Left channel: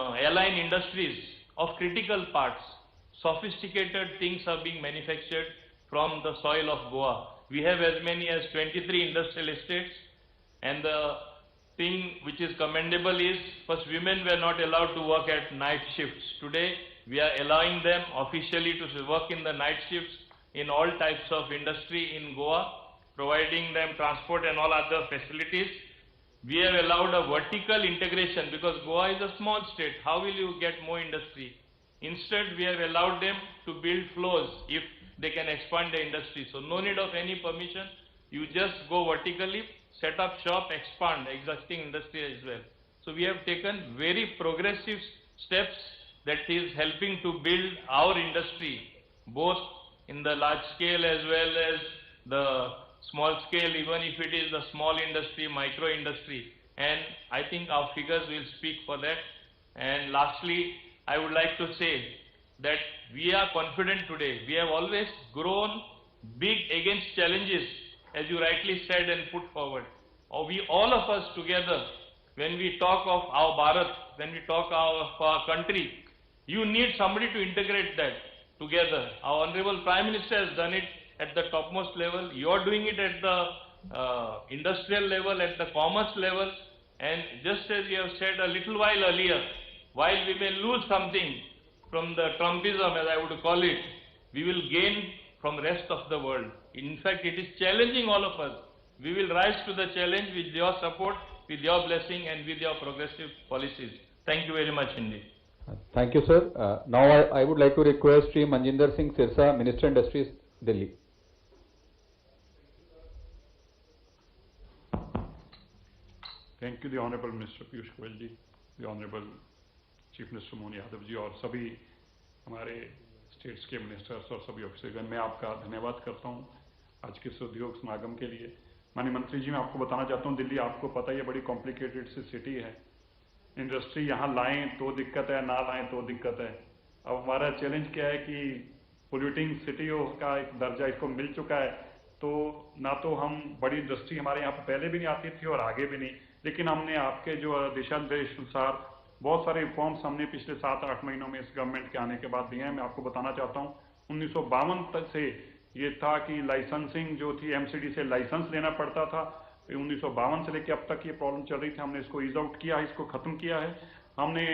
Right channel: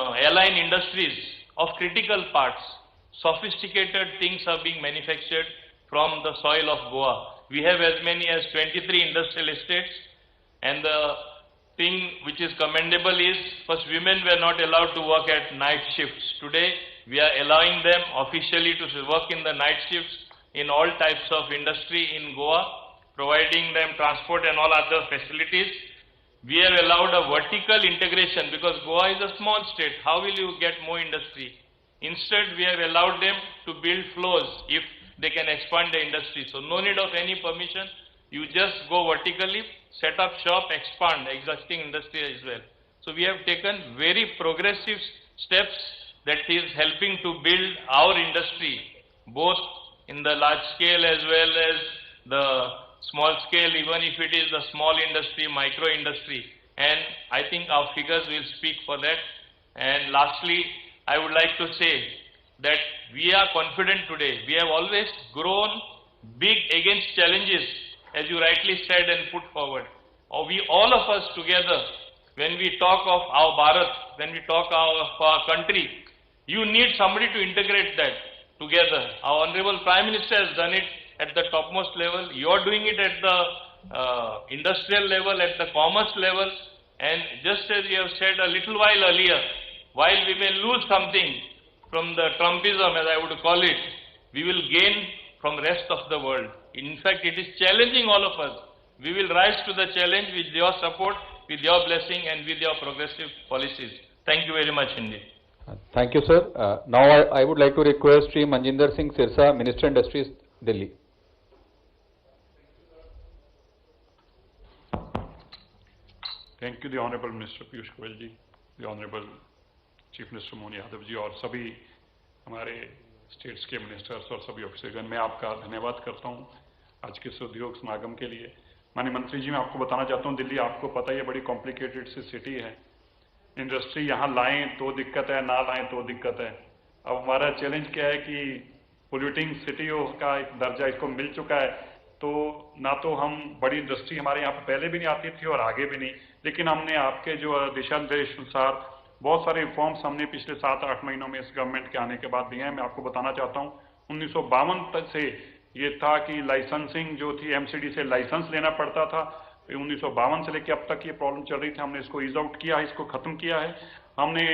airline industries of critical parts. Sophisticated things are being manufactured from the soil of Goa. We have as many as 23 industrial estates, and the thing which is commendable is, first, women were not allowed to work at night shifts. Today, we are allowing them officially to work in the night shifts in all types of industry in Goa, providing them transport and all other facilities. We have allowed a vertical integration because Goa is a small state. How will you get more industry? Instead, we have allowed them to build floors if they can expand the industry. So no need of any permission. You just go vertically, set up shop, expand existing industry as well. So we have taken very progressive steps that is helping to build our industry, both in the large scale as well as the small scale, even if it is the small industry, micro industry. And I think our figures will speak for that. And lastly, I would like to say that we are confident today. We have always grown big against challenges, as you rightly said and put forward. We, all of us together, when we talk of our Bharat, when we talk of our country, you need somebody to integrate that together. Our Honorable Prime Minister has done it at the topmost level. You are doing it at the industrial level, at the commerce level. And just as you have said a little while earlier, while we may lose something from the Trumpism, as I would call it, we will gain from the rest of the world. In fact, it is challenging all of us. We will rise to the challenge with your support, with your blessing, and with your progressive policies. Thank you very much indeed. Thank you, sir. Now I would like to request Shri Manjinder Singh Sirsa, Minister Industries, Delhi. Thank you, the Honorable Minister Piyush Goyal ji, the Honorable Chief Minister Mohan Yadav ji और सभी हमारे states के ministers और सभी ऑफिसरगण, मैं आपका धन्यवाद करता हूं आज के इस उद्योग समागम के लिए। माननीय मंत्री जी, मैं आपको बताना चाहता हूं, दिल्ली आपको पता ही है बड़ी कॉम्प्लिकेटेड सी सिटी है। इंडस्ट्री यहाँ लाएं तो दिक्कत है, ना लाएं तो दिक्कत है। अब हमारा चैलेंज क्या है कि पोल्यूटिंग सिटी का एक दर्जा इसको मिल चुका है, तो ना तो हम बड़ी इंडस्ट्री हमारे यहाँ पर पहले भी नहीं आती थी और आगे भी नहीं, लेकिन हमने आपके जो दिशा निर्देश अनुसार बहुत सारे रिफॉर्म्स हमने पिछले 7-8 महीनों में इस गवर्नमेंट के आने के बाद दिए हैं। मैं आपको बताना चाहता हूँ, 1952 तक से ये था कि लाइसेंसिंग जो थी एमसीडी से लाइसेंस लेना पड़ता था। 1952 से लेकर अब तक ये प्रॉब्लम चल रही थी। हमने इसको ईज आउट किया है, इसको ख़त्म किया है। हमने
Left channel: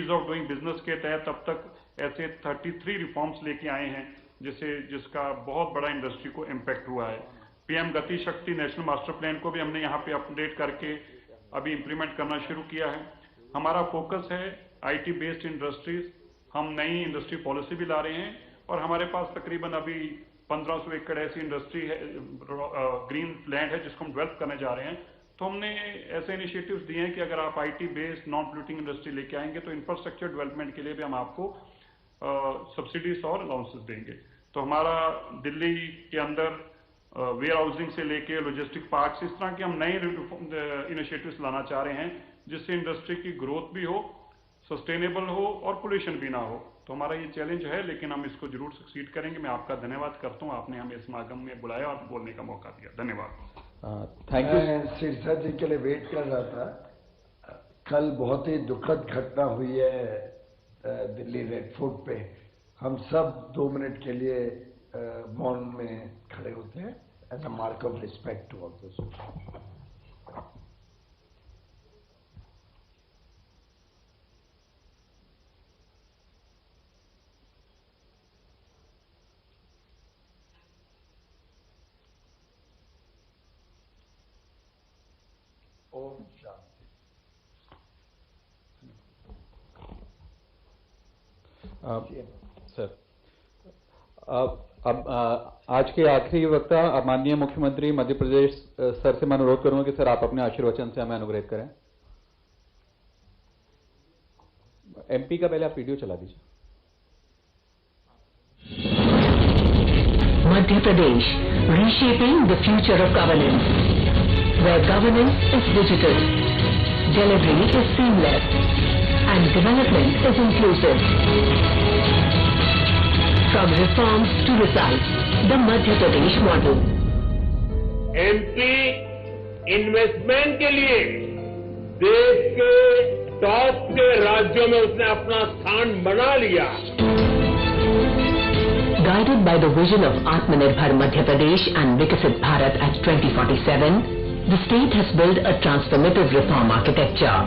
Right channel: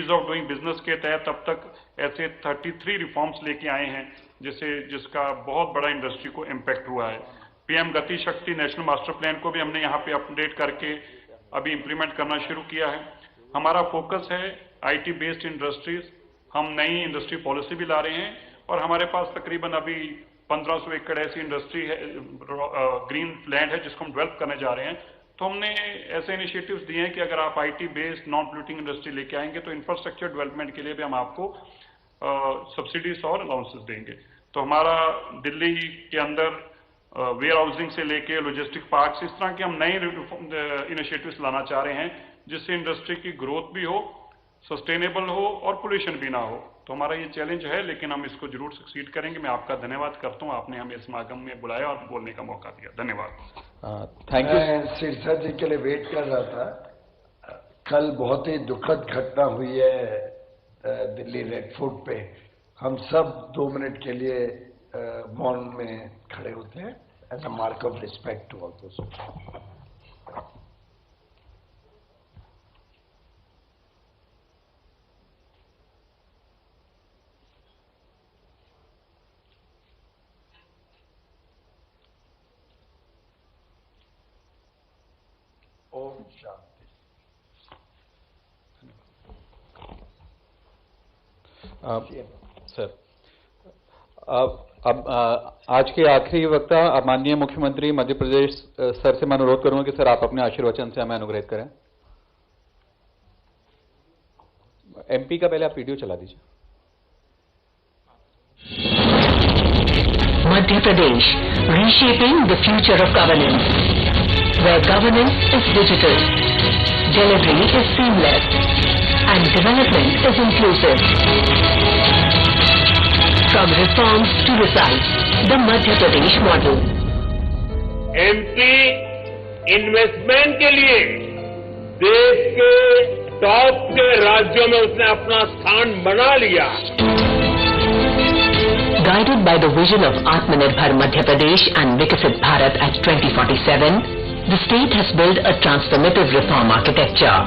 ईज ऑफ डूइंग बिजनेस के तहत अब तक ऐसे 33 रिफॉर्म्स लेके आए हैं जिसका बहुत बड़ा इंडस्ट्री को इम्पैक्ट हुआ है। पीएम गति शक्ति नेशनल मास्टर प्लान को भी हमने यहाँ पे अपडेट करके अभी इम्प्लीमेंट करना शुरू किया है। हमारा फोकस है आईटी बेस्ड इंडस्ट्रीज। हम नई इंडस्ट्री पॉलिसी भी ला रहे हैं और हमारे पास तकरीबन अभी 1500 एकड़ ऐसी इंडस्ट्री है, ग्रीन लैंड है जिसको हम डेवलप करने जा रहे हैं। तो हमने ऐसे इनिशिएटिव्स दिए हैं कि अगर आप IT based non polluting industry लेके आएंगे तो इंफ्रास्ट्रक्चर डेवलपमेंट के लिए भी हम आपको सब्सिडीज और अलाउंसेस देंगे। तो हमारा दिल्ली के अंदर वेयर हाउसिंग से लेके लॉजिस्टिक पार्क्स, इस तरह के हम नए इनिशिएटिव्स लाना चाह रहे हैं जिससे इंडस्ट्री की ग्रोथ भी हो, सस्टेनेबल हो और पोल्यूशन भी ना हो। तो हमारा ये चैलेंज है, लेकिन हम इसको जरूर सक्सीड करेंगे। मैं आपका धन्यवाद करता हूँ, आपने हमें समागम में बुलाया और बोलने का मौका दिया। धन्यवाद। Thank you. सिरसा जी के लिए वेट कर रहा था। कल बहुत ही दुखद घटना हुई है दिल्ली रेड फोर्ट पे। हम सब 2 मिनट के लिए मौन में खड़े होते हैं as a mark of respect to all those. ओम शांति। सर, अब आज के आखिरी वक्ता माननीय मुख्यमंत्री मध्य प्रदेश सर से मैं अनुरोध करूंगा कि सर आप अपने आशीर्वचन से हमें अनुग्रहित करें। एमपी का पहले आप वीडियो चला दीजिए। Madhya Pradesh, reshaping the future of governance, where governance is digital, delivery is seamless, and development is inclusive. From reforms to results, the Madhya Pradesh model. MP investment के लिए देश के टॉप के राज्यों में उसने अपना स्थान बना लिया। Guided by the vision of Atmanirbhar Madhya Pradesh and Viksit Bharat at 2047, the state has built a transformative reform architecture,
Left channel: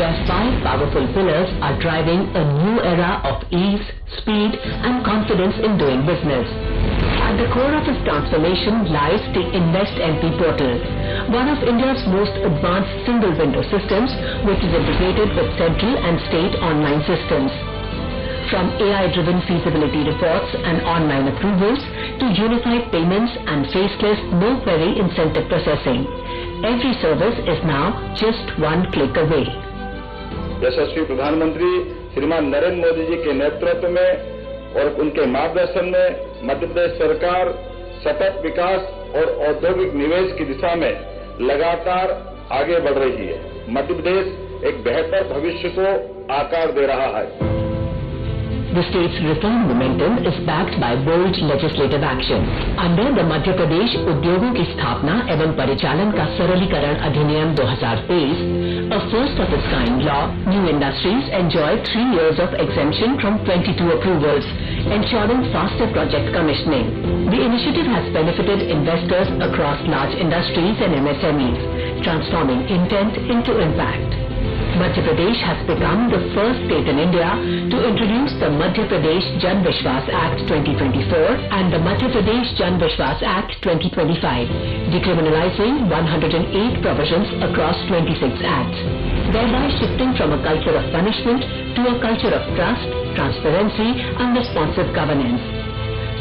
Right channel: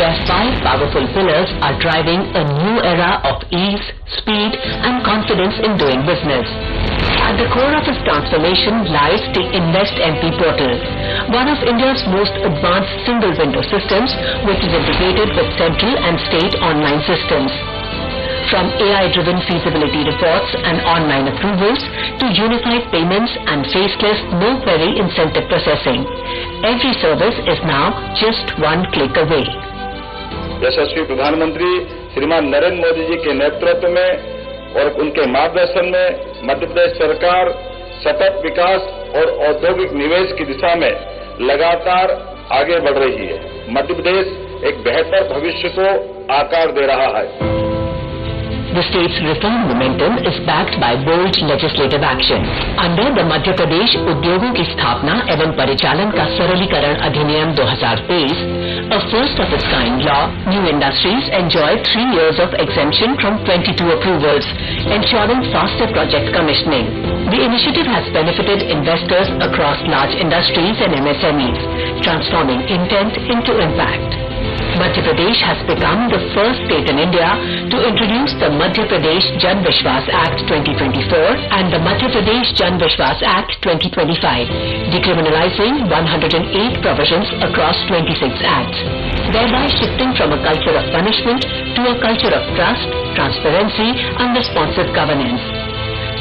where 5 powerful pillars are driving a new era of ease, speed and confidence in doing business. At the core of its transformation lies the Invest MP portal, one of India's most advanced single-window systems, which is integrated with central and state online systems. From AI-driven feasibility reports and online approvals to unified payments and faceless no-query incentive processing, every service is now just one click away. यशस्वी प्रधानमंत्री श्रीमान नरेंद्र मोदी जी के नेतृत्व में और उनके मार्गदर्शन में मध्य प्रदेश सरकार सतत विकास और औद्योगिक निवेश की दिशा में लगातार आगे बढ़ रही है। मध्य प्रदेश एक बेहतर भविष्य को आकार दे रहा है। The state's reform momentum is backed by bold legislative action. Under the Madhya Pradesh उद्योगों की स्थापना एवं परिचालन का सरलीकरण अधिनियम 2023, a first of its kind law, new industries enjoy 3 years of exemption from 22 approvals, ensuring faster project commissioning. The initiative has benefited investors across large industries and MSMEs, transforming intent into impact. Madhya Pradesh has become the first state in India to introduce the Madhya Pradesh Jan Vishwas Act 2024 and the Madhya Pradesh Jan Vishwas Act 2025, decriminalizing 108 provisions across 26 acts, thereby shifting from a culture of punishment to a culture of trust, transparency and responsive governance.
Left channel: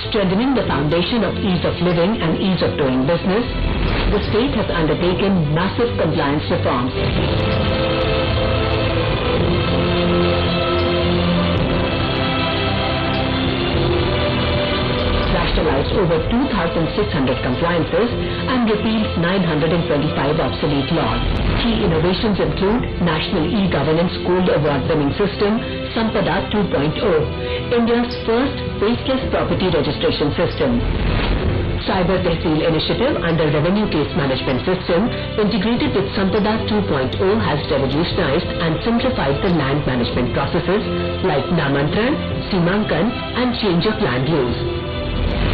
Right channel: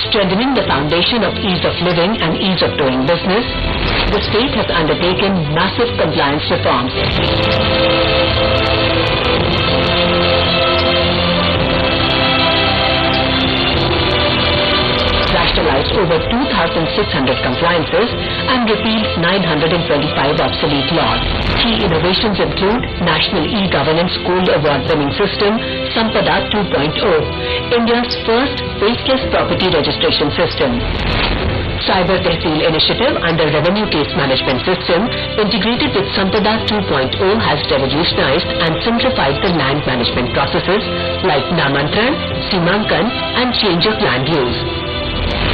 Strengthening the foundation of ease of living and ease of doing business, the state has undertaken massive compliance reforms. Rationalized over 2,600 compliances and repealed 925 obsolete laws. Key innovations include National E-Governance Gold Award-winning system, Sampada 2.0, India's first faceless property registration system. Cyber Tehsil initiative under Revenue Case Management System integrated with Sampada 2.0 has revolutionized and simplified the land management processes like Namantran, Simankan and change of land use.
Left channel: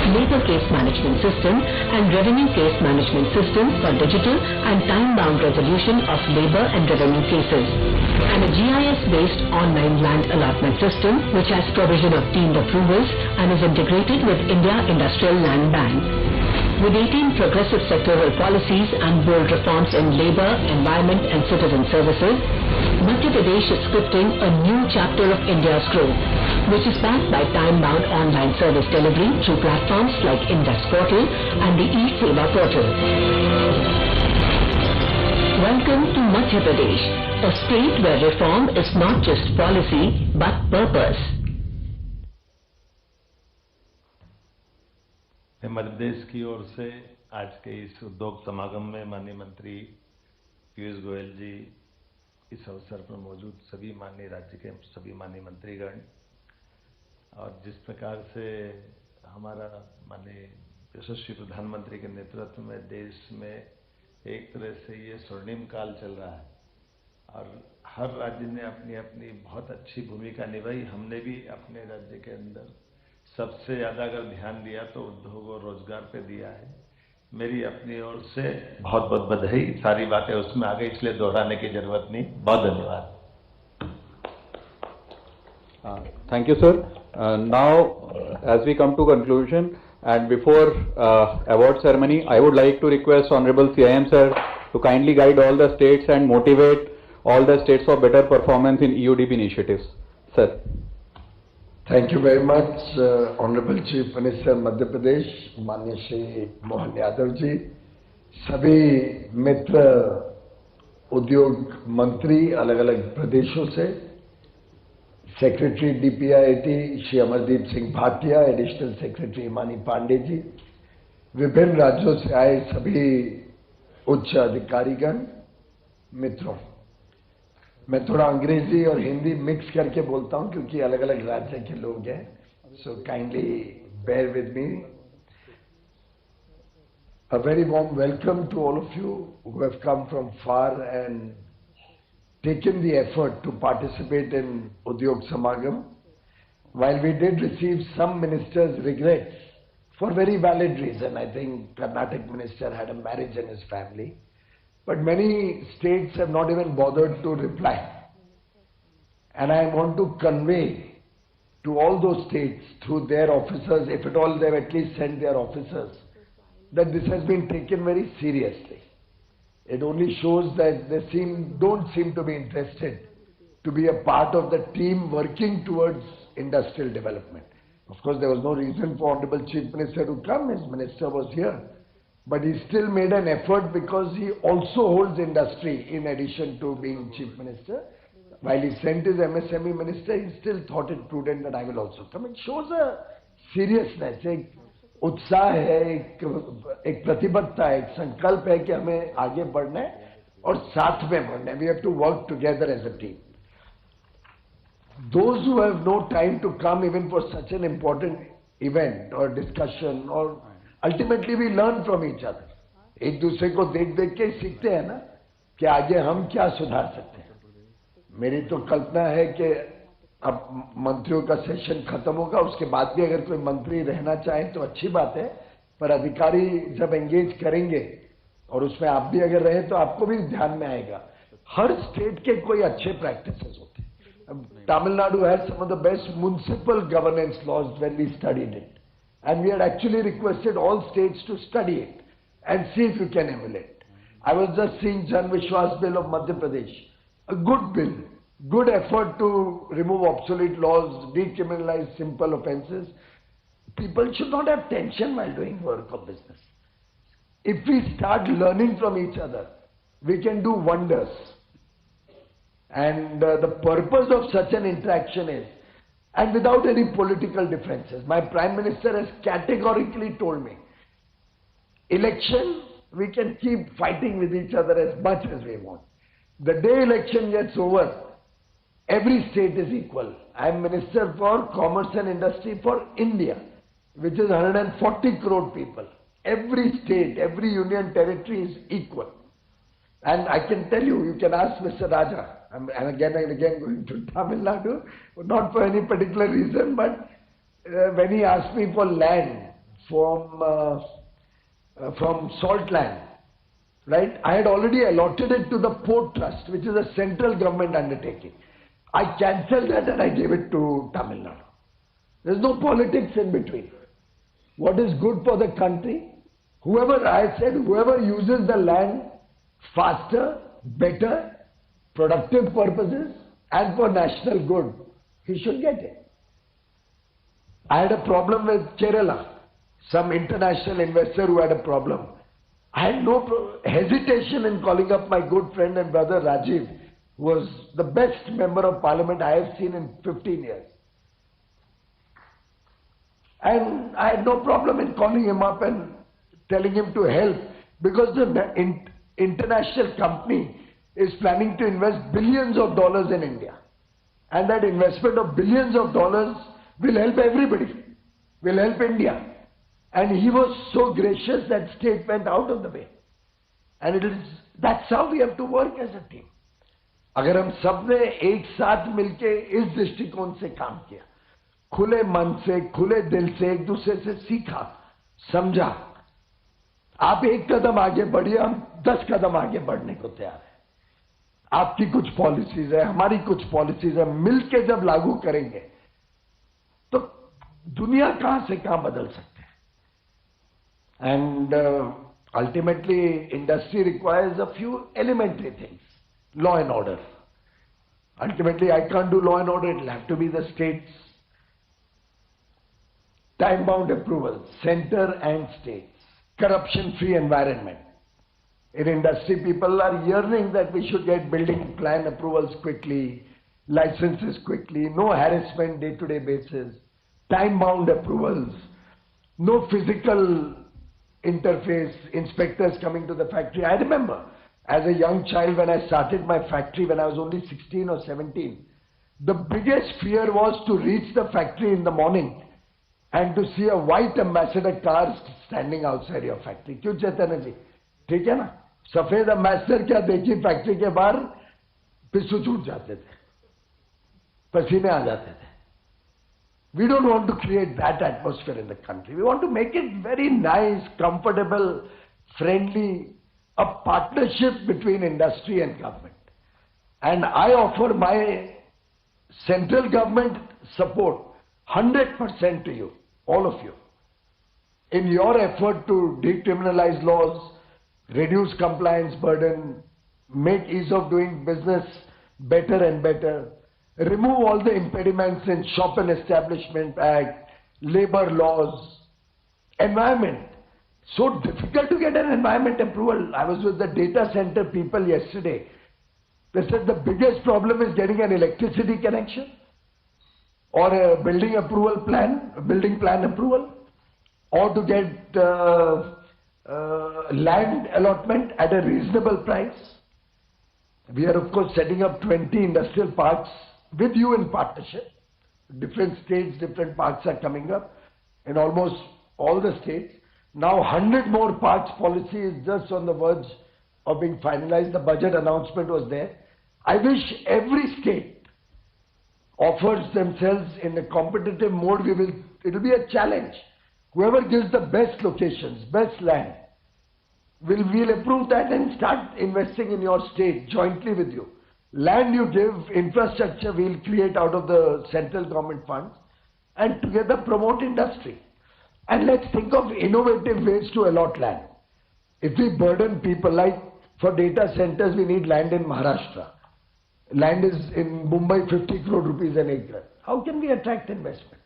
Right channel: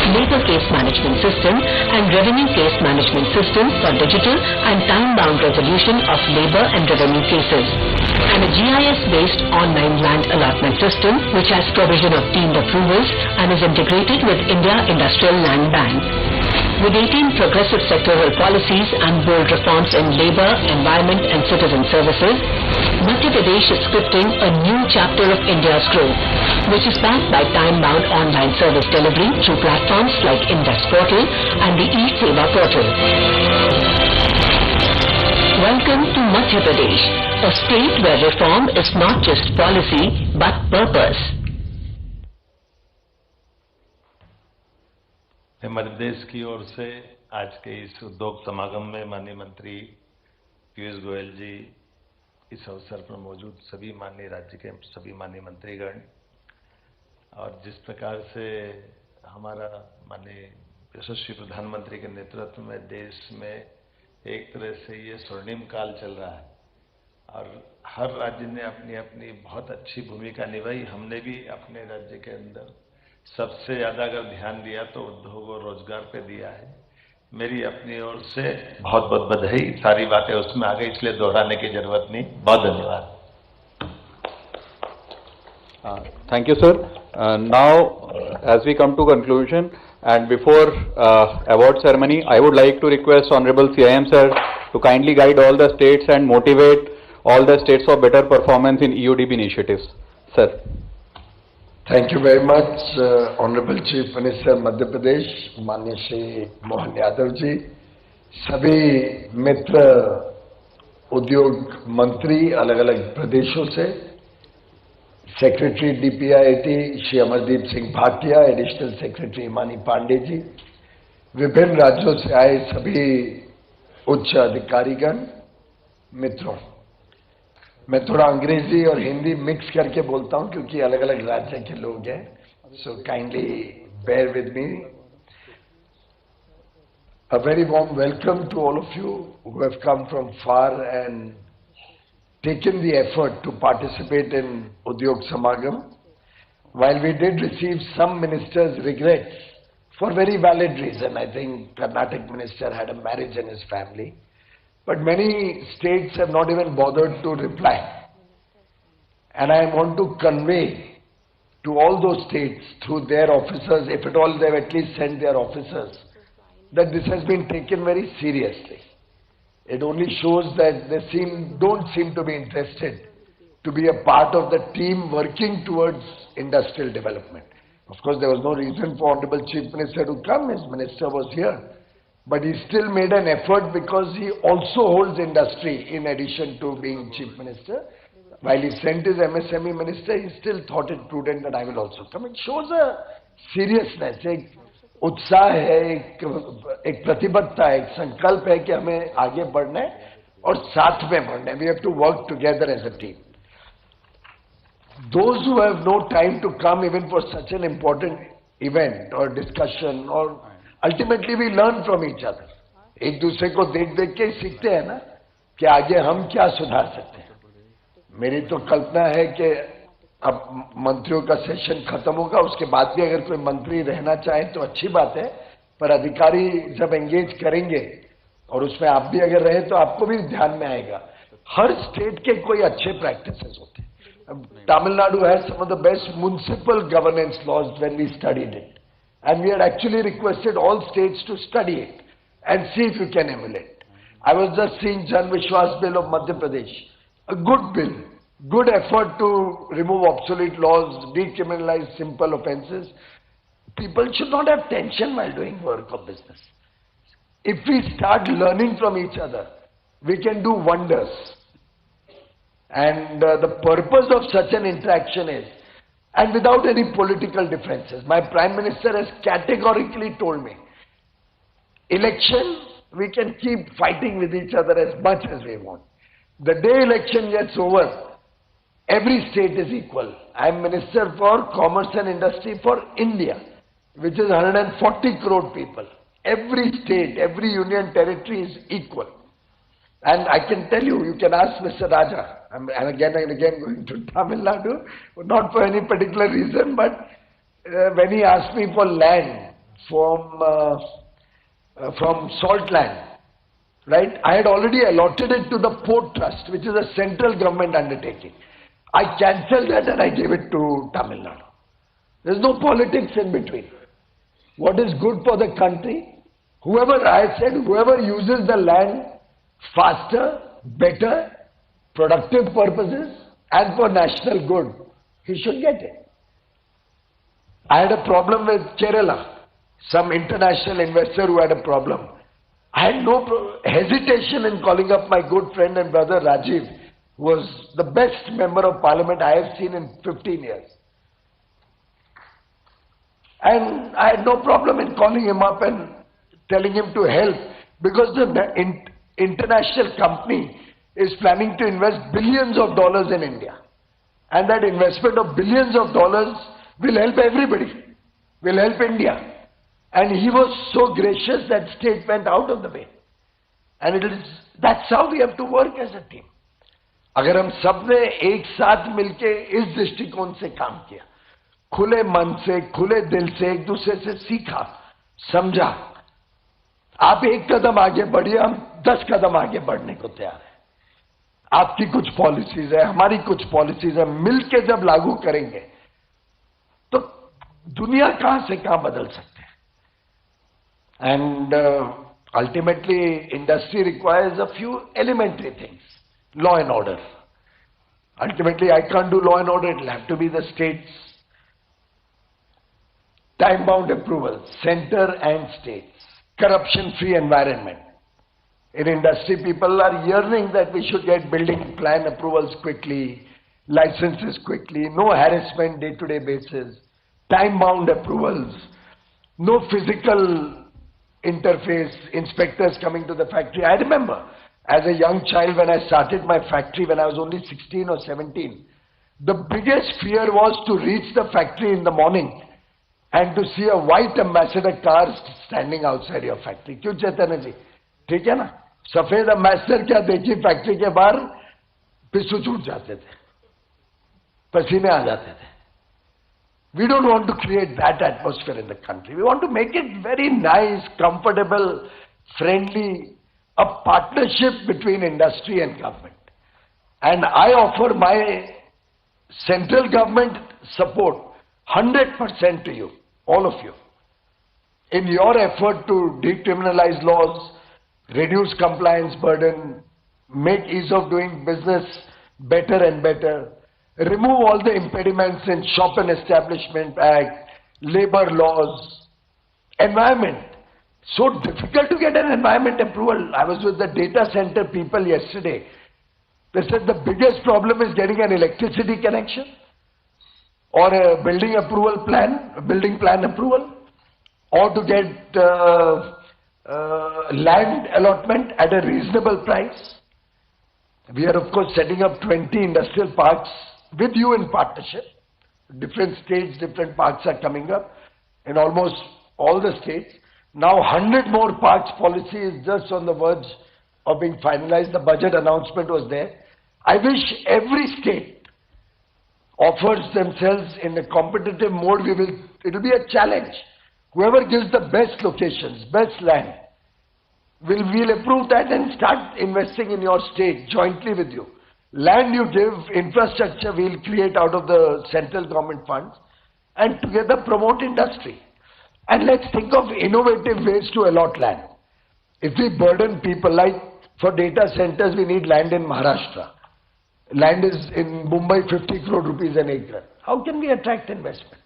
Labor Case Management System and Revenue Case Management System for digital and time-bound resolution of labor and revenue cases. And a GIS-based online land allotment system which has provision of deemed approvals and is integrated with India Industrial Land Bank. With 18 progressive sectoral policies and bold reforms in labor, environment and citizen services, Madhya Pradesh is scripting a new chapter of India's growth, which is backed by time-bound online service delivery through platforms like Index Portal and the E-Seva Portal. Welcome to Madhya Pradesh, a state where reform is not just policy but purpose. Madhya Pradesh की ओर से आज के इस उद्योग समागम में माननीय मंत्री पीयूष गोयल जी, इस अवसर पर मौजूद सभी माननीय राज्य के सभी माननीय मंत्रीगण, और जिस प्रकार से हमारा माननीय यशस्वी प्रधानमंत्री के नेतृत्व में देश में एक तरह से ये स्वर्णिम काल चल रहा है और हर राज्य ने अपनी अपनी बहुत अच्छी भूमिका निभाई। हमने भी अपने राज्य के अंदर सबसे ज्यादा अगर ध्यान दिया तो उद्योग और रोजगार पे दिया है। मेरी अपनी ओर से बहुत बहुत बधाई। सारी बातें उसमें आ गई, इसलिए दोहराने की जरूरत नहीं। बहुत धन्यवाद। Thank you, sir. Now, as we come to conclusion and before award ceremony, I would like to request Honorable CIM sir to kindly guide all the states and motivate all the states for better performance in EUDP initiatives. Sir. Thank you very much, Honorable Chief Minister Madhya Pradesh, माननीय श्री मोहन यादव जी, सभी मित्र उद्योग मंत्री अलग अलग प्रदेशों से, secretary DPIIT Shri Amardeep Singh Bhatia, additional secretary Himani Pande ji, विभिन्न राज्यों से आए सभी उच्च अधिकारीगण, मित्रों, मैं थोड़ा अंग्रेजी और हिंदी मिक्स करके बोलता हूं क्योंकि अलग अलग राज्य के लोग हैं, so kindly bear with me. A very warm welcome to all of you who have come from far and taken the effort to participate in Udyog Samagam. While we did receive some ministers' regrets, for very valid reason, I think Karnataka minister had a marriage in his family, but many states have not even bothered to reply. And I want to convey to all those states through their officers, if at all they have at least sent their officers, that this has been taken very seriously. It only shows that they don't seem to be interested to be a part of the team working towards industrial development. Of course, there was no reason for Honorable Chief Minister to come. His minister was here. But he still made an effort because he also holds industry in addition to being Chief Minister. While he sent his MSME minister, he still thought it prudent that I will also come. It shows a seriousness, एक उत्साह है, एक प्रतिबद्धता है, एक संकल्प है कि हमें आगे बढ़ना है और साथ में बढ़ना है. We have to work together as a team. Those who have no time to come even for such an important event or discussion, or ultimately we learn from each other. एक दूसरे को देख देख के सीखते हैं ना कि आगे हम क्या सुधार सकते हैं. मेरी तो कल्पना है कि अब मंत्रियों का सेशन खत्म होगा, उसके बाद भी अगर कोई मंत्री रहना चाहे तो अच्छी बात है, पर अधिकारी जब एंगेज करेंगे और उसमें आप भी अगर रहे तो आपको भी ध्यान में आएगा. हर स्टेट के कोई अच्छे प्रैक्टिसेस होते हैं. Tamil Nadu has some of the best municipal governance laws when we studied it. And we had actually requested all states to study it and see if you can emulate. I was just seeing Jan Vishwas Bill of Madhya Pradesh. A good bill, good effort to remove obsolete laws, decriminalize simple offences. People should not have tension while doing work or business. If we start learning from each other, we can do wonders. And the purpose of such an interaction is, and without any political differences, my Prime Minister has categorically told me, election, we can keep fighting with each other as much as we want. The day election gets over, every state is equal. I am Minister for Commerce and Industry for India, which is 140 crore people. Every state, every union territory is equal. And I can tell you, you can ask Mr. Raja, and again going to Tamil Nadu, not for any particular reason, but when he asked me for land from salt land, right? I had already allotted it to the Port Trust, which is a central government undertaking. I cancelled that and I gave it to Tamil Nadu. There's no politics in between. What is good for the country? I said, whoever uses the land faster, better, productive purposes, and for national good, he should get it. I had a problem with Kerala, some international investor who had a problem. I had no hesitation in calling up my good friend and brother Rajiv, who was the best member of parliament I have seen in 15 years. And I had no problem in calling him up and telling him to help, because the international company is planning to invest billions of dollars in India. And that investment of billions of dollars will help everybody, will help India. And he was so gracious that state went out of the way. And that's how we have to work as a team. अगर हम सब ने एक साथ मिलके इस दृष्टिकोण से काम किया, खुले मन से, खुले दिल से एक दूसरे से सीखा, समझा, आप एक कदम आगे बढ़िए, हम 10 कदम आगे बढ़ने को तैयार हैं. आपकी कुछ पॉलिसीज है, हमारी कुछ पॉलिसीज है, मिलके जब लागू करेंगे तो दुनिया कहां से कहां बदल सकते हैं. And ultimately industry requires a few elementary things. Law and order. Ultimately, I can't do law and order. It will have to be the states. Time-bound approvals, center and states. Corruption-free environment. In industry, people are yearning that we should get building plan approvals quickly, licenses quickly, no harassment day-to-day basis, time-bound approvals, no physical interface, inspectors coming to the factory. I remember, as a young child, when I started my factory when I was only 16 or 17, the biggest fear was to reach the factory in the morning and to see a white ambassador car standing outside your factory. क्यों चैतन्य जी? ठीक है ना? सफेद ambassador क्या देखी factory के बाहर पिस्सू छूट जाते थे, पसीने आ जाते थे. We don't want to create that atmosphere in the country. We want to make it very nice, comfortable, friendly, a partnership between industry and government. And I offer my central government support 100% to you, all of you, in your effort to decriminalize laws, reduce compliance burden, make ease of doing business better and better, remove all the impediments in Shop and Establishment Act, labor laws, environment. So difficult to get an environment approval. I was with the data center people yesterday. They said the biggest problem is getting an electricity connection or a building approval plan, a building plan approval, or to get land allotment at a reasonable price. We are of course setting up 20 industrial parks with you in partnership. Different states, different parks are coming up in almost all the states. Now 100 more parks policy is just on the verge of being finalized. The budget announcement was there. I wish every state offers themselves in a competitive mode. It will be a challenge. Whoever gives the best locations, best land, we'll approve that and start investing in your state jointly with you. Land you give, infrastructure we'll create out of the central government funds, and together promote industry. And let's think of innovative ways to allot land. If we burden people, like for data centers we need land in Maharashtra. Land is in Mumbai 50 crore rupees an acre. How can we attract investment?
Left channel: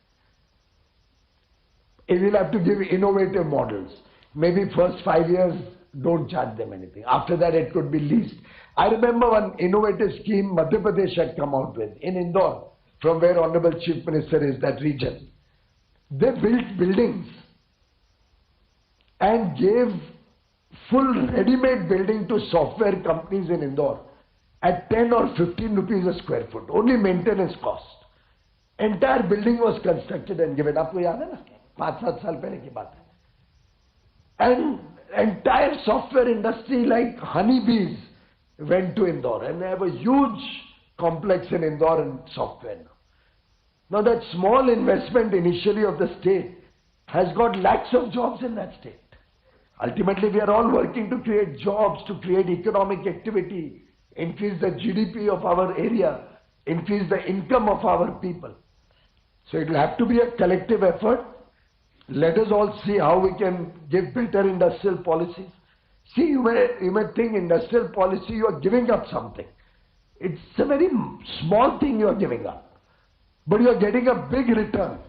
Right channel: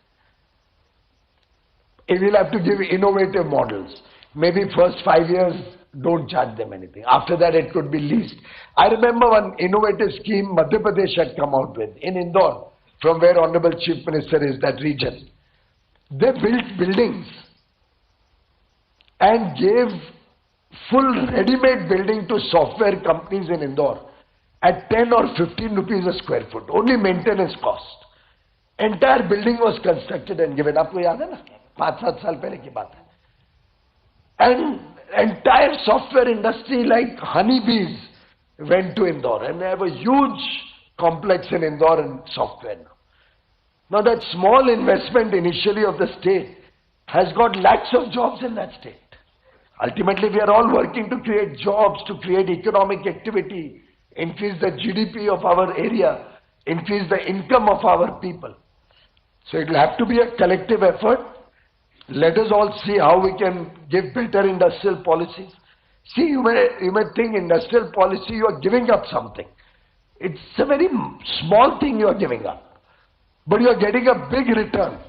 We'll have to give innovative models. Maybe first 5 years don't charge them anything. After that it could be leased. I remember one innovative scheme Madhya Pradesh had come out with in Indore, from where Honorable Chief Minister is, that region. They built buildings and gave full ready-made building to software companies in Indore at 10 or 15 rupees a square foot, only maintenance cost. Entire building was constructed and given. Aapko yaad hai na? 5-7 saal pehle ki baat hai. And entire software industry like honeybees went to Indore, and they have a huge complex in Indore in software now. Now that small investment initially of the state has got lakhs of jobs in that state. Ultimately we are all working to create jobs, to create economic activity, increase the GDP of our area, increase the income of our people. So it will have to be a collective effort. Let us all see how we can give better industrial policies. See, you may think industrial policy, you are giving up something. It's a very small thing you are giving up. But you are getting a big return.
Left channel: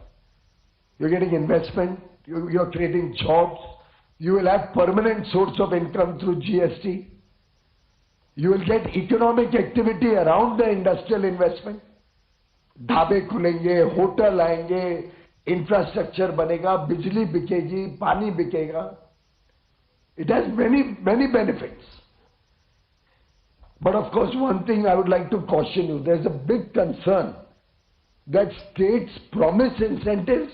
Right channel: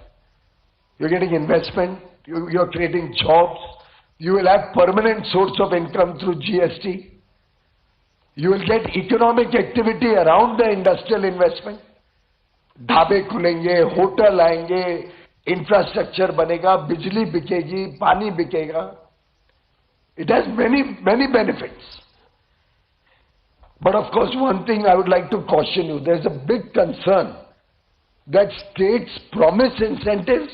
You are getting investment, you are creating jobs, you will have permanent source of income through GST. You will get economic activity around the industrial investment. Dhabe khulenge, hotel aayenge, infrastructure banega, bijli bikegi, pani bikega. It has many benefits. But of course, one thing I would like to caution you, there's a big concern that states promise incentives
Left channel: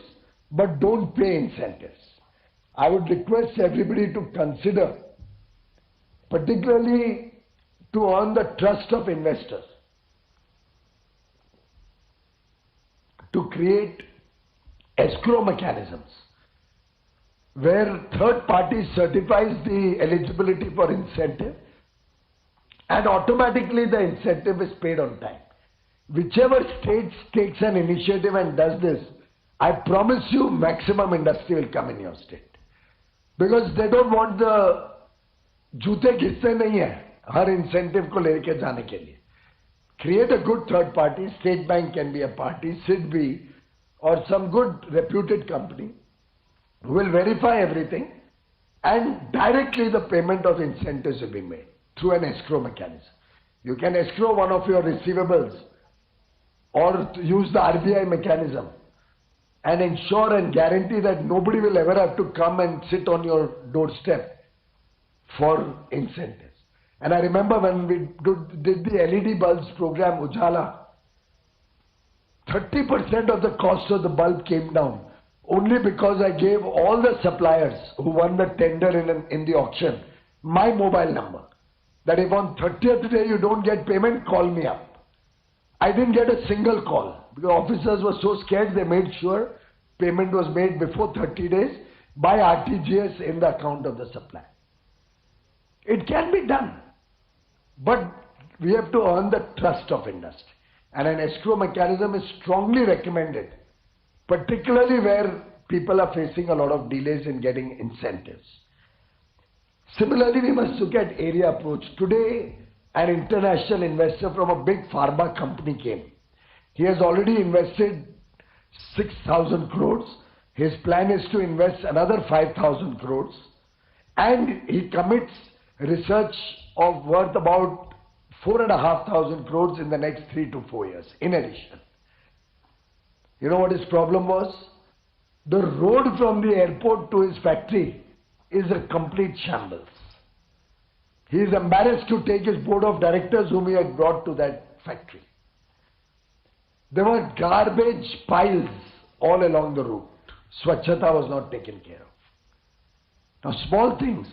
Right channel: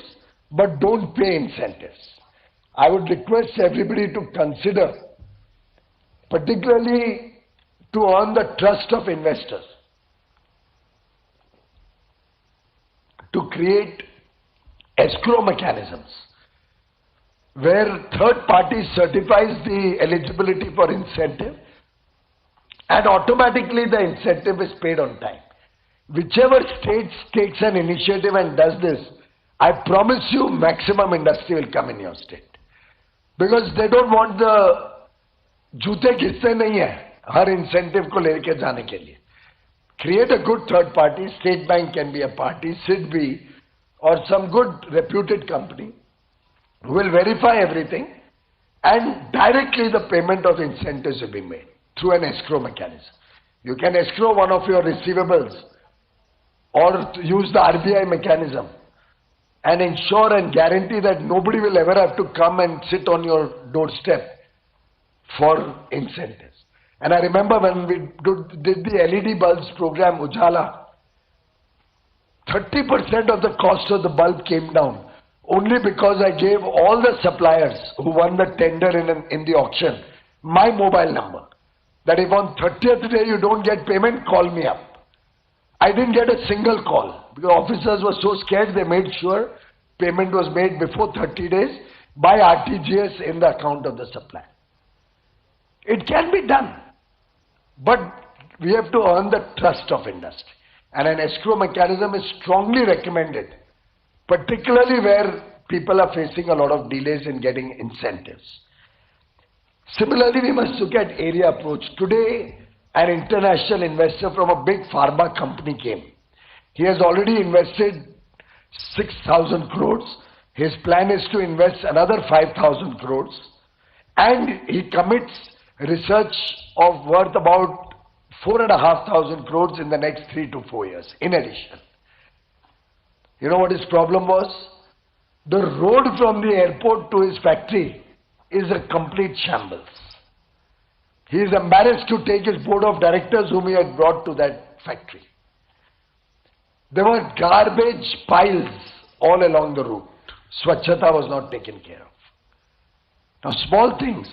but don't pay incentives. I would request everybody to consider, particularly to earn the trust of investors, to create escrow mechanisms where third party certifies the eligibility for incentive and automatically the incentive is paid on time. Whichever state takes an initiative and does this, I promise you maximum industry will come in your state. Because they don't want the jute ghisse nahi hai, har incentive ko leke jaane ke liye. Create a good third party, State Bank can be a party, SIDBI, or some good reputed company who will verify everything, and directly the payment of incentives will be made through an escrow mechanism. You can escrow one of your receivables or use the RBI mechanism and ensure and guarantee that nobody will ever have to come and sit on your doorstep for incentives. And I remember when we did the LED bulbs program, Ujala, 30% of the cost of the bulb came down only because I gave all the suppliers who won the tender in the auction my mobile number. that if on 30th day you don't get payment, call me up. I didn't get a single call because officers were so scared they made sure payment was made before 30 days by RTGS in the account of the supplier. It can be done, but we have to earn the trust of industry. And an escrow mechanism is strongly recommended, particularly where people are facing a lot of delays in getting incentives. Similarly, we must look at area approach. Today, an international investor from a big pharma company came. He has already invested 6,000 crores. His plan is to invest another 5,000 crores. And he commits research of worth about 4,500 crores in the next 3 to 4 years, in addition. You know what his problem was? The road from the airport to his factory is a complete shambles. He is embarrassed to take his board of directors whom he had brought to that factory. There were garbage piles all along the route. Swachhata was not taken care of. Now small things.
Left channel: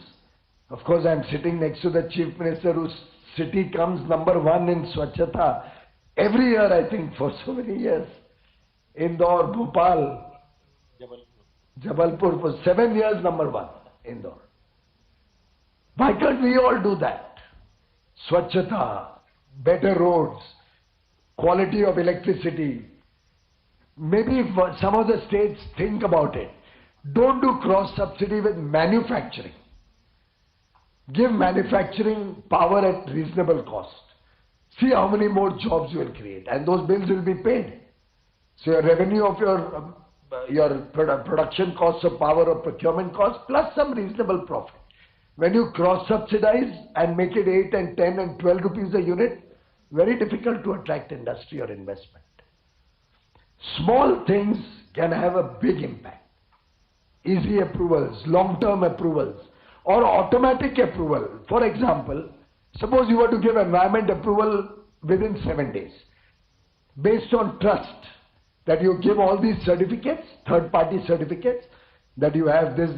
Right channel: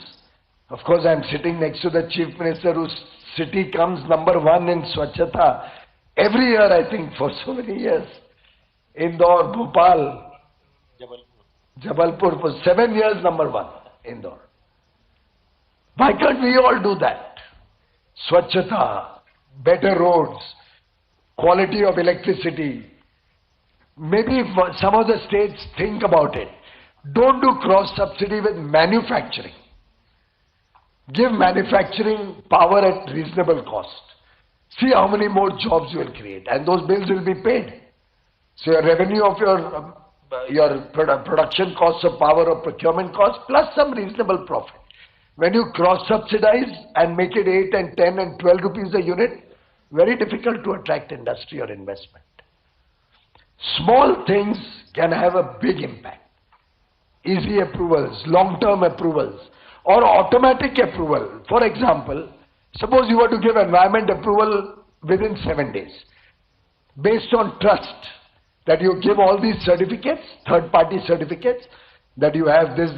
Of course, I am sitting next to the Chief Minister whose city comes number 1 in Swachhata every year, I think, for so many years. Indore, Bhopal, Jabalpur for 7 years number 1, Indore. Why can't we all do that? Swachhata, better roads, quality of electricity. Maybe if some of the states think about it. Don't do cross-subsidy with manufacturing. Give manufacturing power at reasonable cost. See how many more jobs you will create, and those bills will be paid. So your revenue of your production costs of power or procurement costs plus some reasonable profit. When you cross-subsidize and make it 8 and 10 and 12 rupees a unit, very difficult to attract industry or investment. Small things can have a big impact. Easy approvals, long-term approvals, or automatic approval. For example, suppose you were to give environment approval within 7 days, based on trust, that you give all these certificates, third-party certificates, that you have this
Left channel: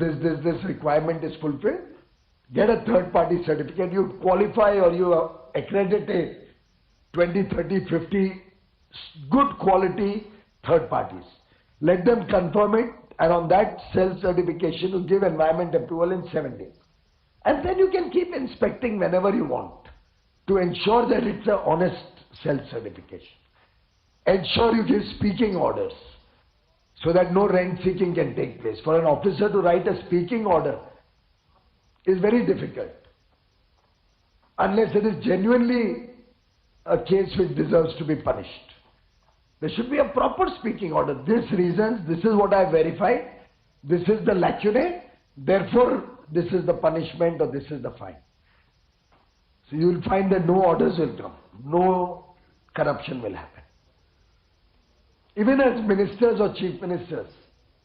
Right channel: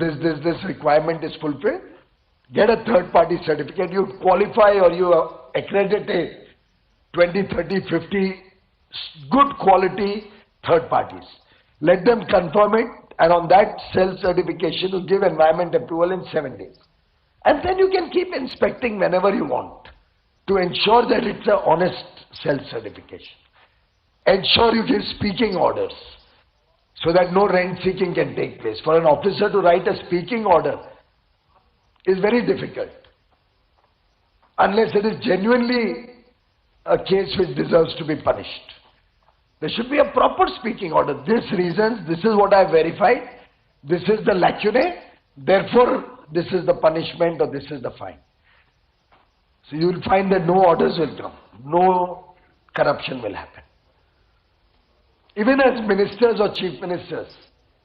requirement is fulfilled, get a third-party certificate, you qualify or you accredit a 20, 30, 50 good quality third parties. Let them confirm it, and on that self-certification you give environment approval in 7 days. And then you can keep inspecting whenever you want to ensure that it's an honest self-certification. Ensure you give speaking orders so that no rent seeking can take place. For an officer to write a speaking order is very difficult unless it is genuinely a case which deserves to be punished. There should be a proper speaking order. This reasons, this is what I have verified, this is the lacunae, therefore this is the punishment or this is the fine. So you will find that no orders will come, no corruption will happen. Even as ministers or chief ministers,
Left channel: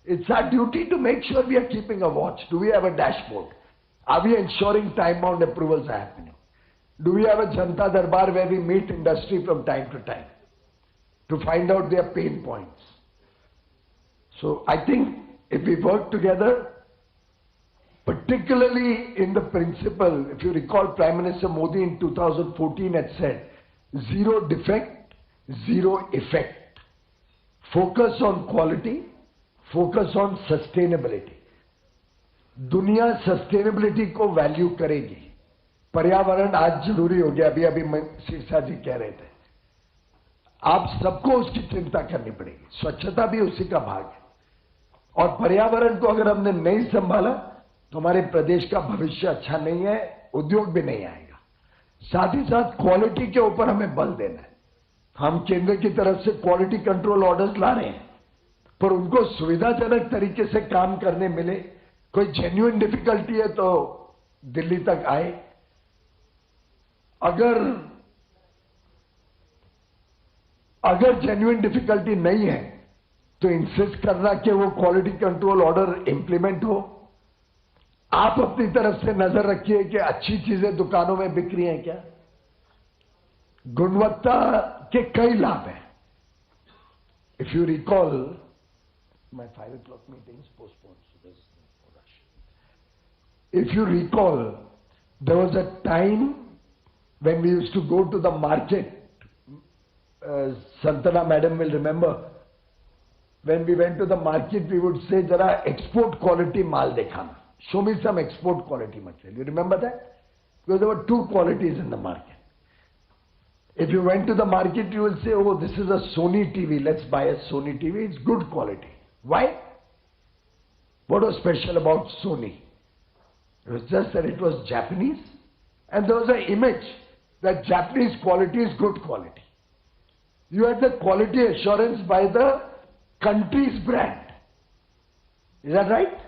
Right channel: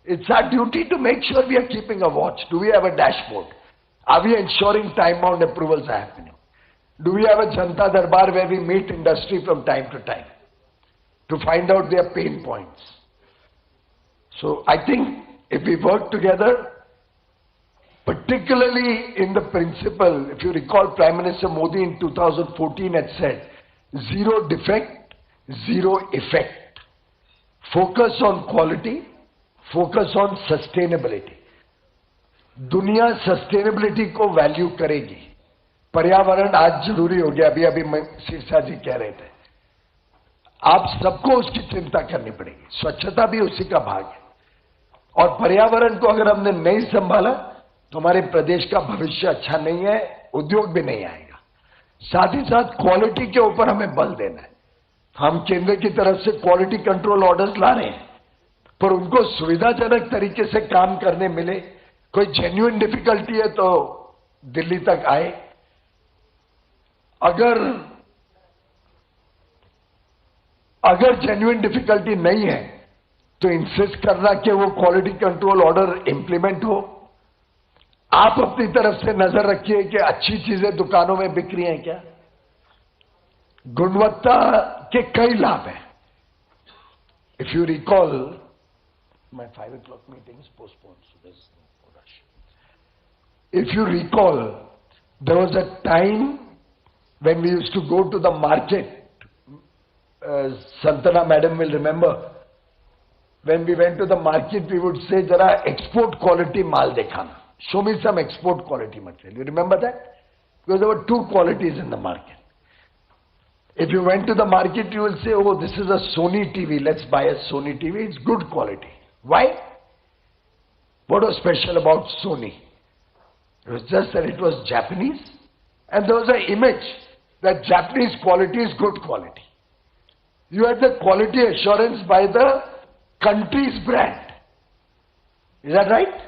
it's our duty to make sure we are keeping a watch. Do we have a dashboard? Are we ensuring time-bound approvals are happening? Do we have a Janta Darbar where we meet industry from time to time to find out their pain points? So I think if we work together, particularly in the principle, if you recall, Prime Minister Modi in 2014 had said, zero defect, zero effect. Focus on quality, focus on sustainability. दुनिया sustainability को value करेगी. पर्यावरण आज जरूरी हो गया. अभी शीर्षा जी कह रहे थे, आप सबको उसकी चिंता करनी पड़ेगी. स्वच्छता भी उसी का भाग है. और पर्यावरण को अगर हमने नहीं संभाला तो हमारे प्रदेश का भविष्य अच्छा नहीं है, उद्योग भी नहीं आएगा. साथ ही साथ क्वालिटी के ऊपर हमें बल देना है. हम केंद्र की तरफ से क्वालिटी कंट्रोल ऑर्डर्स ला रहे हैं, पर उनको सुविधाजनक तरीके से काम करने मिले. कोई जेन्युइन डिफिकल्टी है तो दिल्ली तक आए. अगर जेन्युइन डिफिकल्टी नहीं है तो इंसिस्ट करना कि वो क्वालिटी कंट्रोल ऑर्डर इंप्लीमेंट हो. आप अपनी तरफ से नजर रखिए कि अच्छी चीजें दुकानों में बिक रही हैं क्या. गुणवत्ता के कई लाभ हैं. If you recall, my 5 o'clock meeting is postponed. If you recall, there was a time when we used to go to the market, Santana madam will remember, when we went to the market, we would say, "Jara export quality mal dekhana. Show me some export quality material." You remember that? Because there were two qualities in the market. If you went to the market, you will say, "Oh, this is a Sony TV. Let's buy a Sony TV. It's good quality." Why? What was special about Sony? It was just that it was Japanese, and there was an image that Japanese quality is good quality. You had the quality assurance by the country's brand. Is that right?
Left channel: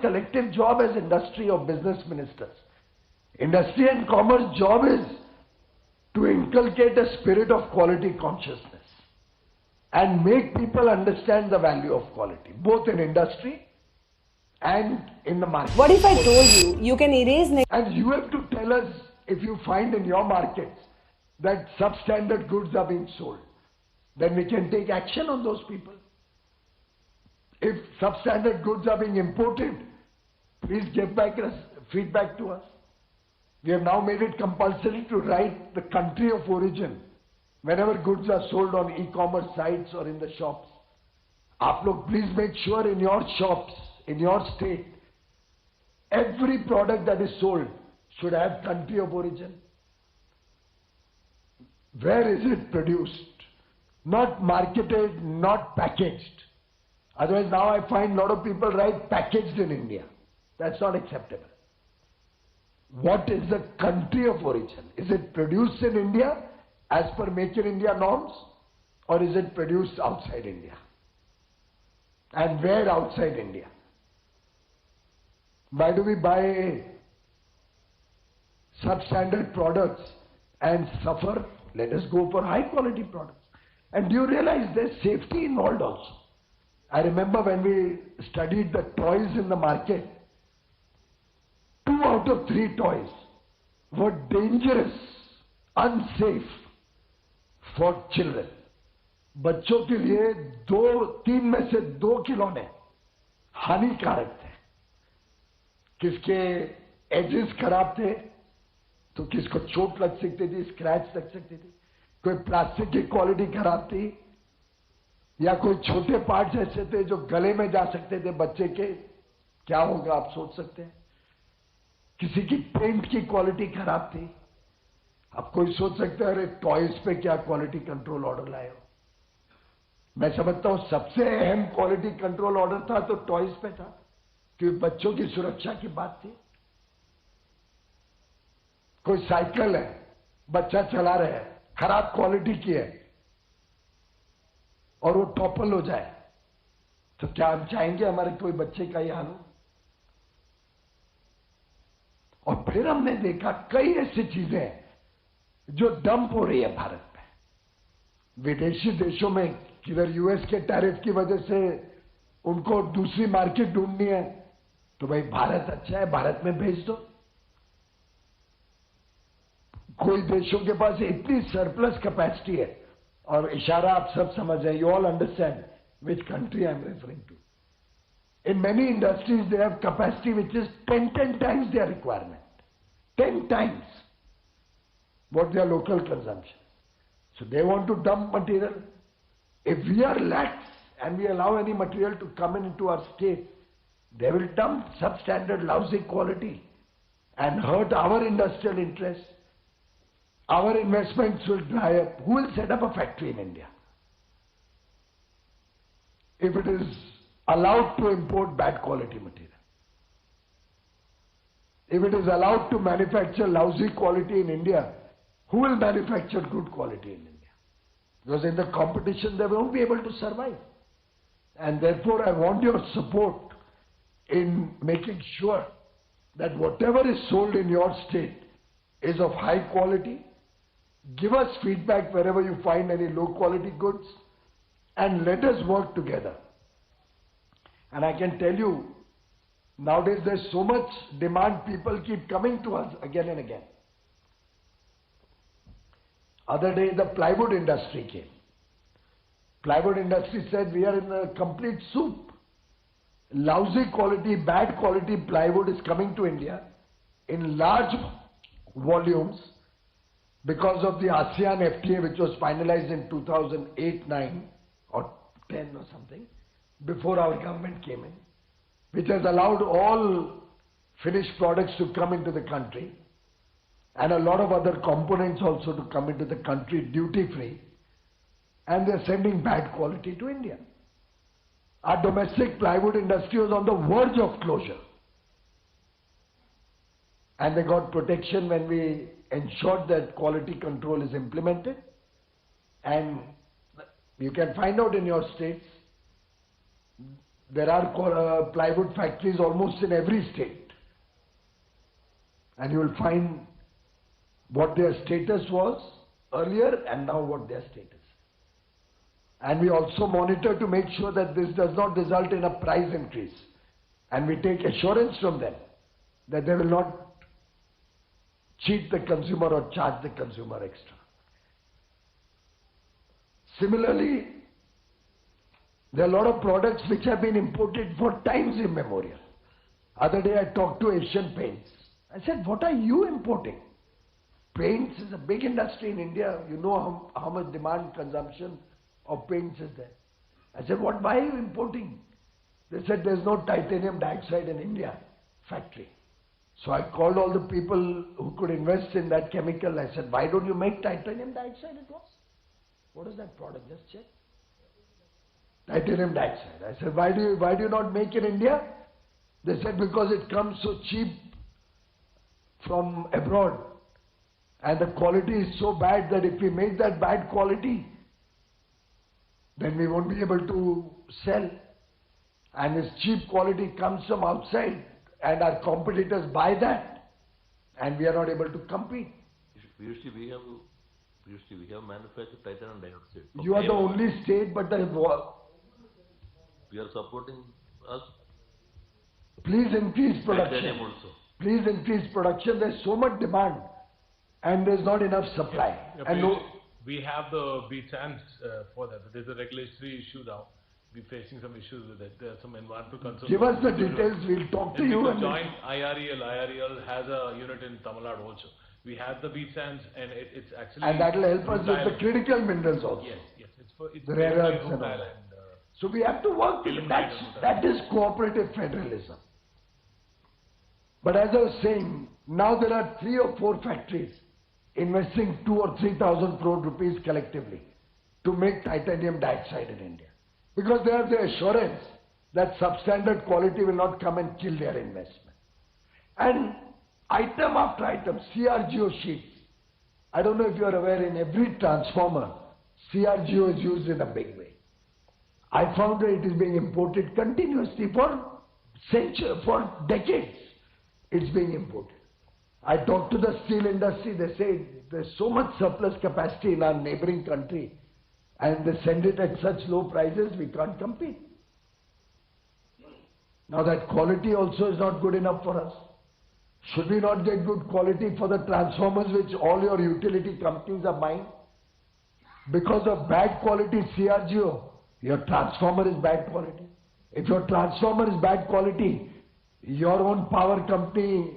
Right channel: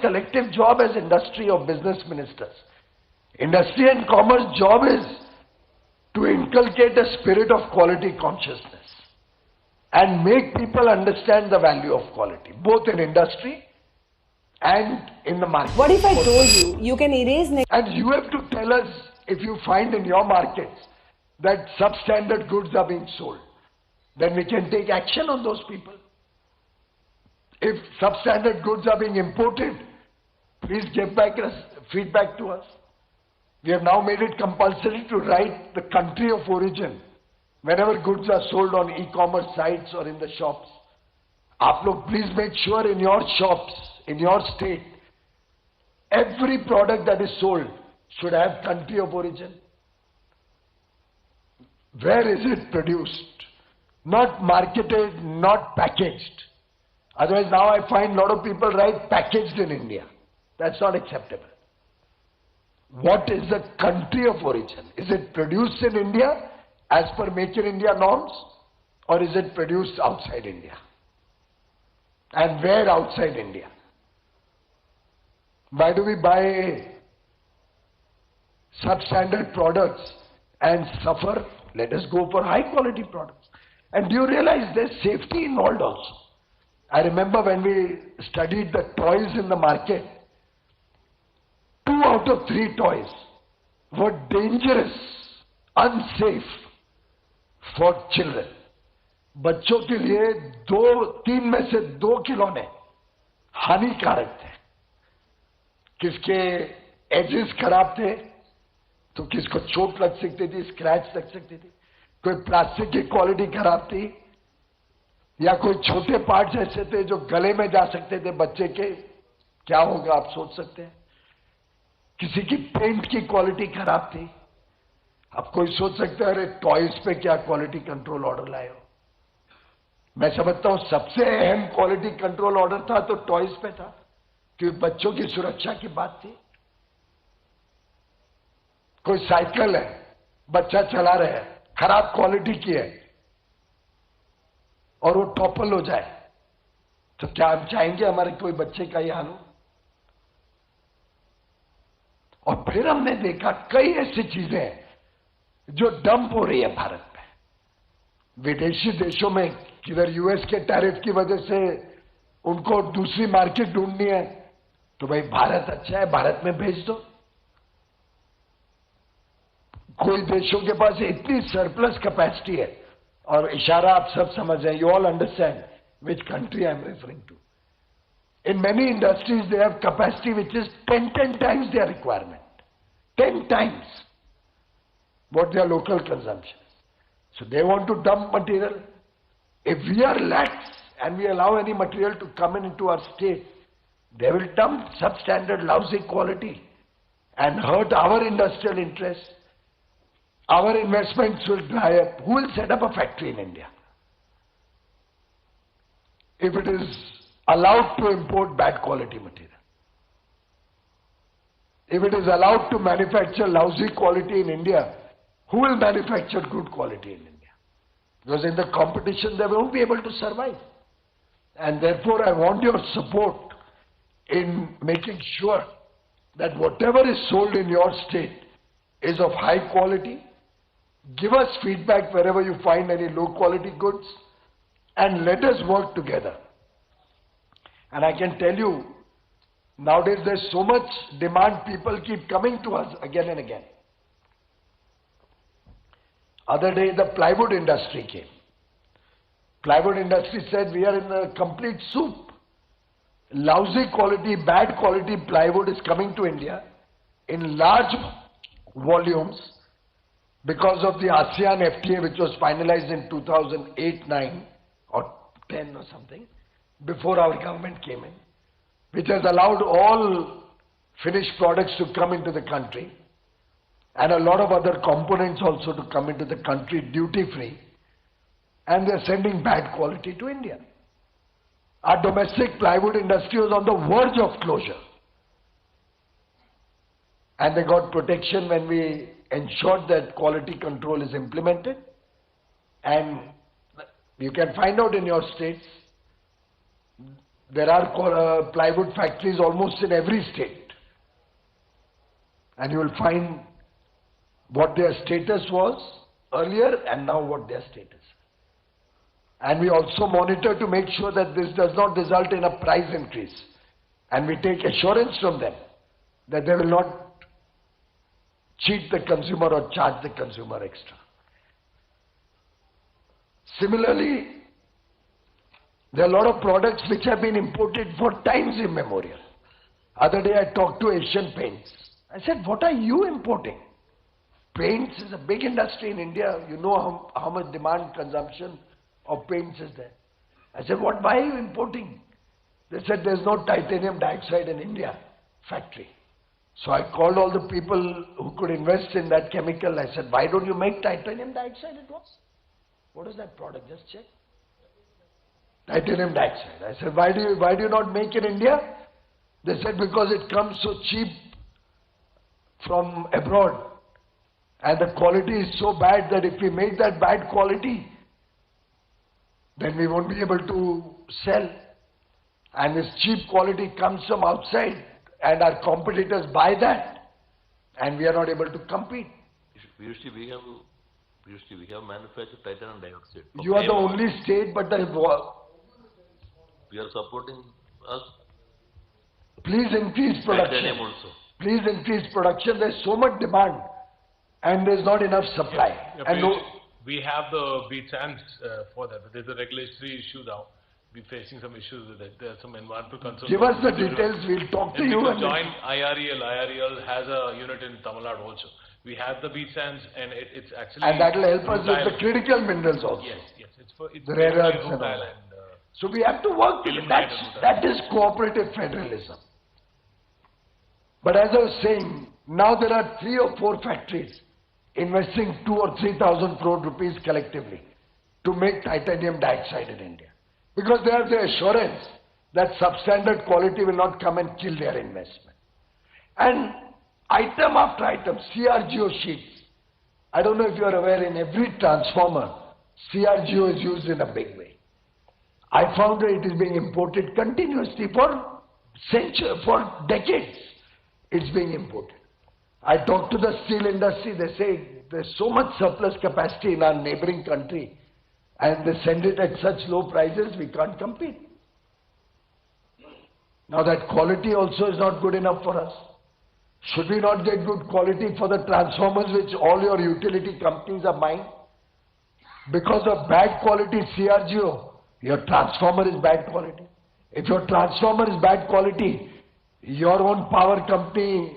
Collective job as industry or business ministers. Industry and commerce job is to inculcate a spirit of quality consciousness and make people understand the value of quality, both in industry and in the market. What if I told you, you can erase... And you have to tell us if you find in your markets that substandard goods are being sold. Then we can take action on those people. If substandard goods are being imported, please give back feedback to us. We have now made it compulsory to write the country of origin whenever goods are sold on e-commerce sites or in the shops. Aap log please make sure in your shops, in your state, every product that is sold should have country of origin. Where is it produced? Not marketed, not packaged. Otherwise now I find a lot of people write packaged in India. That's not acceptable. What is the country of origin? Is it produced in India as per Make in India norms, or is it produced outside India? And where outside India? Why do we buy substandard products and suffer? Let us go for high quality products. And do you realize there's safety involved also? I remember when we studied the toys in the market, 2 out of 3 toys were dangerous, unsafe for children. बच्चों के लिए 3 में से 2 खिलौने हानिकारक थे. किसके edges खराब थे तो किसको चोट लग सकती थी, स्क्रैच लग सकती थी. कोई प्लास्टिक की क्वालिटी खराब थी, या कोई छोटे पार्ट्स ऐसे थे जो गले में जा सकते थे बच्चे के. क्या होगा आप सोच सकते हैं. किसी की पेंट की क्वालिटी खराब थी. अब कोई सोच सकता है अरे टॉयज पे क्या क्वालिटी कंट्रोल ऑर्डर लाए हो. मैं समझता हूं सबसे अहम क्वालिटी कंट्रोल ऑर्डर था तो टॉयज पे था, क्योंकि बच्चों की सुरक्षा की बात थी. कोई साइकिल है, बच्चा चला रहा है, खराब क्वालिटी की है और वो टॉपल हो जाए तो क्या हम चाहेंगे हमारे कोई बच्चे का ये हाल हो. और फिर हमने देखा कई ऐसी चीजें हैं जो डंप हो रही है भारत में. विदेशी देशों में किधर यूएस के टैरिफ की वजह से उनको दूसरी मार्केट ढूंढनी है तो भाई भारत अच्छा है, भारत में भेज दो. कोई देशों के पास इतनी सरप्लस कैपेसिटी है, और इशारा आप सब समझ रहे हैं. You all understand which country I am referring to. In many industries, they have capacity which is 10 times their requirement. 10 times what their local consumption is. So they want to dump material. If we are lax and we allow any material to come into our state, they will dump substandard, lousy quality and hurt our industrial interests. Our investments will dry up. Who will set up a factory in India if it is allowed to import bad quality material? If it is allowed to manufacture lousy quality in India, who will manufacture good quality in India? Because in the competition they won't be able to survive. And therefore I want your support in making sure that whatever is sold in your state is of high quality. Give us feedback wherever you find any low quality goods and let us work together. And I can tell you, nowadays there's so much demand, people keep coming to us again and again. Other day the plywood industry came. Plywood industry said we are in a complete soup. Lousy quality, bad quality plywood is coming to India in large volumes because of the ASEAN FTA which was finalized in 2008-9 or 10 or something, before our government came in, which has allowed all finished products to come into the country and a lot of other components also to come into the country duty free, and they are sending bad quality to India. Our domestic plywood industry was on the verge of closure. And they got protection when we ensured that quality control is implemented. And you can find out in your states, there are plywood factories almost in every state. And you will find what their status was earlier and now what their status. And we also monitor to make sure that this does not result in a price increase. And we take assurance from them that they will not cheat the consumer or charge the consumer extra. Similarly, there are a lot of products which have been imported for times immemorial. Other day I talked to Asian Paints. I said, what are you importing? Paints is a big industry in India. You know how much demand, consumption of paints is there. I said, why are you importing? They said, there's no titanium dioxide in India factory. So I called all the people who could invest in that chemical. I said, why don't you make titanium dioxide? It was. What is that product? Just check. Titanium dioxide. I said, why do you not make in India? They said, because it comes so cheap from abroad. And the quality is so bad that if we make that bad quality, then we won't be able to sell. And this cheap quality comes from outside and our competitors buy that and we are not able to compete. Previously we have manufactured titanium dioxide. You are the only state, but we are supporting us. Please increase production. Titanium also. Please increase production. There's so much demand and there's not enough supply. Yeah, and we have the beat sands for that, but there's a regulatory issue now. We're facing some issues with it. There are some environmental concerns. Give us the details, we'll talk to you. And join IREL. IREL has a unit in Tamil Nadu also. We have the beat sands and it's actually... And that will help us with the critical minerals also. Yes. It's the rare earths and all. So we have to work with that is cooperative federalism. But as I was saying, now there are 3 or 4 factories investing 2,000 or 3,000 crore rupees collectively to make titanium dioxide in India. Because they have the assurance that substandard quality will not come and kill their investment. And item after item, CRGO sheets. I don't know if you are aware, in every transformer, CRGO is used in a big way. I found that it is being imported continuously for decades. It's being imported. I talked to the steel industry, they say there's so much surplus capacity in our neighboring country and they send it at such low prices, we can't compete. Now that quality also is not good enough for us. Should we not get good quality for the transformers which all your utility companies are buying? Because of bad quality CRGO, your transformer is bad quality. If your transformer is bad quality, your own power company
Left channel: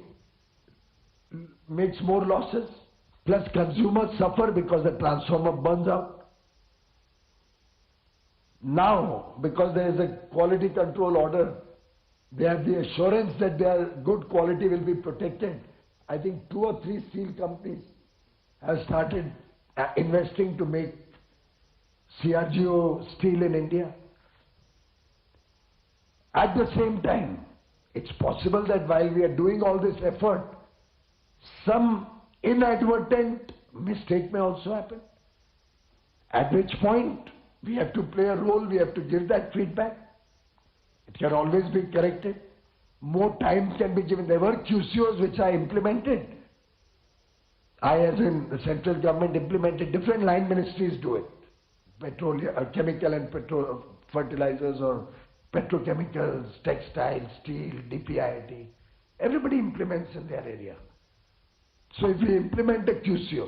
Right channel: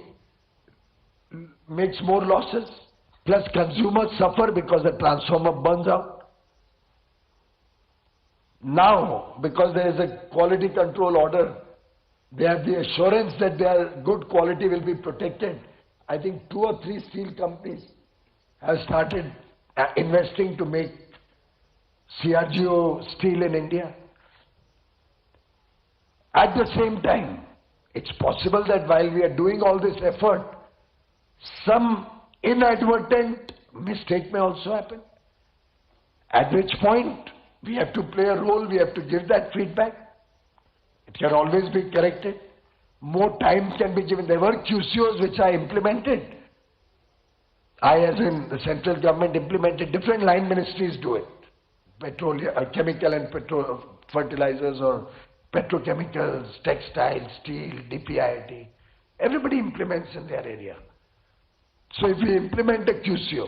makes more losses, plus consumers suffer because the transformer burns out. Now, because there is a quality control order, they have the assurance that their good quality will be protected. I think 2 or 3 steel companies have started investing to make CRGO steel in India. At the same time, it's possible that while we are doing all this effort, some inadvertent mistake may also happen. At which point, we have to play a role, we have to give that feedback. It can always be corrected. More time can be given. There were QCOs which I implemented. I, as in the central government, implemented. Different line ministries do it. Petroleum, chemical and fertilizers, or petrochemicals, textiles, steel, DPIIT. Everybody implements in their area. So if we implement a QCO,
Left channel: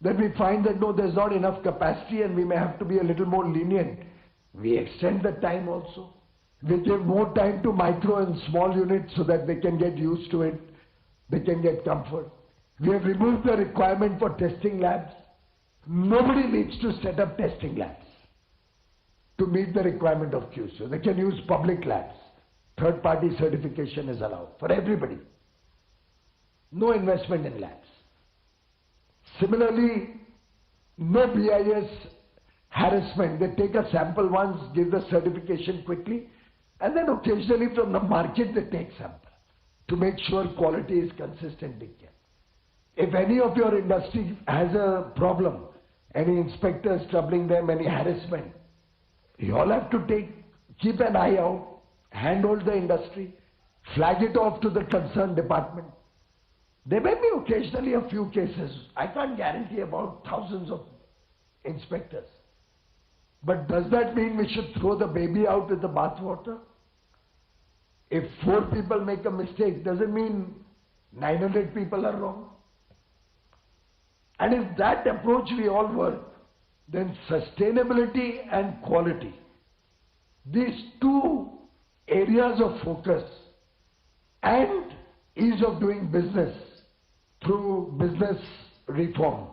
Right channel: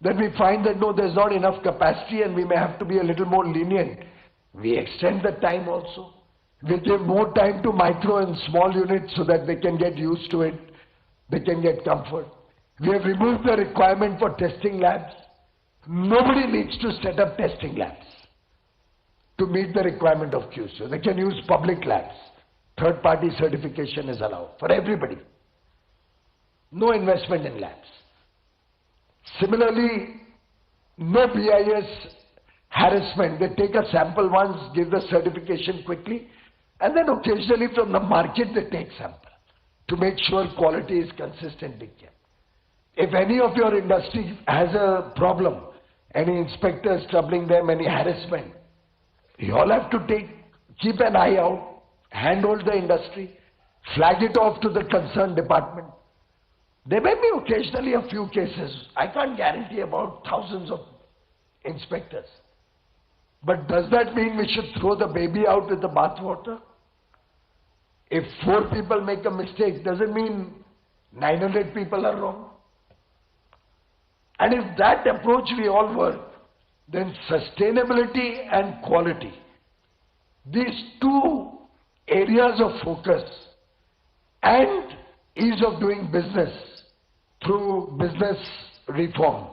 then we find that no, there's not enough capacity and we may have to be a little more lenient. We extend the time also. We give more time to micro and small units so that they can get used to it, they can get comfort. We have removed the requirement for testing labs. Nobody needs to set up testing labs to meet the requirement of QCO. They can use public labs. Third-party certification is allowed for everybody. No investment in labs. Similarly, no BIS harassment. They take a sample once, give the certification quickly, and then occasionally from the market they take sample to make sure quality is consistently kept. If any of your industry has a problem, any inspectors troubling them, any harassment, you all have to keep an eye out, handhold the industry, flag it off to the concerned department. There may be occasionally a few cases. I can't guarantee about thousands of inspectors. But does that mean we should throw the baby out with the bathwater? If 4 people make a mistake, does it mean 900 people are wrong? And if that approach we all work, then sustainability and quality, these two areas of focus, and ease of doing business through business reform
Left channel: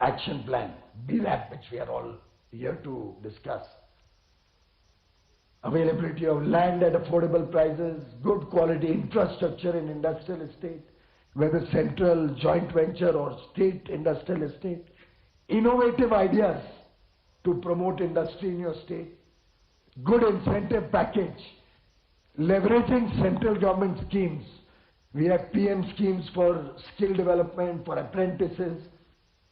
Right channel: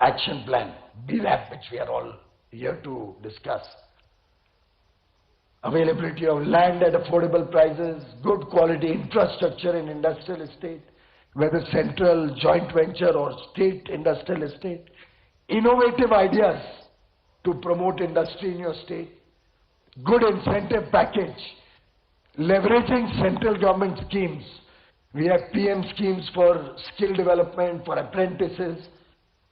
action plan, BRAP, which we are all here to discuss. Availability of land at affordable prices, good quality infrastructure in industrial estate, whether central, joint venture or state industrial estate, innovative ideas to promote industry in your state, good incentive package, leveraging central government schemes. We have PM schemes for skill development, for apprentices.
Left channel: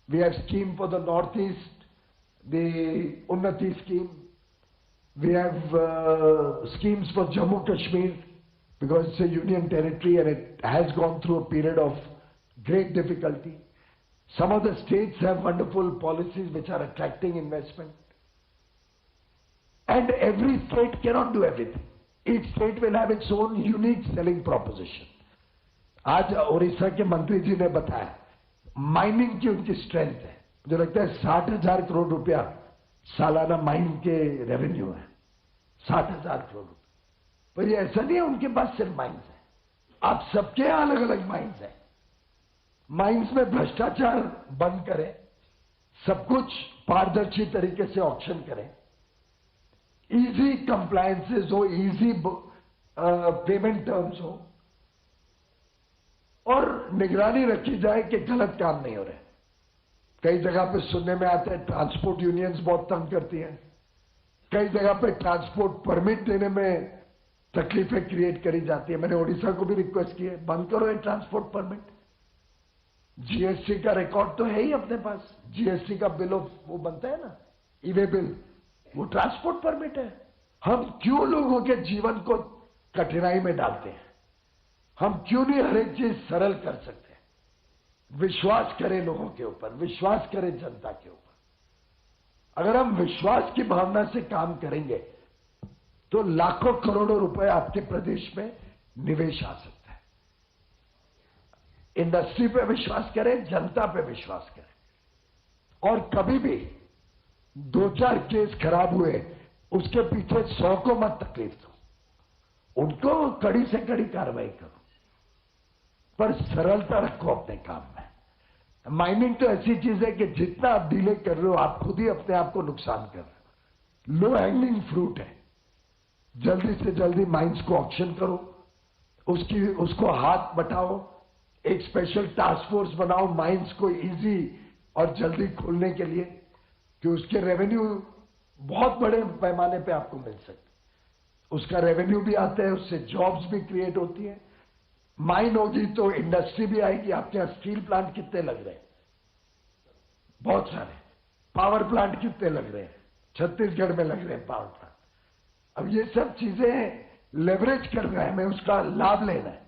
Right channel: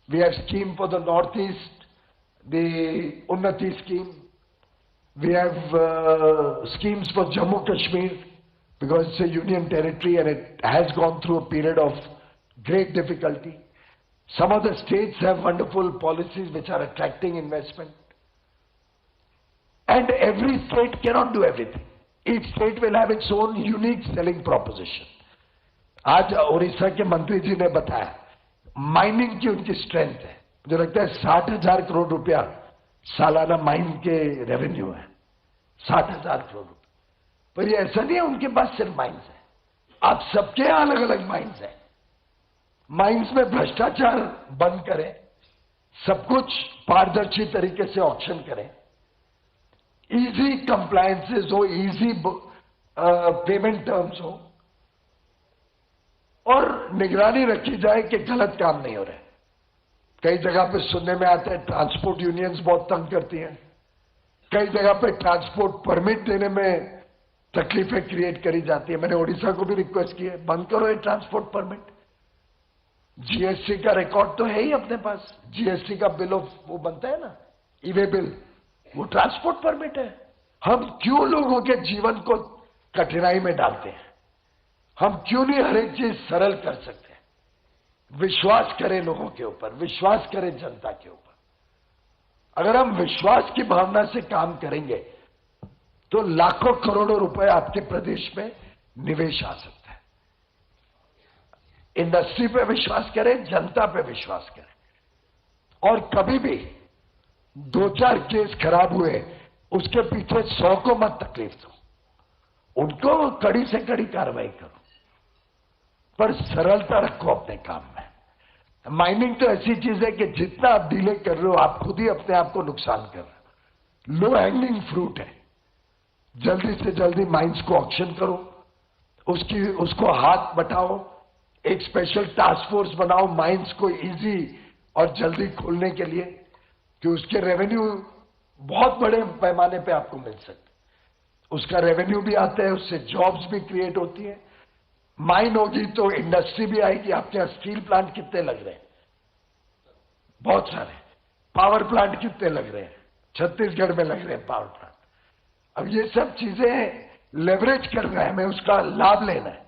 We have scheme for the Northeast, the Unnati scheme. We have schemes for Jammu Kashmir because it's a union territory and it has gone through a period of great difficulty. Some of the states have wonderful policies which are attracting investment. And every state cannot do everything. Each state will have its own unique selling proposition. आज ओडिशा के मंत्री जी ने बताया mining की उनकी strength है, जो लगता है 60,000 करोड़ रुपया सालाना माइन के रेवेन्यू है, 60,000 करोड़ रुपया। पर ये ऐसा नहीं है उनके पास सिर्फ माइन्स है, आप सबके यहाँ अलग अलग माइन्स है। माइन्स में भ्रष्टाचार बंद करें, सब कुछ पारदर्शी तरीके से ऑक्शन करें, इजी कंप्लायंसेस हो, इजी पेमेंट टर्म्स हो, और निगरानी रखी जाए कि गलत काम नहीं हो रहे। कई जगह पे सुनने में आता है ट्रांसपोर्ट यूनियंस बहुत तंग करती हैं, कई जगह पे ट्रांसपोर्ट परमिट देने में तकलीफें क्रिएट करी जाती है। मैंने ओडिशा को भी रिक्वेस्ट की है, बंद करो ये ट्रांसपोर्ट परमिट। जीएसटी का रिकॉर्ड तो है ही अपने पास, जीएसटी का बिल ऑफ वो बनता है ना, ई-वे बिल, वो ट्रांसपोर्ट परमिट है। हम क्यों लोगों के जीवन को कठिनाई में डालते हैं? हम क्यों नहीं हर एक चीज सरल कर सकते? विश्वास करें लोगों के ऊपर, विश्वास करें जनता के ऊपर। अगर हम विश्वास की भावना से काम करेंगे तो लाखों करोड़ों रुपए आपके प्रदेश में निवेश आ सकता है। इंडस्ट्री पे विश्वास करें, जनता पे विश्वास करें, और कभी भी 2-4 केस खराब हुए उसके पीछे 100 को मत तकलीफ दो, उनको कड़ी से कड़ी कार्रवाई करो, पर सरलता रखो अपने काम में। माइनिंग तो ऐसी चीज है कि जितना आप डिले कर रहे हो आप खुद ही अपने आप को नुकसान कर रहे हो। लो हैंगिंग फ्रूट है, जल्दी से जल्दी माइंस को ऑक्शन करो, उसको हाथ बटाओ, एक स्पेशल टास्क फोर्स बनाओ माइंस को इजी और जल्दी खोलने के लिए, कि उसके रेवेन्यू बहुत बड़े पैमाने पे आपको मिल सके। उसका रेवेन्यू भी आता है, उससे जॉब्स भी क्रिएट होती है। माइन होगी तो इंडस्ट्री भी आएगी। आपके यहाँ स्टील प्लांट कितने लग रहे हैं? बहुत सारे। पावर प्लांट कितने लग रहे हैं? छत्तीसगढ़ में लग रहे हैं पावर प्लांट। अब ये सब चीजें लेवरेज करना है, हमें उसका लाभ लेना है।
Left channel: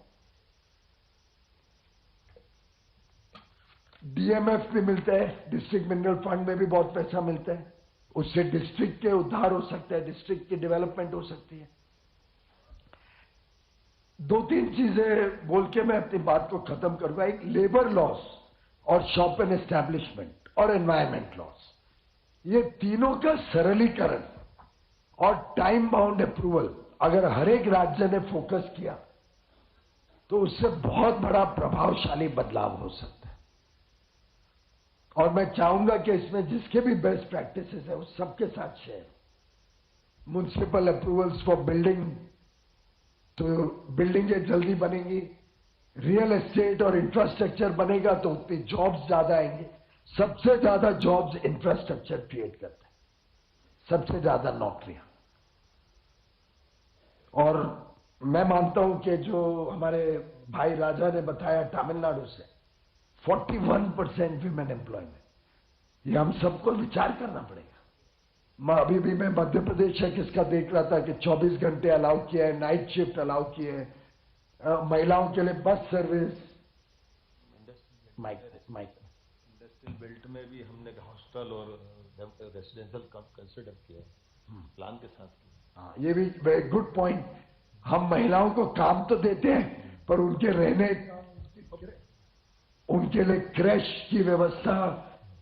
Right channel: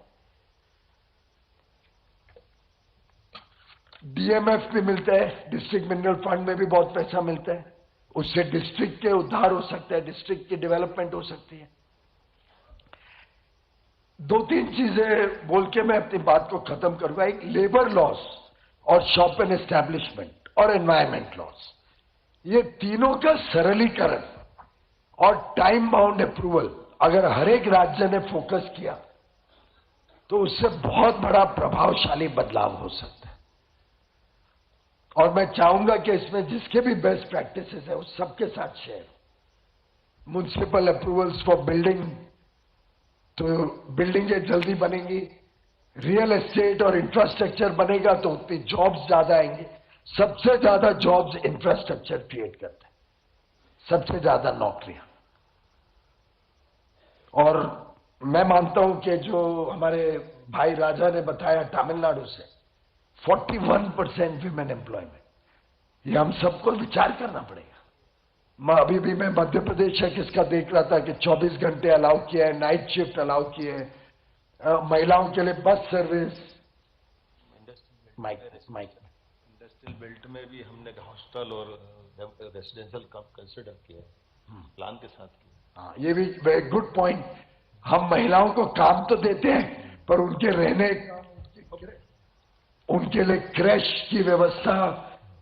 डीएमएफ भी मिलता है, डिस्ट्रिक्ट मिनरल फंड में भी बहुत पैसा मिलता है, उससे डिस्ट्रिक्ट के उद्धार हो सकता है, डिस्ट्रिक्ट की डेवलपमेंट हो सकती है। दो तीन चीजें बोल के मैं अपनी बात को खत्म करूंगा। एक लेबर लॉस और शॉप एंड एस्टैब्लिशमेंट और एनवायरमेंट लॉस, ये तीनों का सरलीकरण और टाइम बाउंड अप्रूवल अगर हर एक राज्य ने फोकस किया तो उससे बहुत बड़ा प्रभावशाली बदलाव हो सकता है। और मैं चाहूंगा कि इसमें जिसके भी बेस्ट प्रैक्टिसेस है उस सबके साथ share. Municipal approvals for building, तो बिल्डिंगें जल्दी बनेंगी, रियल एस्टेट और इंफ्रास्ट्रक्चर बनेगा तो उतनी जॉब्स ज्यादा आएंगे। सबसे ज्यादा जॉब्स इंफ्रास्ट्रक्चर क्रिएट करते हैं, सबसे ज्यादा नौकरियां। और मैं मानता हूं कि जो हमारे भाई राजा ने बताया तमिलनाडु से 41% विमेन एम्प्लॉयमेंट, ये हम सबको विचार करना पड़ेगा। अभी भी मैं मध्य प्रदेश है किसका देख रहा था कि 24 घंटे अलाउ किया है, नाइट शिफ्ट अलाउ किए हैं, महिलाओं के लिए बस सर्विस। इंडस्ट्रियल बेल्ट में भी हमने हॉस्टल और रेसिडेंशियल कंसिडर किया है, प्लान के साथ किया। हाँ, ये भी वेरी गुड पॉइंट। हम महिलाओं को काम तो देते हैं पर उनके रहने, उनके लिए क्रैश की व्यवस्था,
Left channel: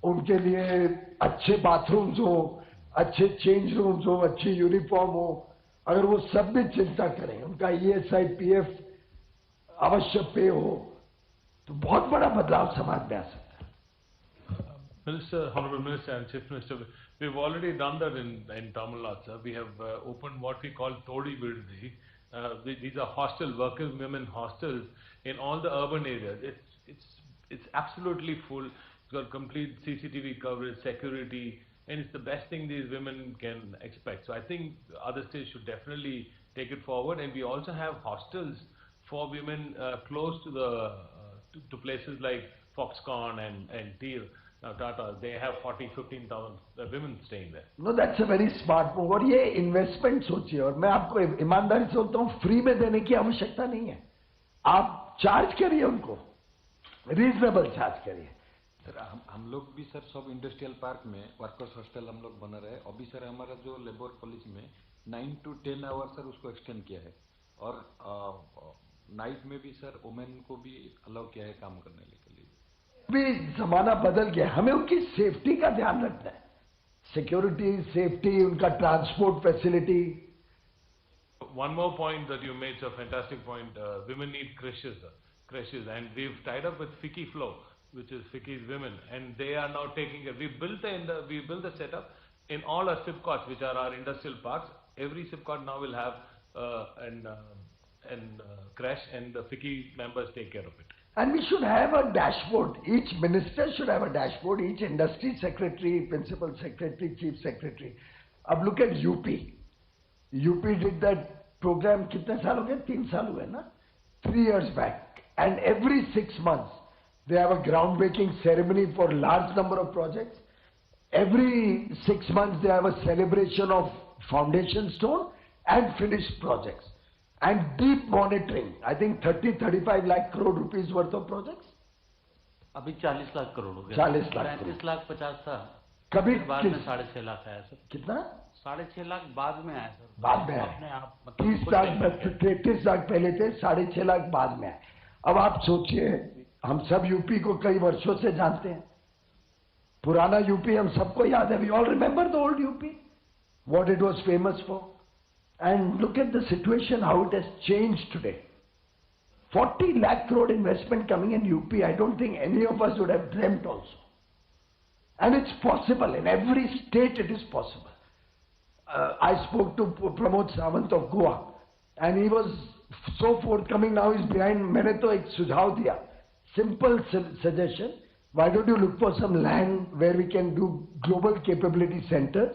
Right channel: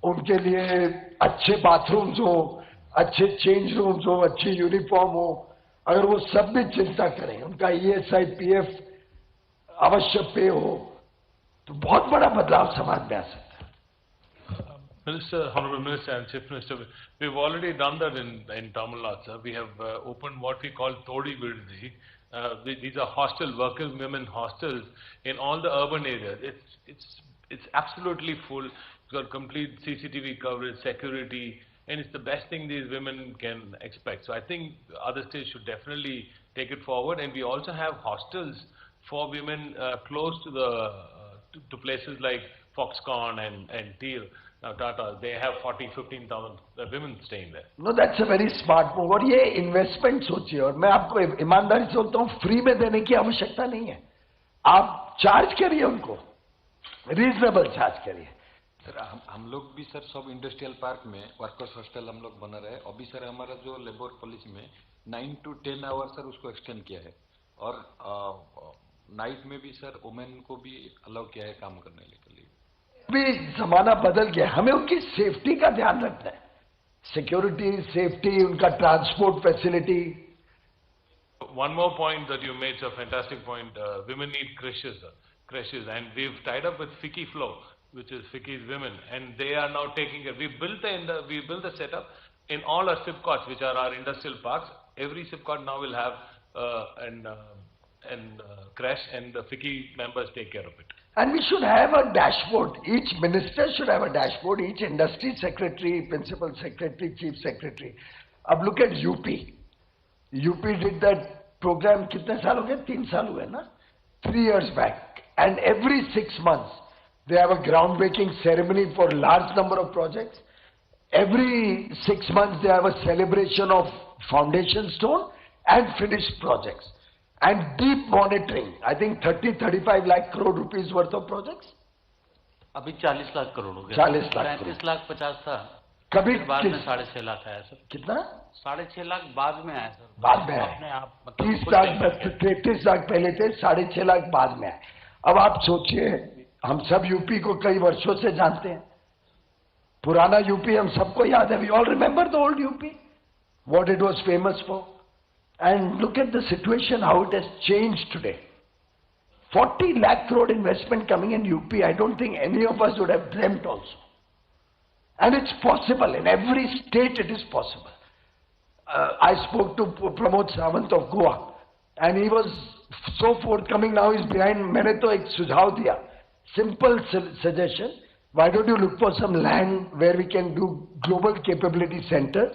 उनके लिए अच्छे बाथरूम्स हो, अच्छे चेंज रूम्स हो, अच्छी यूनिफॉर्म हो, अगर वो सब भी चिंता करें, उनका ईएसआई पीएफ अवश्य पे हो, तो बहुत बड़ा बदलाव समाज में आ सकता है। Minister, Honorable Minister and Chief Minister, we've already done that in Tamil Nadu, sir. We have opened what we call Todi Virdi. These are hostel, working women hostels in all the urban areas. It's absolutely full. It's got complete CCTV coverage, security, and it's the best thing these women can expect. So I think other states should definitely take it forward. And we also have hostels for women close to the to places like Foxconn and Teal. Tata, they have 40-15,000 women staying there. No, that's a very smart move. और ये investment सोचिए, और मैं आपको ईमानदारी से बोलता हूँ, फ्री में देने की आवश्यकता नहीं है। आप चार्ज करिए उनको, रीजनेबल चार्ज करिए। सर हम लोग भी सर सब इंडस्ट्रियल पार्क में वर्कर्स हॉस्टल हम लोग बना रहे हैं। अभी सर हमारा जो लेबर पॉलिसी में 9 to 10 आवर सर उसको एक्सटेंड किया है, और नाइट में भी सर वुमेन को भी अलाउ किया है काम करने के लिए। भी जमाना बदल गया, हमें उनकी सेफ्टी का ध्यान रखना है, सिक्योरिटी, सेफ्टी, उनका transport facility. One more point that you made, a fantastic point. Women need creches, and we've tied up with Fiki Flow, which is Fiki's women, and they are now taking it. We built the setup in all our SIPCOTs, which are our industrial parks. Every SIPCOT now will have an creche, and the Fiki members take care of it. And we should have a dashboard. Each minister should have a dashboard. Each industry secretary, principal secretary, chief secretary. अब look at UP. UP did that program कितने साल हो गए? 3 साल हुए ना? 3 years back. And every 6 months they have a groundbreaking ceremony for large number of projects. Every 6 months they have a celebration of foundation stone and finished projects. And deep monitoring. I think 30-35 lakh crore rupees worth of projects. अभी 40 लाख करोड़ हो गया। 40 लाख 35 लाख 50 था, कभी बाद में 6.5 लाख आया sir. कितना? 6.5 लाख बाद में आया सर। बाद में अपने आप 30 लाख 33 लाख पहले थे, 6.5 लाख बाद में आए। अब आप सोचिए, हम सब यूपी को कई वर्षों से जानते हैं, पुराना यूपी हम सबको याद है। We all remember the old UP, what it was famous for. And look at the situation, how it has changed today. 40 lakh crore investment coming in UP, I don't think any of us would have dreamt also. And it's possible, in every state it is possible. I spoke to Pramod Sawant of Goa, and he was so forthcoming. Now he's behind. मैंने तो एक सुझाव दिया, simple suggestion. Why don't you look for some land where we can do global capability centers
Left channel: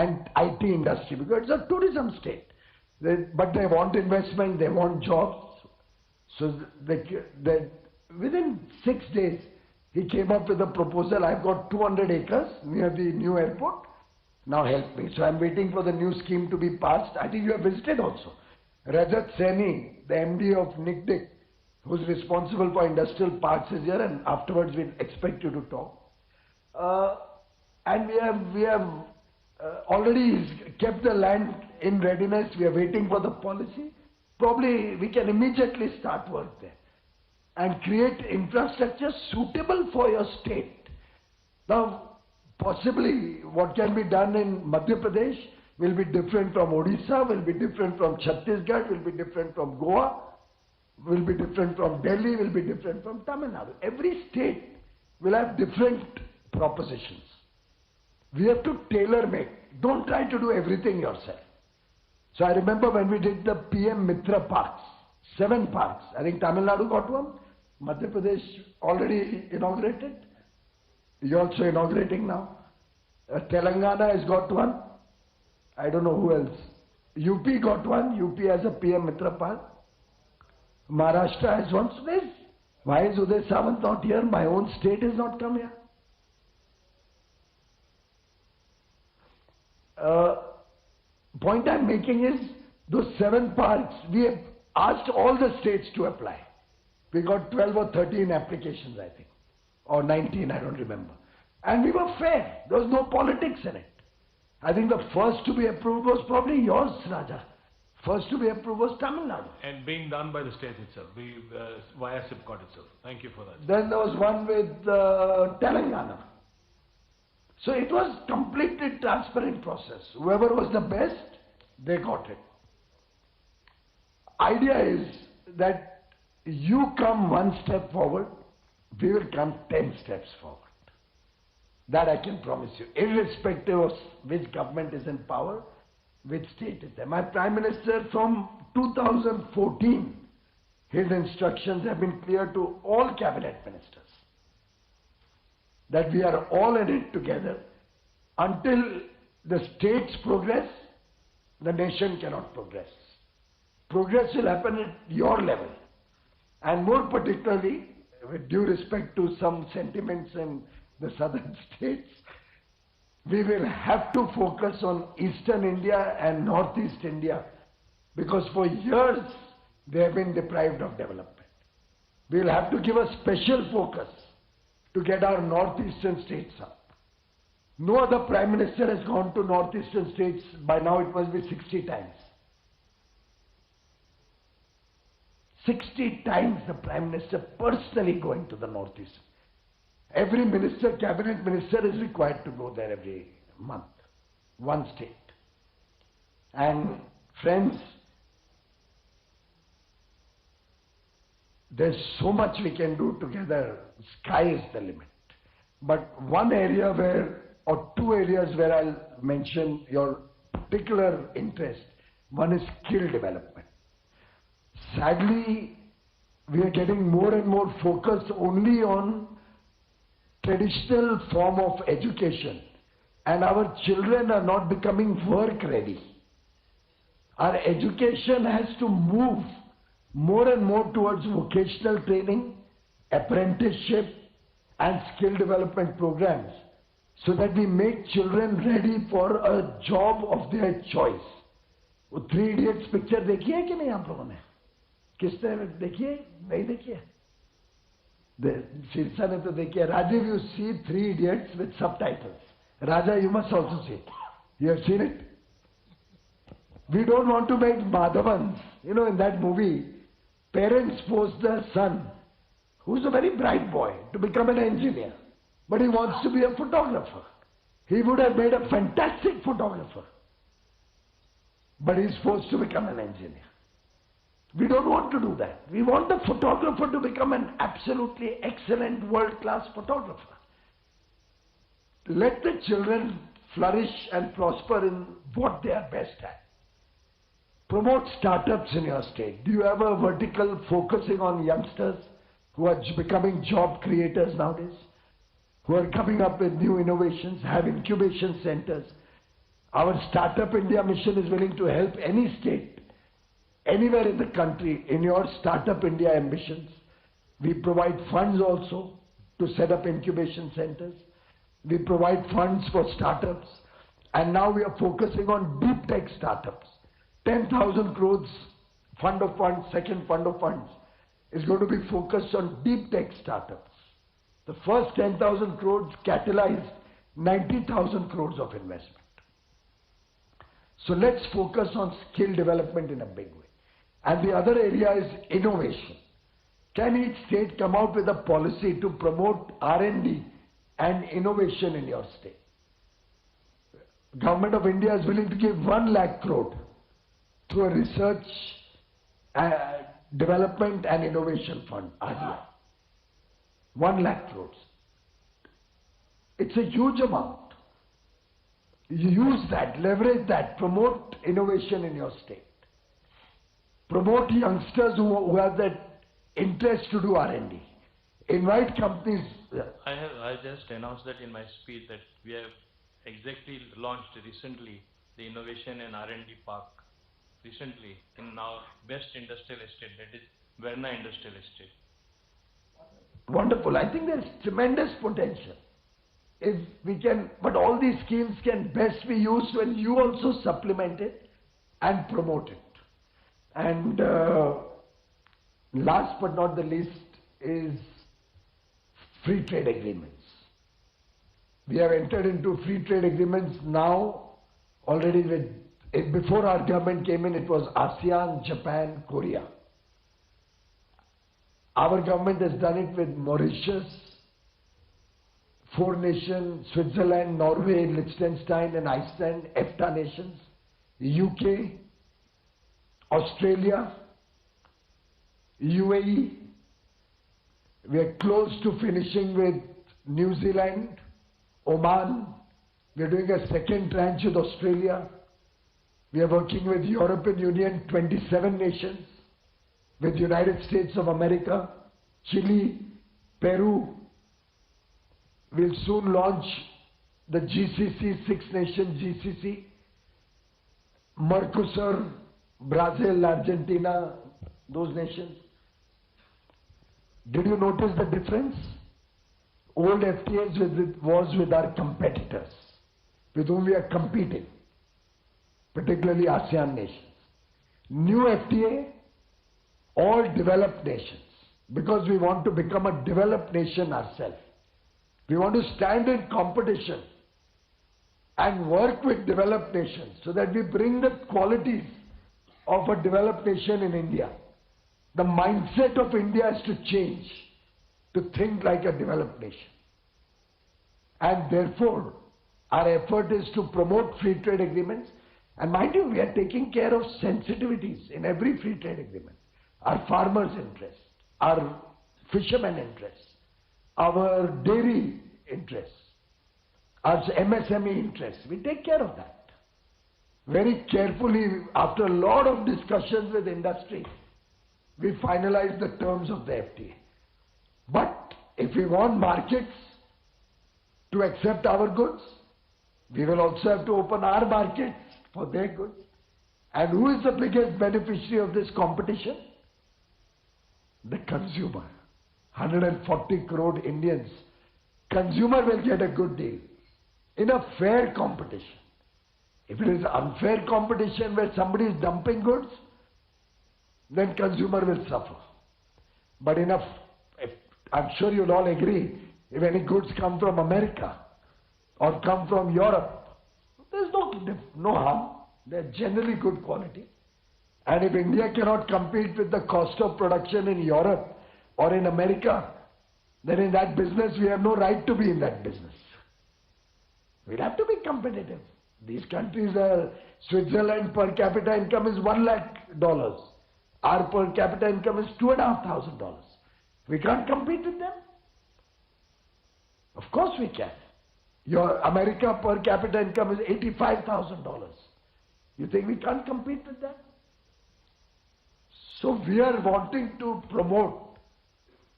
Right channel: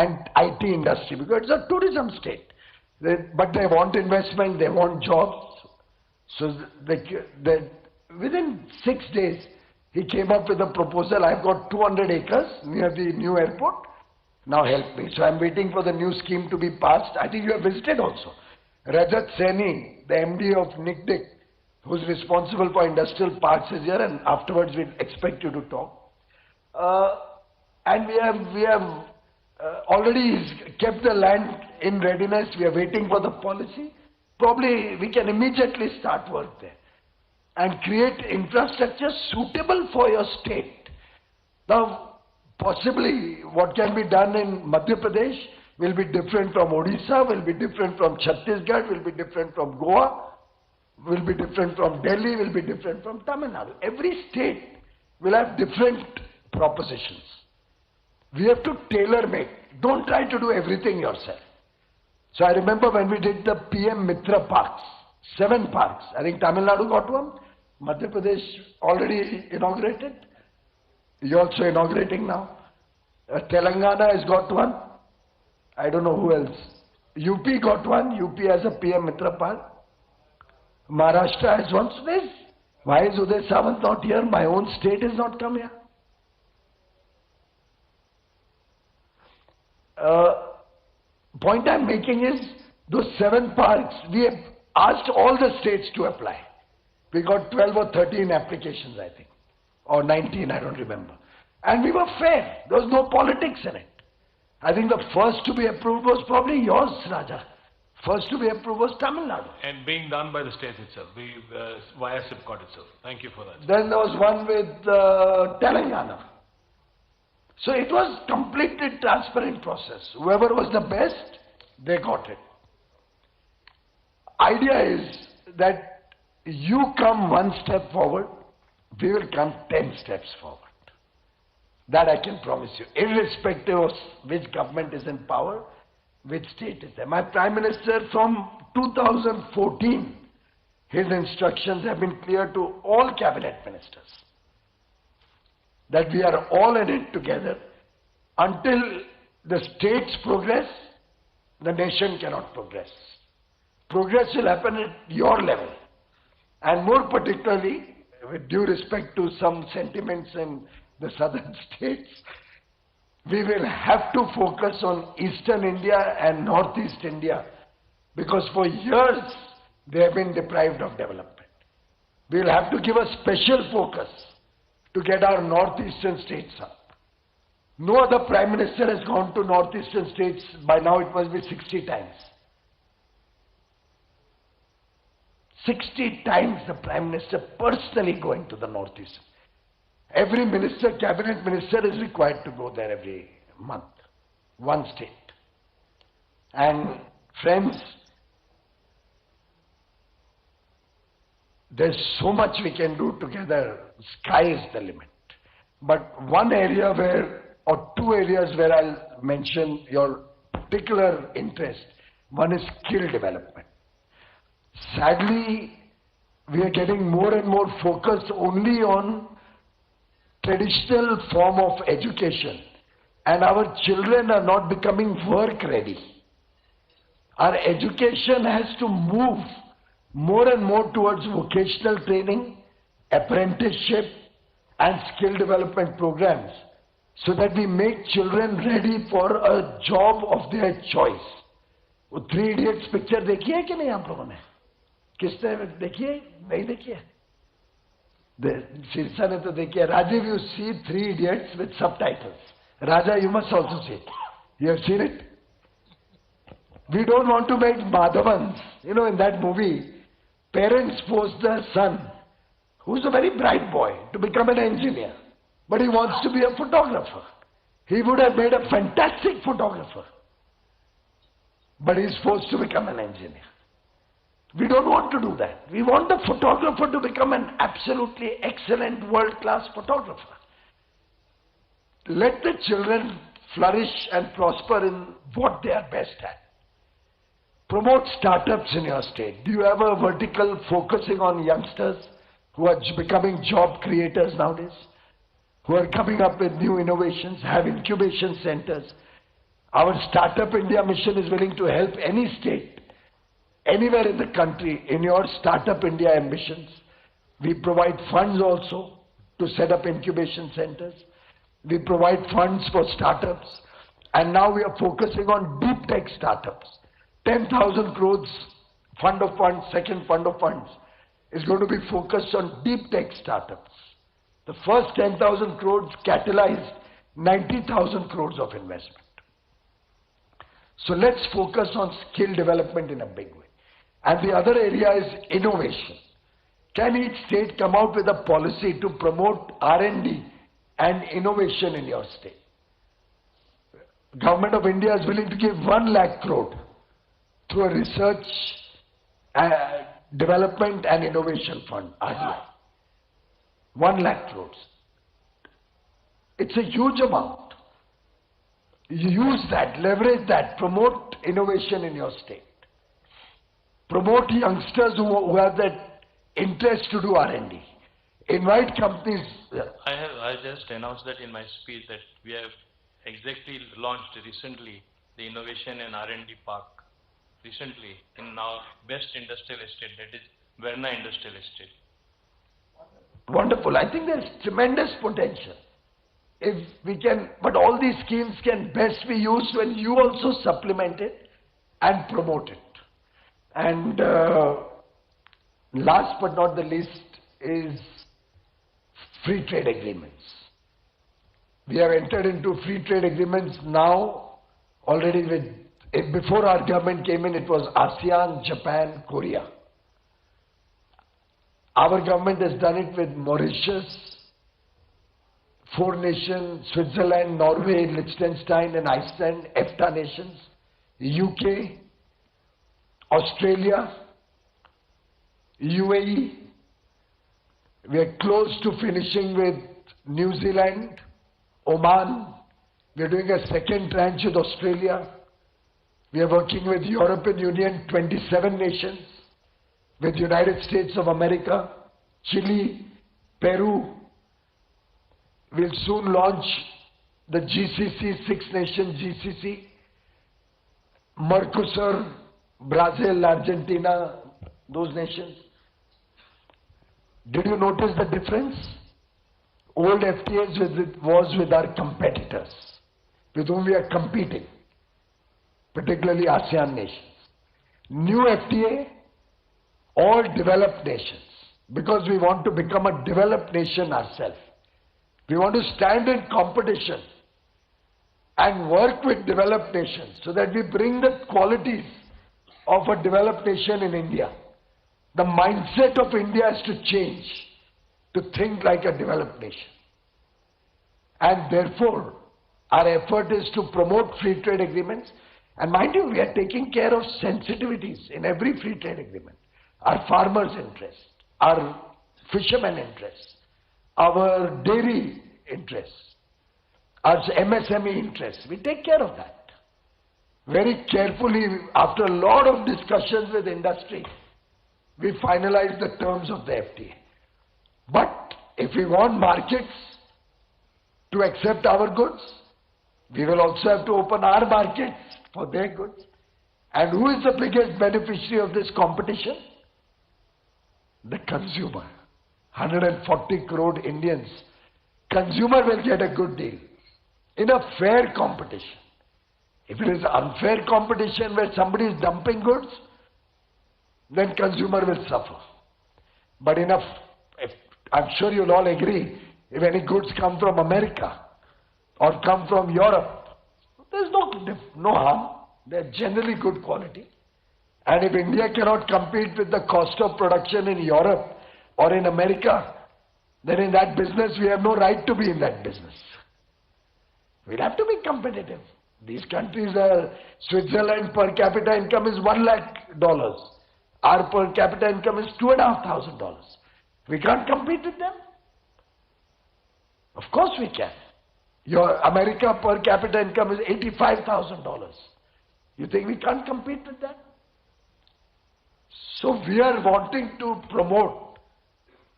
and IT industry, because it's a tourism state. But they want investment, they want jobs. So within 6 days, He came up with a proposal, I've got 200 acres near the new airport, now help me. So I'm waiting for the new scheme to be passed. I think you have visited also. Rajat Saini, the MD of NICDIC, who's responsible for industrial parks is here, and afterwards we expect you to talk. And we have already kept the land in readiness. We are waiting for the policy. Probably we can immediately start work there and create infrastructure suitable for your state. Now, possibly what can be done in Madhya Pradesh will be different from Odisha, will be different from Chhattisgarh, will be different from Goa, will be different from Delhi, will be different from Tamil Nadu. Every state will have different propositions. We have to tailor make. Don't try to do everything yourself. So I remember when we did the PM Mitra parks, 7 parks. I think Tamil Nadu got one. Madhya Pradesh already inaugurated. You're also inaugurating now. Telangana has got one. I don't know who else. UP got one. UP has a PM Mitra park. Maharashtra has one. So why is Uday Sawant not here? My own state has not come here. Point I'm making is, those 7 parks, we have asked all the states to apply. We got 12 or 13 applications, I think, or 19, I don't remember. And we were fair. There was no politics in it. I think the first to be approved was probably yours, Raja. First to be approved was Tamil Nadu. And being done by the state itself, via SIPCOT itself. Thank you for that. Then there was one with Telangana. So it was completely transparent process. Whoever was the best, they got it. Idea is that you come 1 step forward, we will come 10 steps forward. That I can promise you, irrespective of which government is in power, which state is there. My Prime Minister from 2014, his instructions have been clear to all cabinet ministers that we are all in it together. Until the states progress, the nation cannot progress. Progress will happen at your level. And more particularly, with due respect to some sentiments in the southern states, we will have to focus on Eastern India and Northeast India, because for years they have been deprived of development. We will have to give a special focus to get our northeastern states up. No other Prime Minister has gone to northeastern states, by now it must be 60 times. 60 times the Prime Minister personally going to the northeast. Every minister, cabinet minister is required to go there every month, one state. And friends, there's so much we can do together, sky is the limit. But one area where, or 2 areas where I'll mention your particular interest, one is skill development. Sadly, we are getting more and more focused only on traditional form of education, and our children are not becoming work ready. Our education has to move more and more towards vocational training, apprenticeship and skill development programs, so that we make children ready for a job of their choice. वो 3 Idiots picture देखी है कि नहीं आप लोगों ने? किसने देखी है? नहीं देखी है? Shirsa ne to dekhi hai. Rajiv, you see 3 Idiots with subtitles. Raja, you must also see it. You have seen it? We don't want to make Madhavans. You know, in that movie, parents force their son, who's a very bright boy, to become an engineer. But he wants to be a photographer. He would have made a fantastic photographer. But he's forced to become an engineer. We don't want to do that. We want the photographer to become an absolutely excellent world-class photographer. Let the children flourish and prosper in what they are best at. Promote startups in your state. Do you have a vertical focusing on youngsters who are becoming job creators nowadays? Who are coming up with new innovations, have incubation centers. Our Startup India mission is willing to help any state, anywhere in the country, in your Startup India ambitions. We provide funds also to set up incubation centers. We provide funds for startups. And now we are focusing on deep tech startups. 10,000 crores fund of funds, second fund of funds, is going to be focused on deep tech startups. The first 10,000 crores catalyzed 90,000 crores of investment. So let's focus on skill development in a big way. And the other area is innovation. Can each state come out with a policy to promote R&D and innovation in your state? Government of India is willing to give 1 lakh crore to a research, development and innovation fund, RDI. 1 lakh crores. It's a huge amount. You use that, leverage that, promote innovation in your state. Promote youngsters who have that interest to do R&D. Invite companies. I just announced that in my speech that we have exactly launched recently the Innovation and R&D Park recently in our best industrial estate, that is Verna Industrial Estate. Wonderful. I think there's tremendous potential. If we can, but all these schemes can best be used when you also supplement it and promote it. And last but not the least is free trade agreements. We have entered into free trade agreements now already with, before our government came in, it was ASEAN, Japan, Korea. Our government has done it with Mauritius, 4 nations, Switzerland, Norway, Liechtenstein and Iceland, EFTA nations, UK, Australia, UAE. We are close to finishing with New Zealand, Oman. We are doing a second tranche with Australia. We are working with European Union, 27 nations, with United States of America, Chile, Peru. We'll soon launch the GCC, 6-nation GCC, Mercosur, Brazil, Argentina, those nations. Did you notice the difference? Old FTAs was with our competitors, with whom we are competing, particularly ASEAN nations. New FTA, all developed nations, because we want to become a developed nation ourselves. We want to stand in competition and work with developed nations so that we bring the qualities of a developed nation in India. The mindset of India has to change to think like a developed nation. And therefore, our effort is to promote free trade agreements. And mind you, we are taking care of sensitivities in every free trade agreement. Our farmers' interests, our fishermen' interests, our dairy interests, our MSME interests. We take care of that. Very carefully, after a lot of discussions with industry, we finalize the terms of the FTA. But if we want markets to accept our goods, we will also have to open our markets for their goods. And who is the biggest beneficiary of this competition? The consumer. 140 crore Indians. Consumer will get a good deal in a fair competition. If it is unfair competition where somebody is dumping goods, then consumer will suffer. But I'm sure you'll all agree, if any goods come from America or come from Europe, there's no harm. They're generally good quality. And if India cannot compete with the cost of production in Europe or in America, then in that business we have no right to be in that business. We'll have to be competitive. These countries are, Switzerland per capita income is $1 lakh. Our per capita income is $2,500. We can't compete with them. Of course we can. Your America per capita income is $85,000. You think we can't compete with that? So we are wanting to promote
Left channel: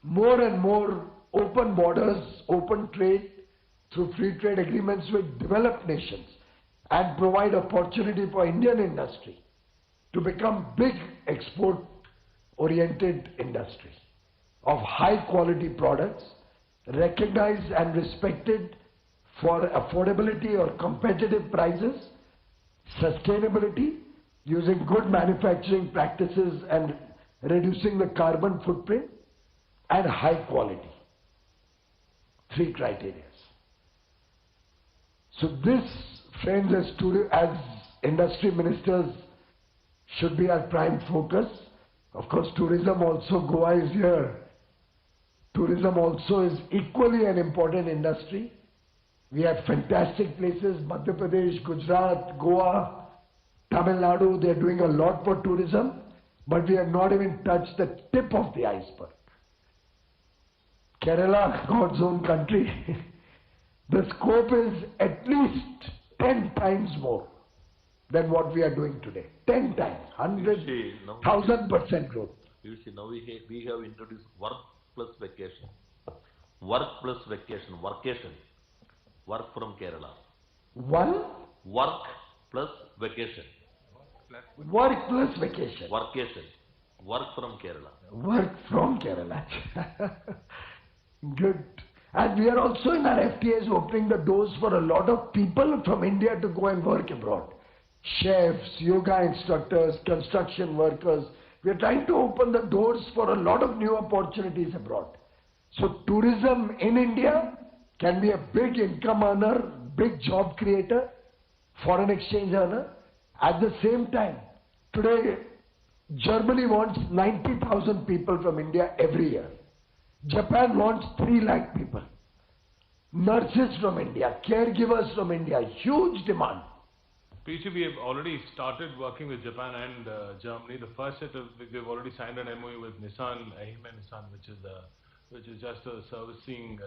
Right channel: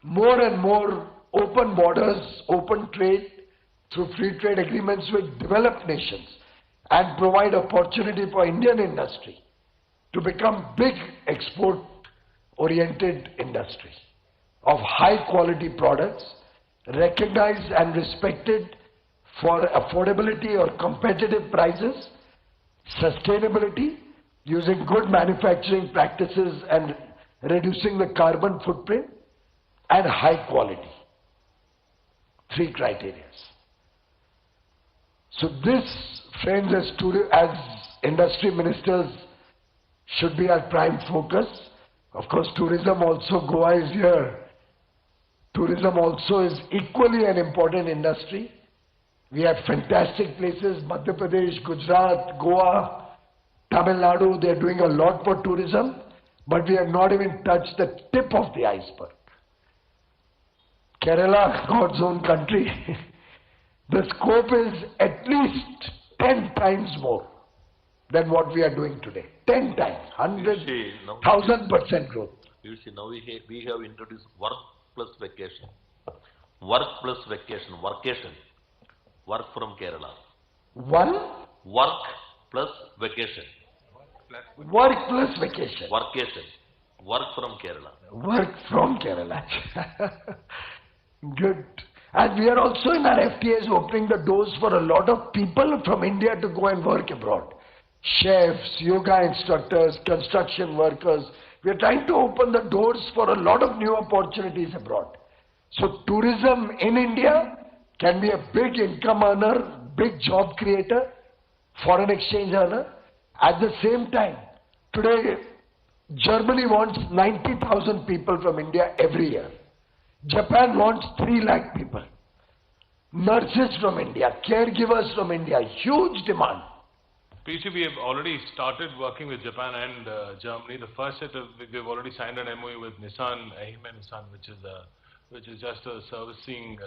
more and more open borders, open trade through free trade agreements with developed nations and provide opportunity for Indian industry to become big export-oriented industry of high quality products recognized and respected for affordability or competitive prices, sustainability, using good manufacturing practices and reducing the carbon footprint, and high quality. 3 criteria. So this, friends, as industry ministers, should be our prime focus. Of course, tourism also, Goa is here. Tourism also is equally an important industry. We have fantastic places, Madhya Pradesh, Gujarat, Goa, Tamil Nadu, they are doing a lot for tourism, but we have not even touched the tip of the iceberg. Kerala, God's own country, the scope is at least 10 times more than what we are doing today. 10 times, 100,000% growth. You see, now we have introduced work plus vacation. Work plus vacation, workation. Work from Kerala. Work plus vacation. Work plus vacation. Workation. Work from Kerala. Work from Kerala. Good. And we are also in our FTAs opening the doors for a lot of people from India to go and work abroad. Chefs, yoga instructors, construction workers. We are trying to open the doors for a lot of new opportunities abroad. So tourism in India can be a big income earner, big job creator, foreign exchange earner. At the same time, today Germany wants 90,000 people from India every year. Japan wants 3 lakh people. Nurses from India, caregivers from India, huge demand. PC, we have already started working with Japan and Germany. The first set of, we've already signed an MOU with Nissan, Ehime Nissan, which is just a servicing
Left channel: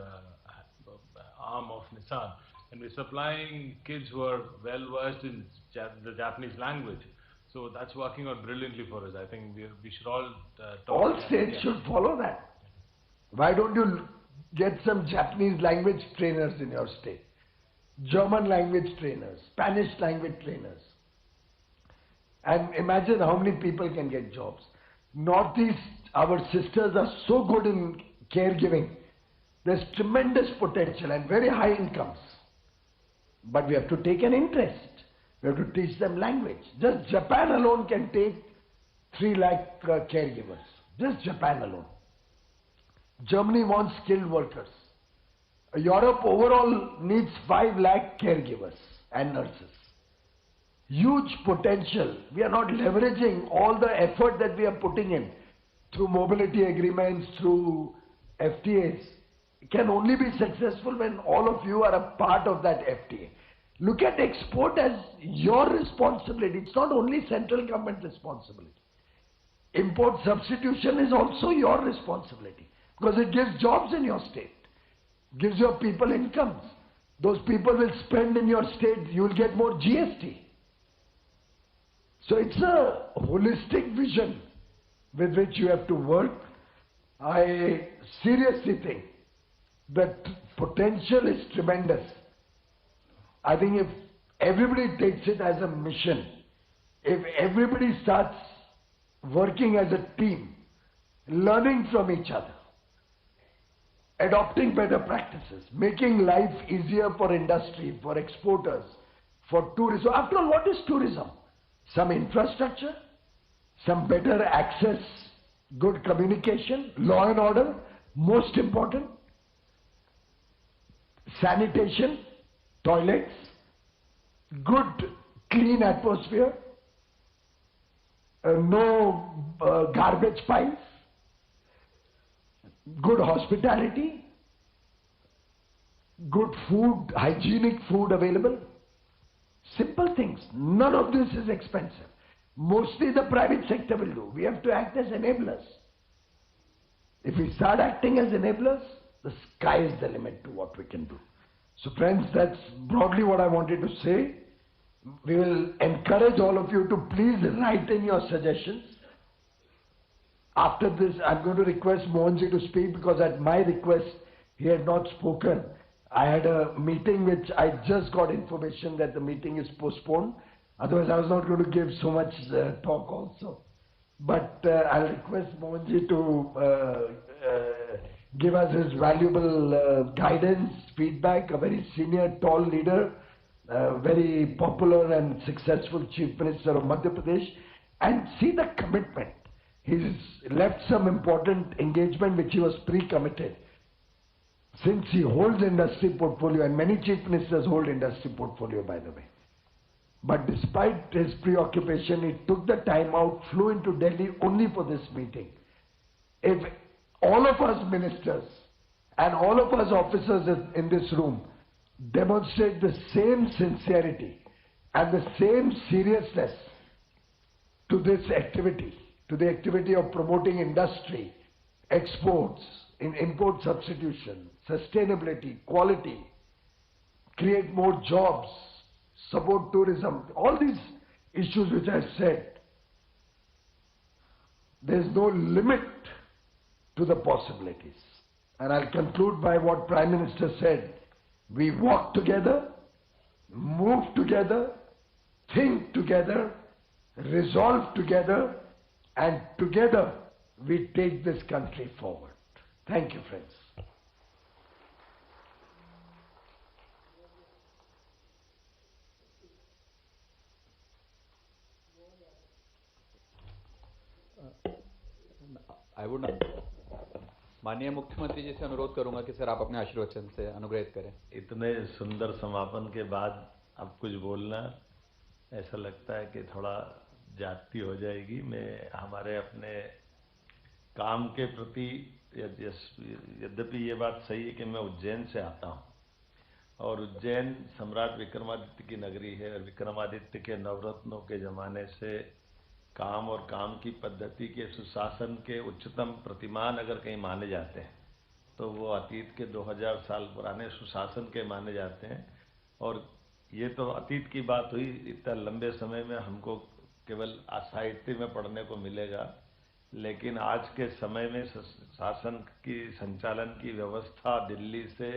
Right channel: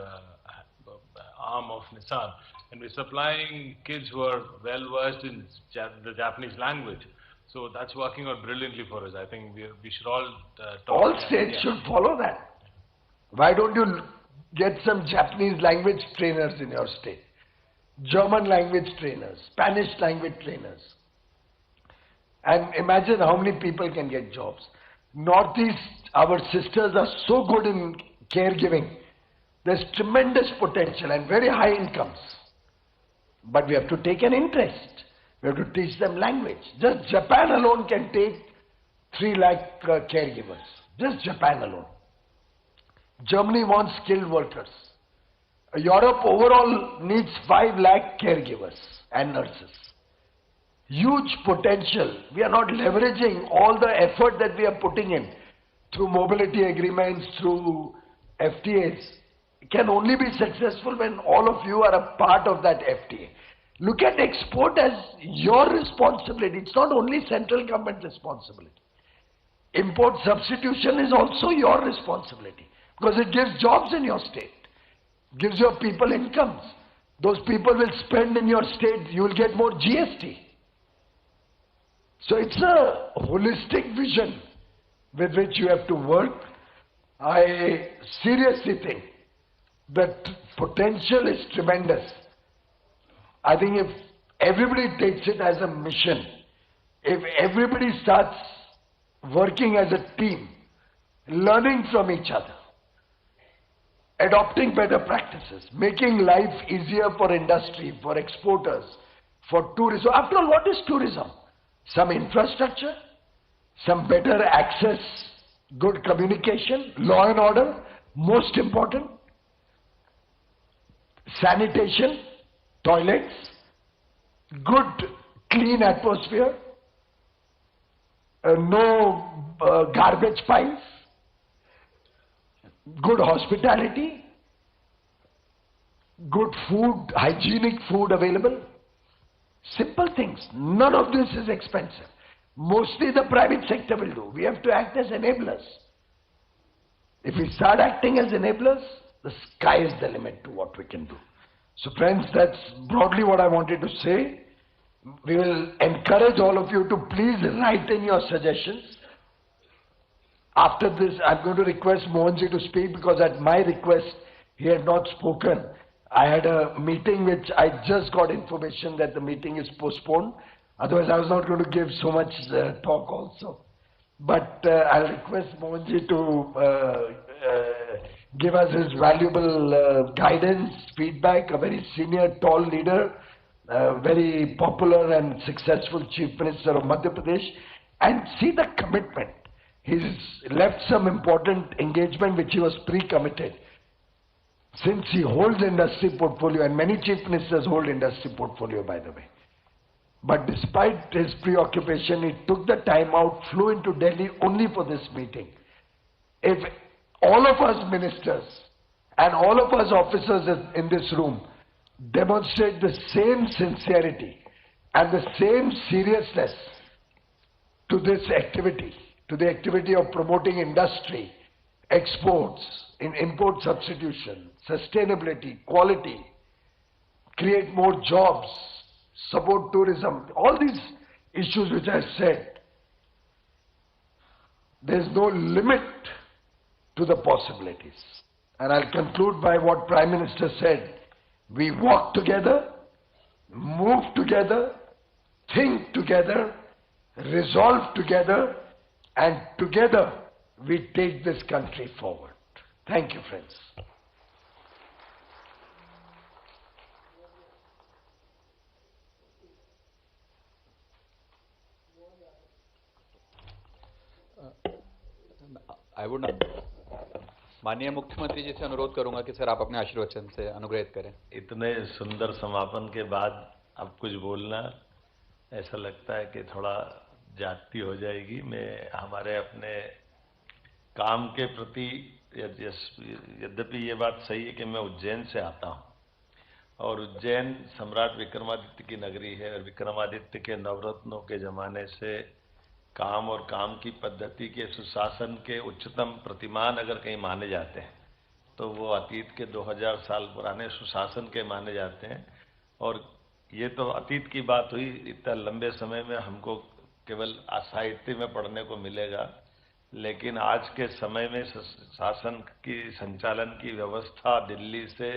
arm of Nissan. And we're supplying kids who are well versed in the Japanese language. So that's working out brilliantly for us. I think we should all talk. All states should follow that. Why don't you get some Japanese language trainers in your state? German language trainers, Spanish language trainers. And imagine how many people can get jobs. Northeast, our sisters are so good in caregiving. There's tremendous potential and very high incomes. But we have to take an interest. We have to teach them language. Just Japan alone can take 3 lakh caregivers. Just Japan alone. Germany wants skilled workers. Europe overall needs 5 lakh caregivers and nurses. Huge potential. We are not leveraging all the effort that we are putting in through mobility agreements, through FTAs. It can only be successful when all of you are a part of that FTA. Look at export as your responsibility. It's not only central government responsibility. Import substitution is also your responsibility because it gives jobs in your state, gives your people incomes. Those people will spend in your state, you will get more GST. So it's a holistic vision with which you have to work. I seriously think that potential is tremendous. I think if everybody takes it as a mission, if everybody starts working as a team, learning from each other, adopting better practices, making life easier for industry, for exporters, for tourism. After all, what is tourism? Some infrastructure, some better access, good communication, law and order, most important, sanitation, toilets, good clean atmosphere, no garbage piles, good hospitality, good food, hygienic food available. Simple things. None of this is expensive. Mostly the private sector will do. We have to act as enablers. If we start acting as enablers, the sky is the limit to what we can do. So friends, that's broadly what I wanted to say. We will encourage all of you to please write in your suggestions. After this, I'm going to request Mohanji to speak because at my request, he had not spoken. I had a meeting which I just got information that the meeting is postponed. Otherwise, I was not going to give so much talk also. But I'll request Mohanji to give us his valuable guidance, feedback, a very senior, tall leader, very popular and successful Chief Minister of Madhya Pradesh, and see the commitment. He's left some important engagement which he was pre-committed. Since he holds industry portfolio, and many Chief Ministers hold industry portfolio, by the way. But despite his preoccupation, he took the time out, flew into Delhi only for this meeting. If all of us ministers and all of us officers in this room demonstrate the same sincerity and the same seriousness to this activity, to the activity of promoting industry, exports, in import substitution, sustainability, quality, create more jobs, support tourism, all these issues which I said, there is no limit to the possibilities. And I'll conclude by what Prime Minister said. We walk together, move together, think together, resolve together, and together we take this country forward. Thank you, friends. I would माननीय मुख्यमंत्री जी से अनुरोध करूंगा कि sir आप अपने आशीर्वचन से अनुग्रहित करें। इतने सुंदर समापन के बाद अब कुछ बोलना ऐसा लगता है कि थोड़ा जाती हो जाएगी। मैं हमारे अपने काम के प्रति यद्यपि ये बात सही है कि मैं उज्जैन से आता हूँ और उज्जैन सम्राट विक्रमादित्य की नगरी है और विक्रमादित्य के नवरत्नों के ज़माने से काम और काम की पद्धति के सुशासन के उच्चतम प्रतिमान अगर कहीं माने जाते हैं तो वो अतीत के 2000 साल पुराने सुशासन के माने जाते हैं। और ये तो अतीत की बात हुई, इतना लंबे समय में हमको केवल साहित्य में पढ़ने को मिलेगा, लेकिन आज के समय में शासन की संचालन की व्यवस्था दिल्ली से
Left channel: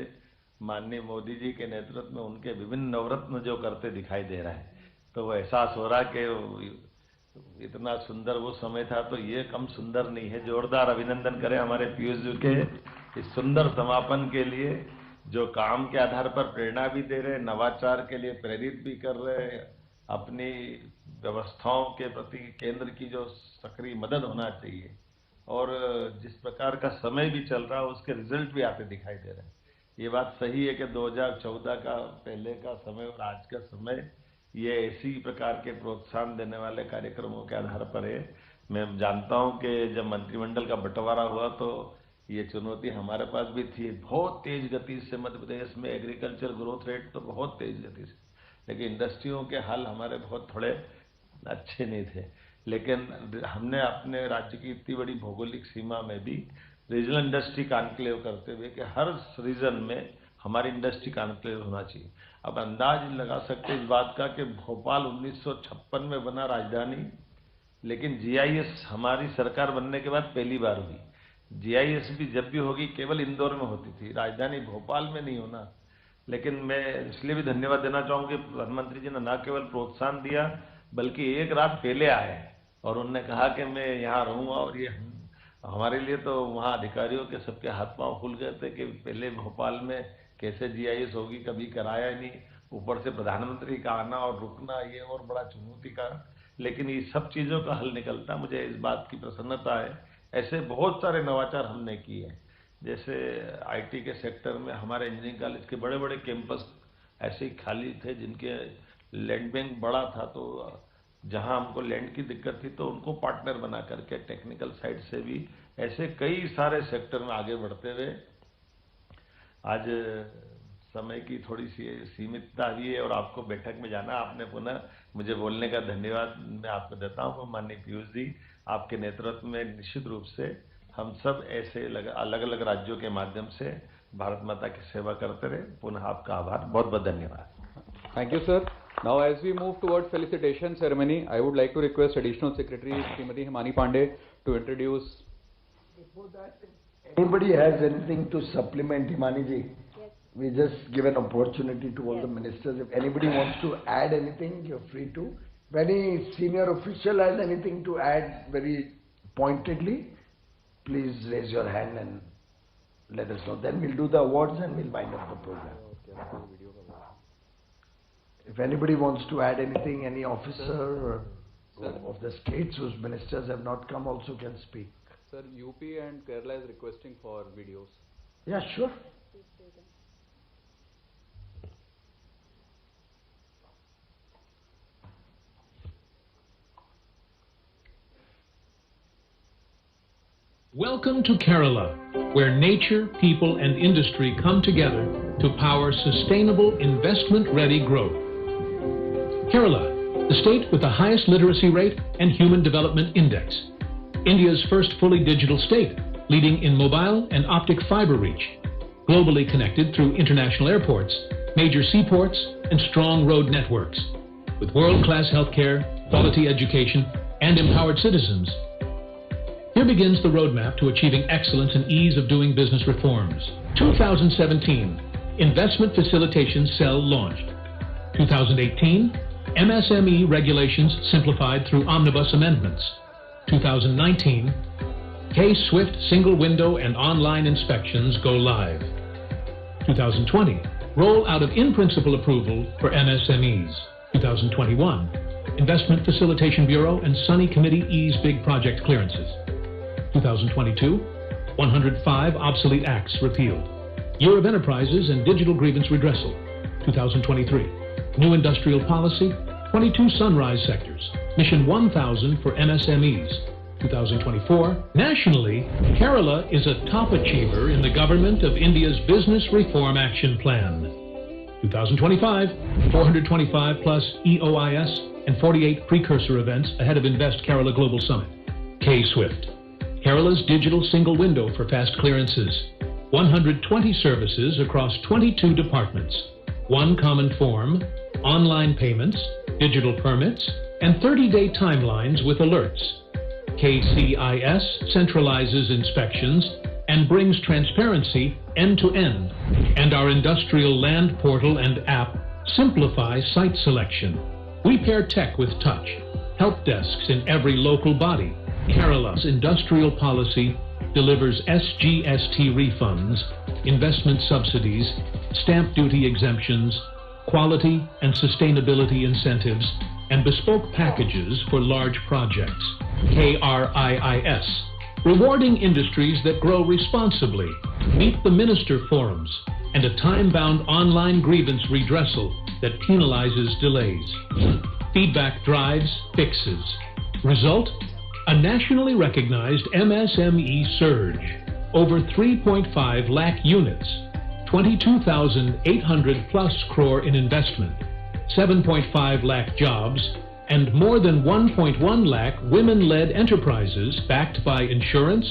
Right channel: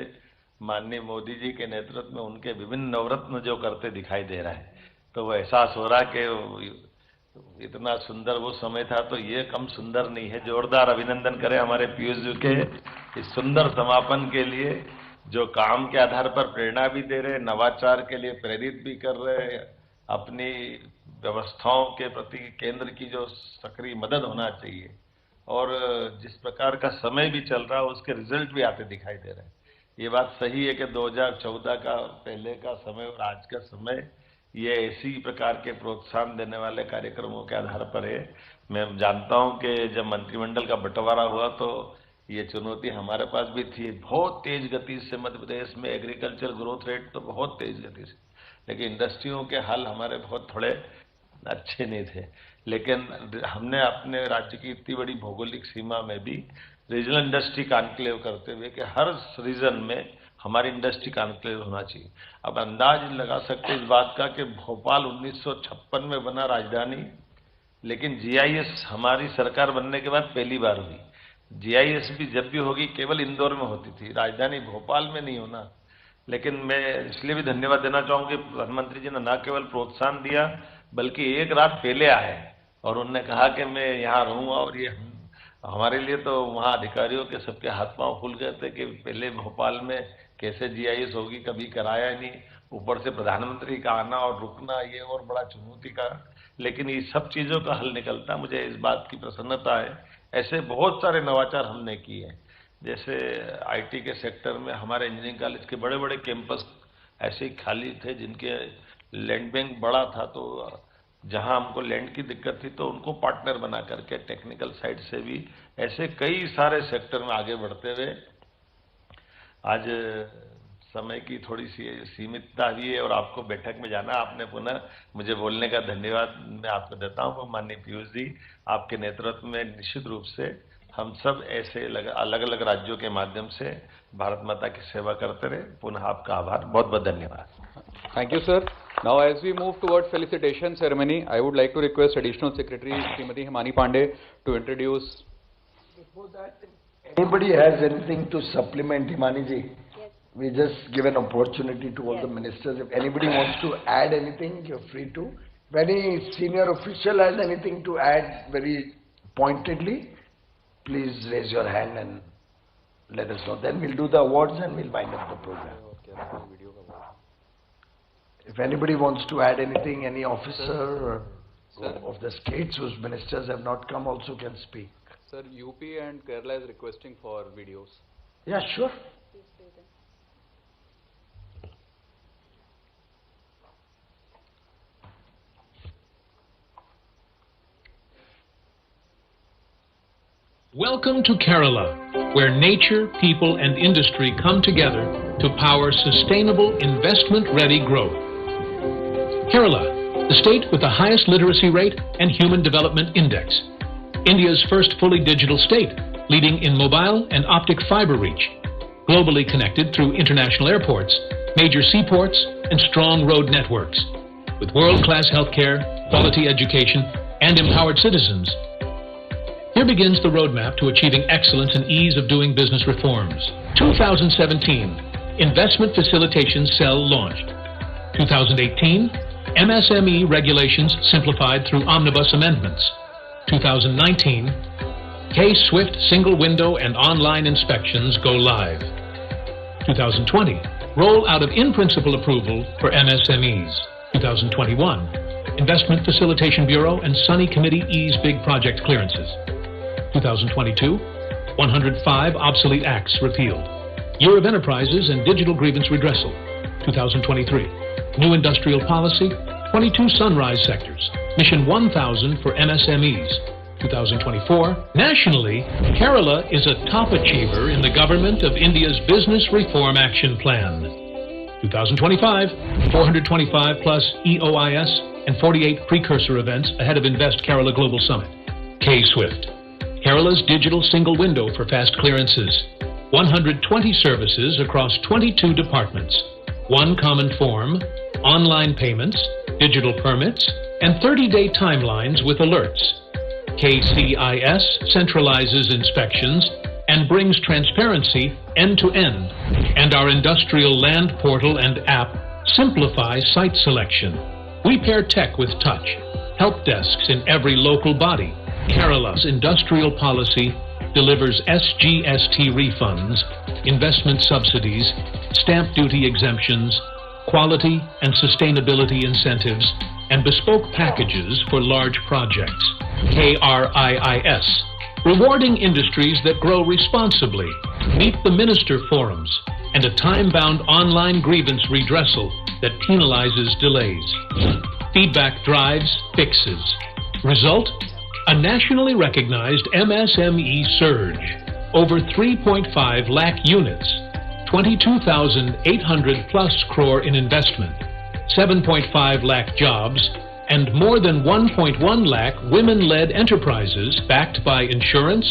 माननीय मोदी जी के नेतृत्व में उनके विभिन्न नवरत्न जो करते दिखाई दे रहा है, तो वो एहसास हो रहा कि इतना सुंदर वो समय था तो ये कम सुंदर नहीं है। जोरदार अभिनंदन करें हमारे पीयूष जी के इस सुंदर समापन के लिए, जो काम के आधार पर प्रेरणा भी दे रहे, नवाचार के लिए प्रेरित भी कर रहे, अपनी व्यवस्थाओं के प्रति केंद्र की जो सक्रिय मदद होना चाहिए और जिस प्रकार का समय भी चल रहा है उसके रिजल्ट भी आते दिखाई दे रहे हैं। ये बात सही है कि 2014 का पहले का समय और आज का समय ये ऐसी प्रकार के प्रोत्साहन देने वाले कार्यक्रमों के आधार पर है। मैं जानता हूं कि जब मंत्रिमंडल का बंटवारा हुआ तो ये चुनौती हमारे पास भी थी। बहुत तेज गति से मध्य प्रदेश में एग्रीकल्चर ग्रोथ रेट तो बहुत तेज गति से, लेकिन इंडस्ट्रियों के हाल हमारे बहुत थोड़े अच्छे नहीं थे। लेकिन हमने अपने राज्य की इतनी बड़ी भौगोलिक सीमा में भी रीजनल इंडस्ट्री कॉन्क्लेव करते हुए कि हर रीजन में हमारी इंडस्ट्री कॉन्क्लेव होना चाहिए। अब अंदाज लगा सकते इस बात का कि भोपाल 1956 में बना राजधानी, लेकिन जीआईएस हमारी सरकार बनने के बाद पहली बार हुई। जीआईएस भी जब भी होगी केवल इंदौर में होती थी, राजधानी भोपाल में नहीं होना। लेकिन मैं इसलिए भी धन्यवाद देना चाहूँगा कि प्रधानमंत्री जी ने न केवल प्रोत्साहन दिया बल्कि एक रात पहले आए और उन्होंने कहा कि मैं यहाँ रहूँगा। और ये हमारे लिए तो वहाँ अधिकारियों के सबके हाथ पांव खुल गए थे कि पहले भोपाल में कैसे जीआईएस होगी, कभी कराया नहीं, ऊपर से प्रधानमंत्री का आना और रुकना ये और बड़ा चुनौती का। लेकिन ये सब चीज़ों का हल निकलता, मुझे इस बात की प्रसन्नता है। ऐसे बहुत सारे नवाचार हमने किए हैं, जैसे आईटी के सेक्टर में हमारे इंजीनियरिंग कॉलेज के बड़े बड़े कैंपस ऐसे ही खाली थे जिनके लैंड बैंक बड़ा था, तो जहां हमको लैंड की दिक्कत थी तो उनको पार्टनर बना करके टेक्निकल साइड से भी ऐसे कई सारे सेक्टर में आगे बढ़ते हुए आज समय की थोड़ी सी सीमितता भी है और आपको बैठक में जाना, आपने पुनः मुझे बोलने का धन्यवाद मैं आपको देता हूँ। माननीय पीयूष जी, आपके नेतृत्व में निश्चित रूप से हम सब ऐसे अलग अलग राज्यों के माध्यम से भारत माता की सेवा करते रहे। पुनः आपका आभार, बहुत बहुत धन्यवाद। Thank you, sir. Now, as we move towards felicitation ceremony, I would like to request Additional Secretary Srimati Himani Pandey to introduce. Before that, anybody has anything to supplement, Himani ji? Yes. We just give an opportunity to all the ministers. If anybody wants to add anything, you're free to. If any senior official has anything to add very pointedly, please raise your hand and let us know. Then we'll do the awards and we'll wind up the program. If anybody wants to add anything, any officer of the states whose ministers have not come also can speak. Sir, UP and Kerala is requesting for videos. Yeah, sure. Welcome to Kerala, where nature, people, and industry come together to power sustainable, investment-ready growth. Kerala, the state with the highest literacy rate and human development index. India's first fully digital state, leading in mobile and optic fiber reach. Globally connected through international airports, major seaports, and strong road networks. With world-class healthcare, quality education, and empowered citizens. Here begins the roadmap to achieving excellence and ease of doing business reforms. 2017, Investment Facilitation Cell launched. 2018, MSME regulations simplified through omnibus amendments. 2019, K-Swift single window and online inspections go live. 2020, roll out of in-principle approval for MSMEs. 2021, Investment Facilitation Bureau and Sunny Committee ease big project clearances. 2022, 105 obsolete acts repealed. Year of Enterprises and Digital Grievance Redressal. 2023, new industrial policy, 22 sunrise sectors, Mission 1000 for MSMEs. 2024, nationally, Kerala is a top achiever in the government of India's Business Reform Action Plan. 2025, 425 plus EOIS and 48 precursor events ahead of Invest Kerala Global Summit. K-Swift, Kerala's digital single window for fast clearances. 120 services across 22 departments. One common form, online payments, digital permits, and 30-day timelines with alerts. KCIS centralizes inspections and brings transparency end-to-end. And our industrial land portal and app simplify site selection. We pair tech with touch. Help desks in every local body. Kerala's industrial policy delivers SGST refunds, investment subsidies, stamp duty exemptions, quality and sustainability incentives, and bespoke packages for large projects. KRIIS, rewarding industries that grow responsibly. Meet the minister forums and a time-bound online grievance redressal that penalizes delays. Feedback drives fixes. Result? A nationally recognized MSME surge. Over 3.5 lakh units, 22,800 plus crore in investment, 7.5 lakh jobs, and more than 1.1 lakh women-led enterprises backed by insurance,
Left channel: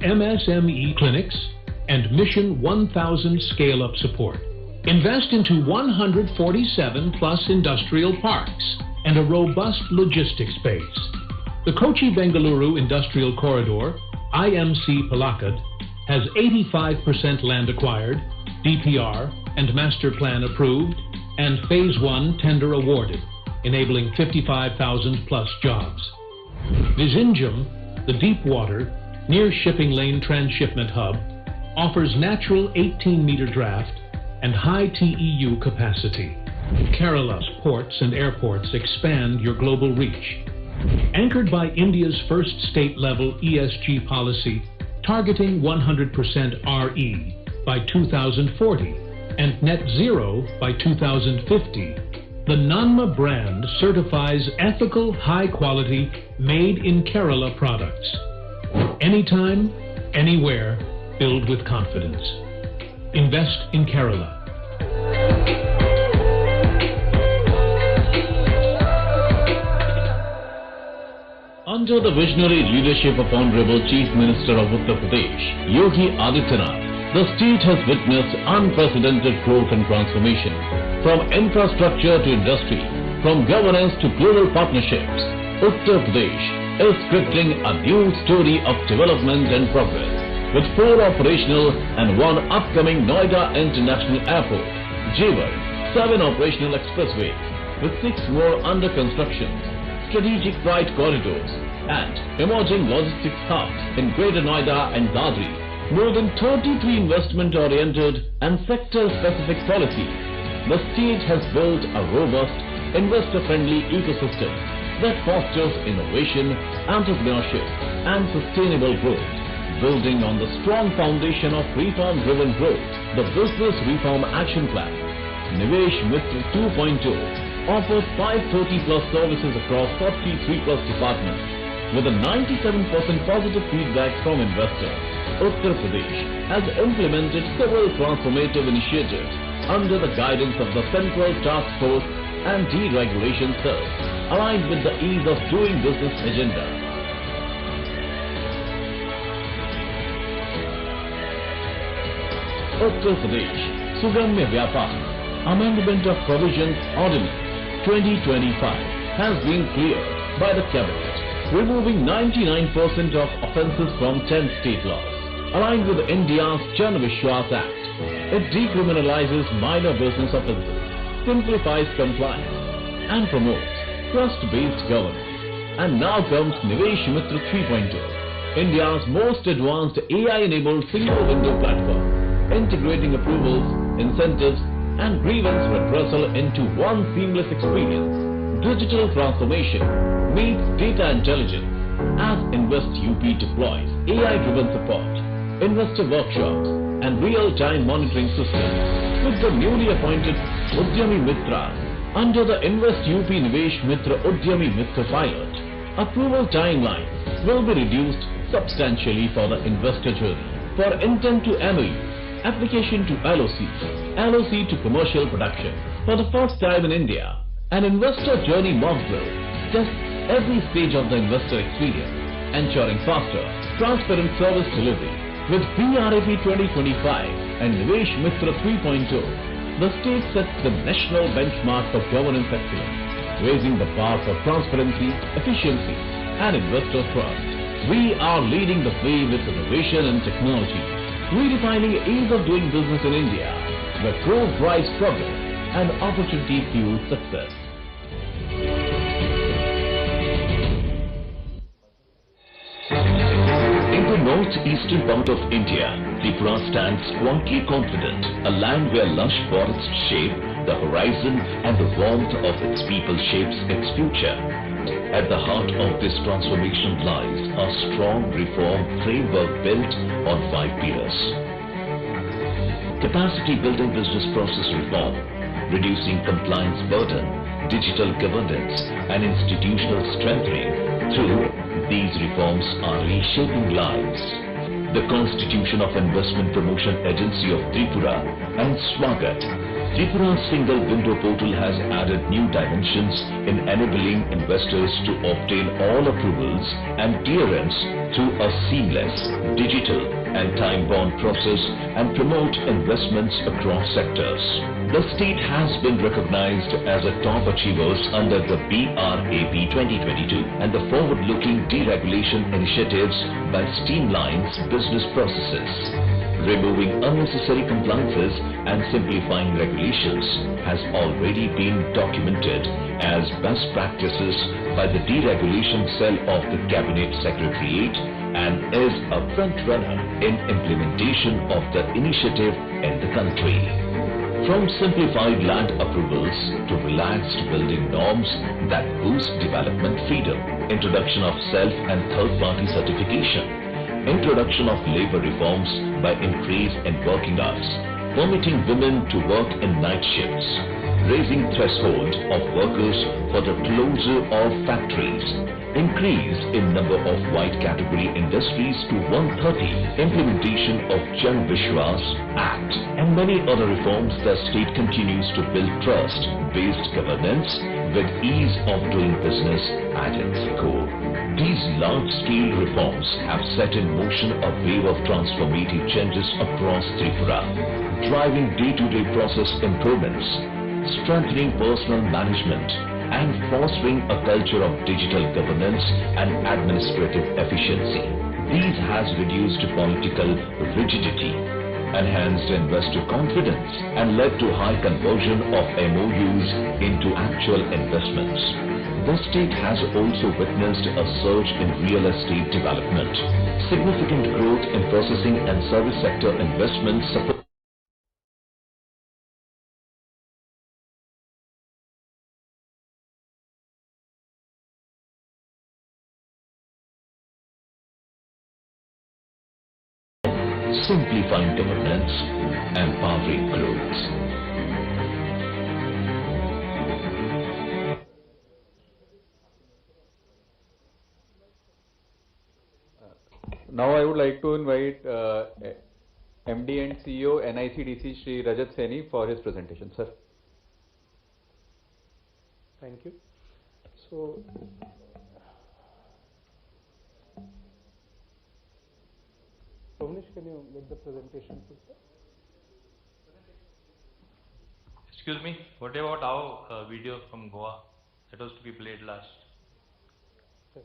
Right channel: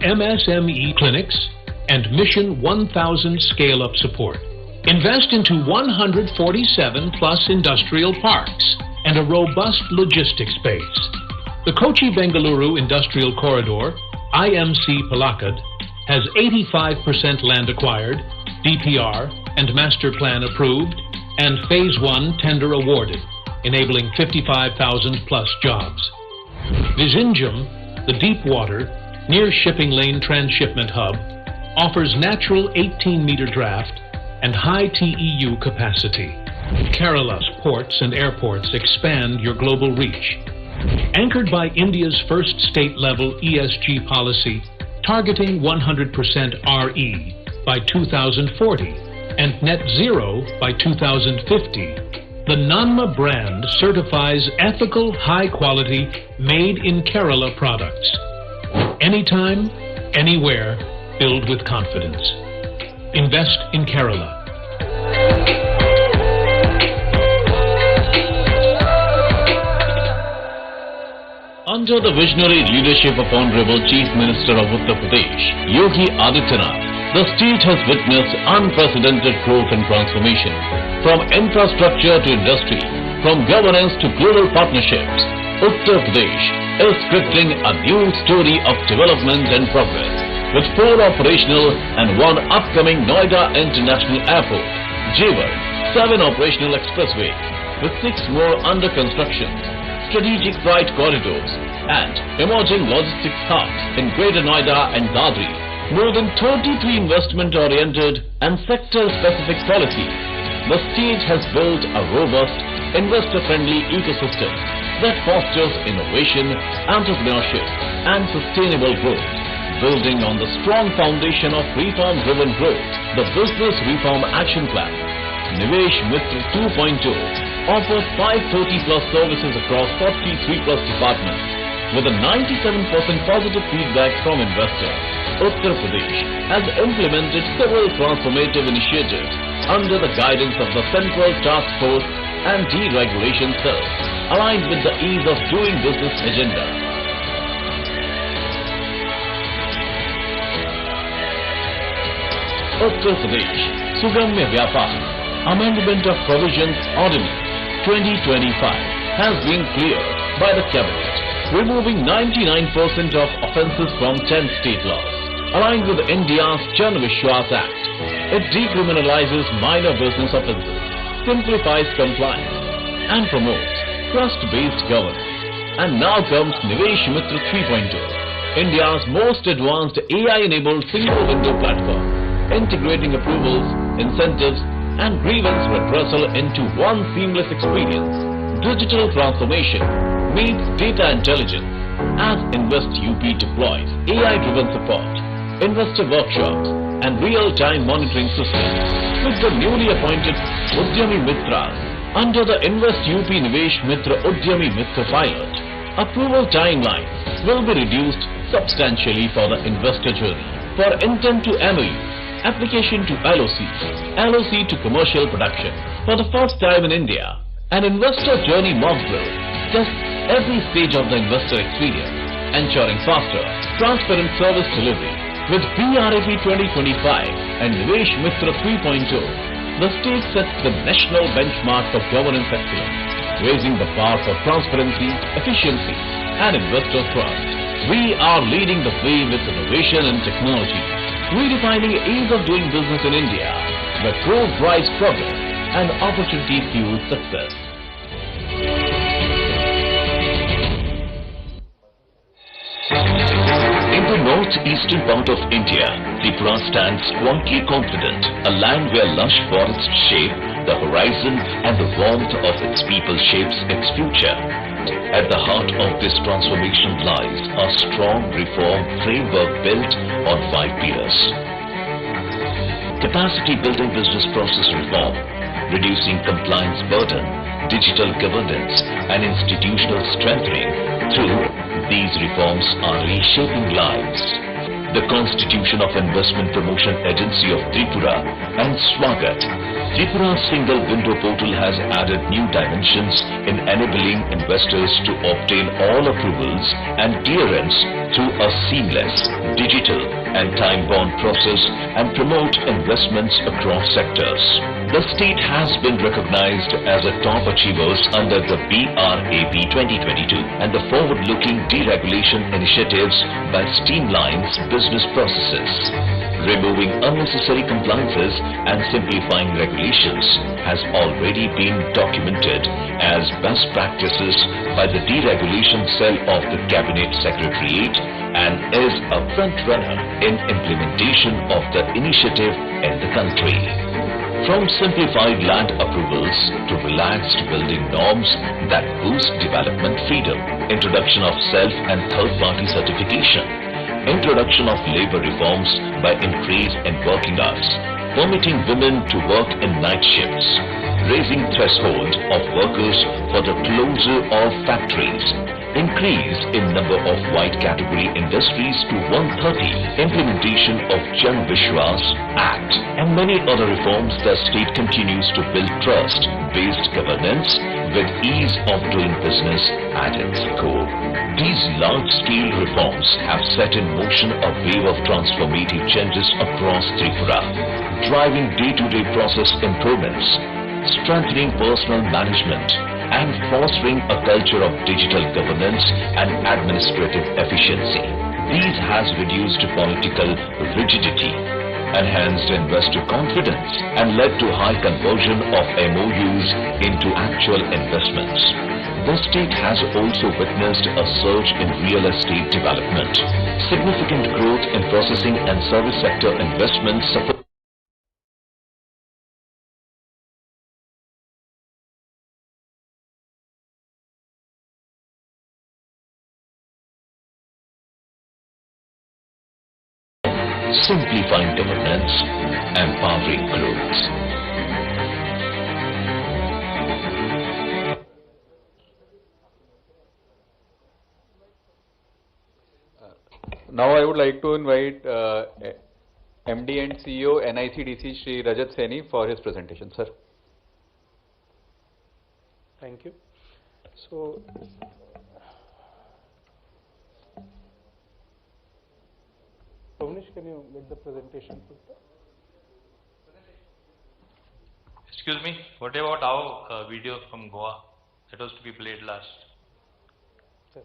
MSME clinics, and Mission 1000 scale-up support. Invest into 147 plus industrial parks and a robust logistics base. The Kochi-Bengaluru Industrial Corridor, IMC Palakkad, has 85% land acquired, DPR and master plan approved, and Phase 1 tender awarded, enabling 55,000 plus jobs. Vizhinjam, the deep water, near shipping lane transshipment hub, offers natural 18-meter draft and high TEU capacity. Kerala's ports and airports expand your global reach. Anchored by India's first state-level ESG policy, targeting 100% RE by 2040 and net zero by 2050, the Nanma brand certifies ethical, high-quality, made-in-Kerala products. Anytime, anywhere, build with confidence. Invest in Kerala. Under the visionary leadership of Honorable Chief Minister of Uttar Pradesh, Yogi Adityanath, the state has witnessed unprecedented growth and transformation. From infrastructure to industry, from governance to global partnerships, Uttar Pradesh is scripting a new story of development and progress. With 4 operational and 1 upcoming Noida International Airport, Jewar, 7 operational expressways, with 6 more under construction, strategic freight corridors, and emerging logistics hubs in Greater Noida and Dadri, more than 33 investment-oriented and sector-specific policies, the state has built a robust, investor-friendly ecosystem that fosters innovation, entrepreneurship, and sustainable growth. Building on the strong foundation of reform-driven growth, the Business Reform Action Plan, Nivesh Mitra 2.0 offers 530+ services across 43+ departments. With a 97% positive feedback from investors, Uttar Pradesh has implemented several transformative initiatives under the guidance of the Central Task Force and Deregulation Cell, aligned with the ease of doing business agenda. Uttar Pradesh Sugamya Vyapar Amendment of Provisions Ordinance 2025 has been cleared by the Cabinet, removing 99% of offences from 10 state laws. Aligned with India's Jan Vishwas Act, it decriminalizes minor business offences, simplifies compliance, and promotes trust-based governance. And now comes Nivesh Mitra 3.0, India's most advanced AI-enabled single-window platform, integrating approvals, incentives, and grievance redressal into one seamless experience. Digital transformation meets data intelligence as Invest UP deploys AI-driven support, investor workshops, and real-time monitoring systems with the newly appointed Udyami Mitras under the Invest UP Nivesh Mitra Udyami Mitra pilot. Approval timelines will be reduced substantially for the investor journey. For intent to MOU, application to LOC, LOC to commercial production. For the first time in India, an investor journey mock drill tests every stage of the investor experience, ensuring faster, transparent service delivery. With BRAP 2025 and Nivesh Mitra 3.0, the state sets the national benchmark for governance excellence, raising the bar for transparency, efficiency, and investor trust. We are leading the way with innovation and technology, redefining ease of doing business in India, where growth drives progress and opportunity fuels success. In the northeastern part of India, Tripura stands quietly confident, a land where lush forests shape the horizon and the warmth of its people shapes its future. At the heart of this transformation lies a strong reform framework built on 5 pillars. Capacity building business process reform, reducing compliance burden, digital governance, and institutional strengthening. Through these reforms are reshaping lives. The Constitution of Investment Promotion Agency of Tripura and Swagat, Tripura's single window portal has added new dimensions in enabling investors to obtain all approvals and clearance through a seamless, digital and time-bound process and promote investments across sectors. The state has been recognized as a top achievers under the BRAP 2022 and the forward-looking deregulation initiatives by streamlines business processes. Removing unnecessary compliances and simplifying regulations has already been documented as best practices by the Deregulation Cell of the Cabinet Secretariat and is a front-runner in implementation of the initiative in the country. From simplified land approvals to relaxed building norms that boost development freedom, introduction of self- and third-party certification, introduction of labor reforms by increase in working hours, permitting women to work in night shifts, raising threshold of workers for the closure of factories, increase in number of white category industries to 130, implementation of Jan Vishwas Act, and many other reforms. The state continues to build trust-based governance with ease of doing business at its core. These large-scale reforms have set in motion a wave of transformative changes across Tripura, driving day-to-day process improvements, strengthening personal management, and fostering a culture of digital governance and administrative efficiency. These has reduced political rigidity, enhanced investor confidence, and led to high conversion of MOUs into actual investments. The state has also witnessed a surge in real estate development. Significant growth in processing and service sector investments support simplifying governance, empowering growth. Now I would like to invite MD and CEO NICDC Shri Rajat Saini for his presentation, sir. Thank you. So, Pavnish, can you make the presentation, please? Excuse me, what about our video from Goa that was to be played last? Sir.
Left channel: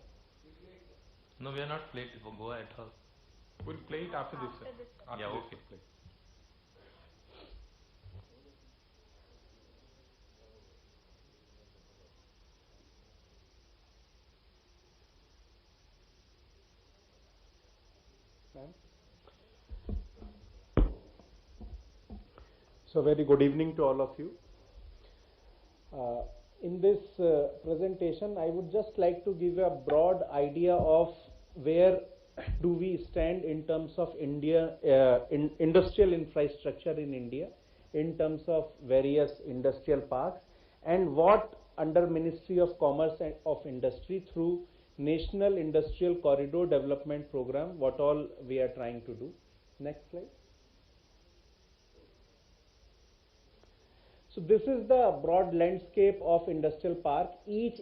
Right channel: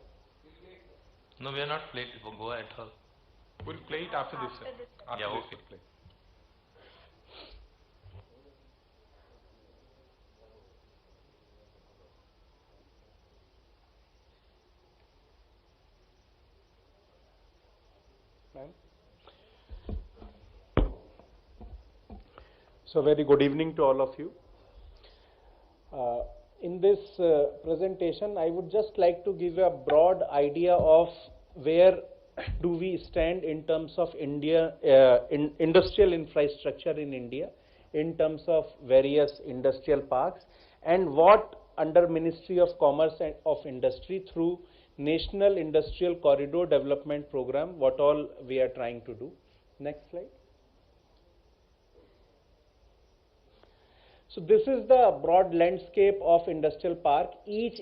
No, we are not played for Goa at all. We'll play it after this, sir. After Yeah, this okay. we'll play. So, very good evening to all of you. In this presentation, I would just like to give a broad idea of where do we stand in terms of industrial infrastructure in India, in terms of various industrial parks, and what under Ministry of Commerce and of Industry through National Industrial Corridor Development Program, what all we are trying to do. Next slide. So this is the broad landscape of industrial park. Each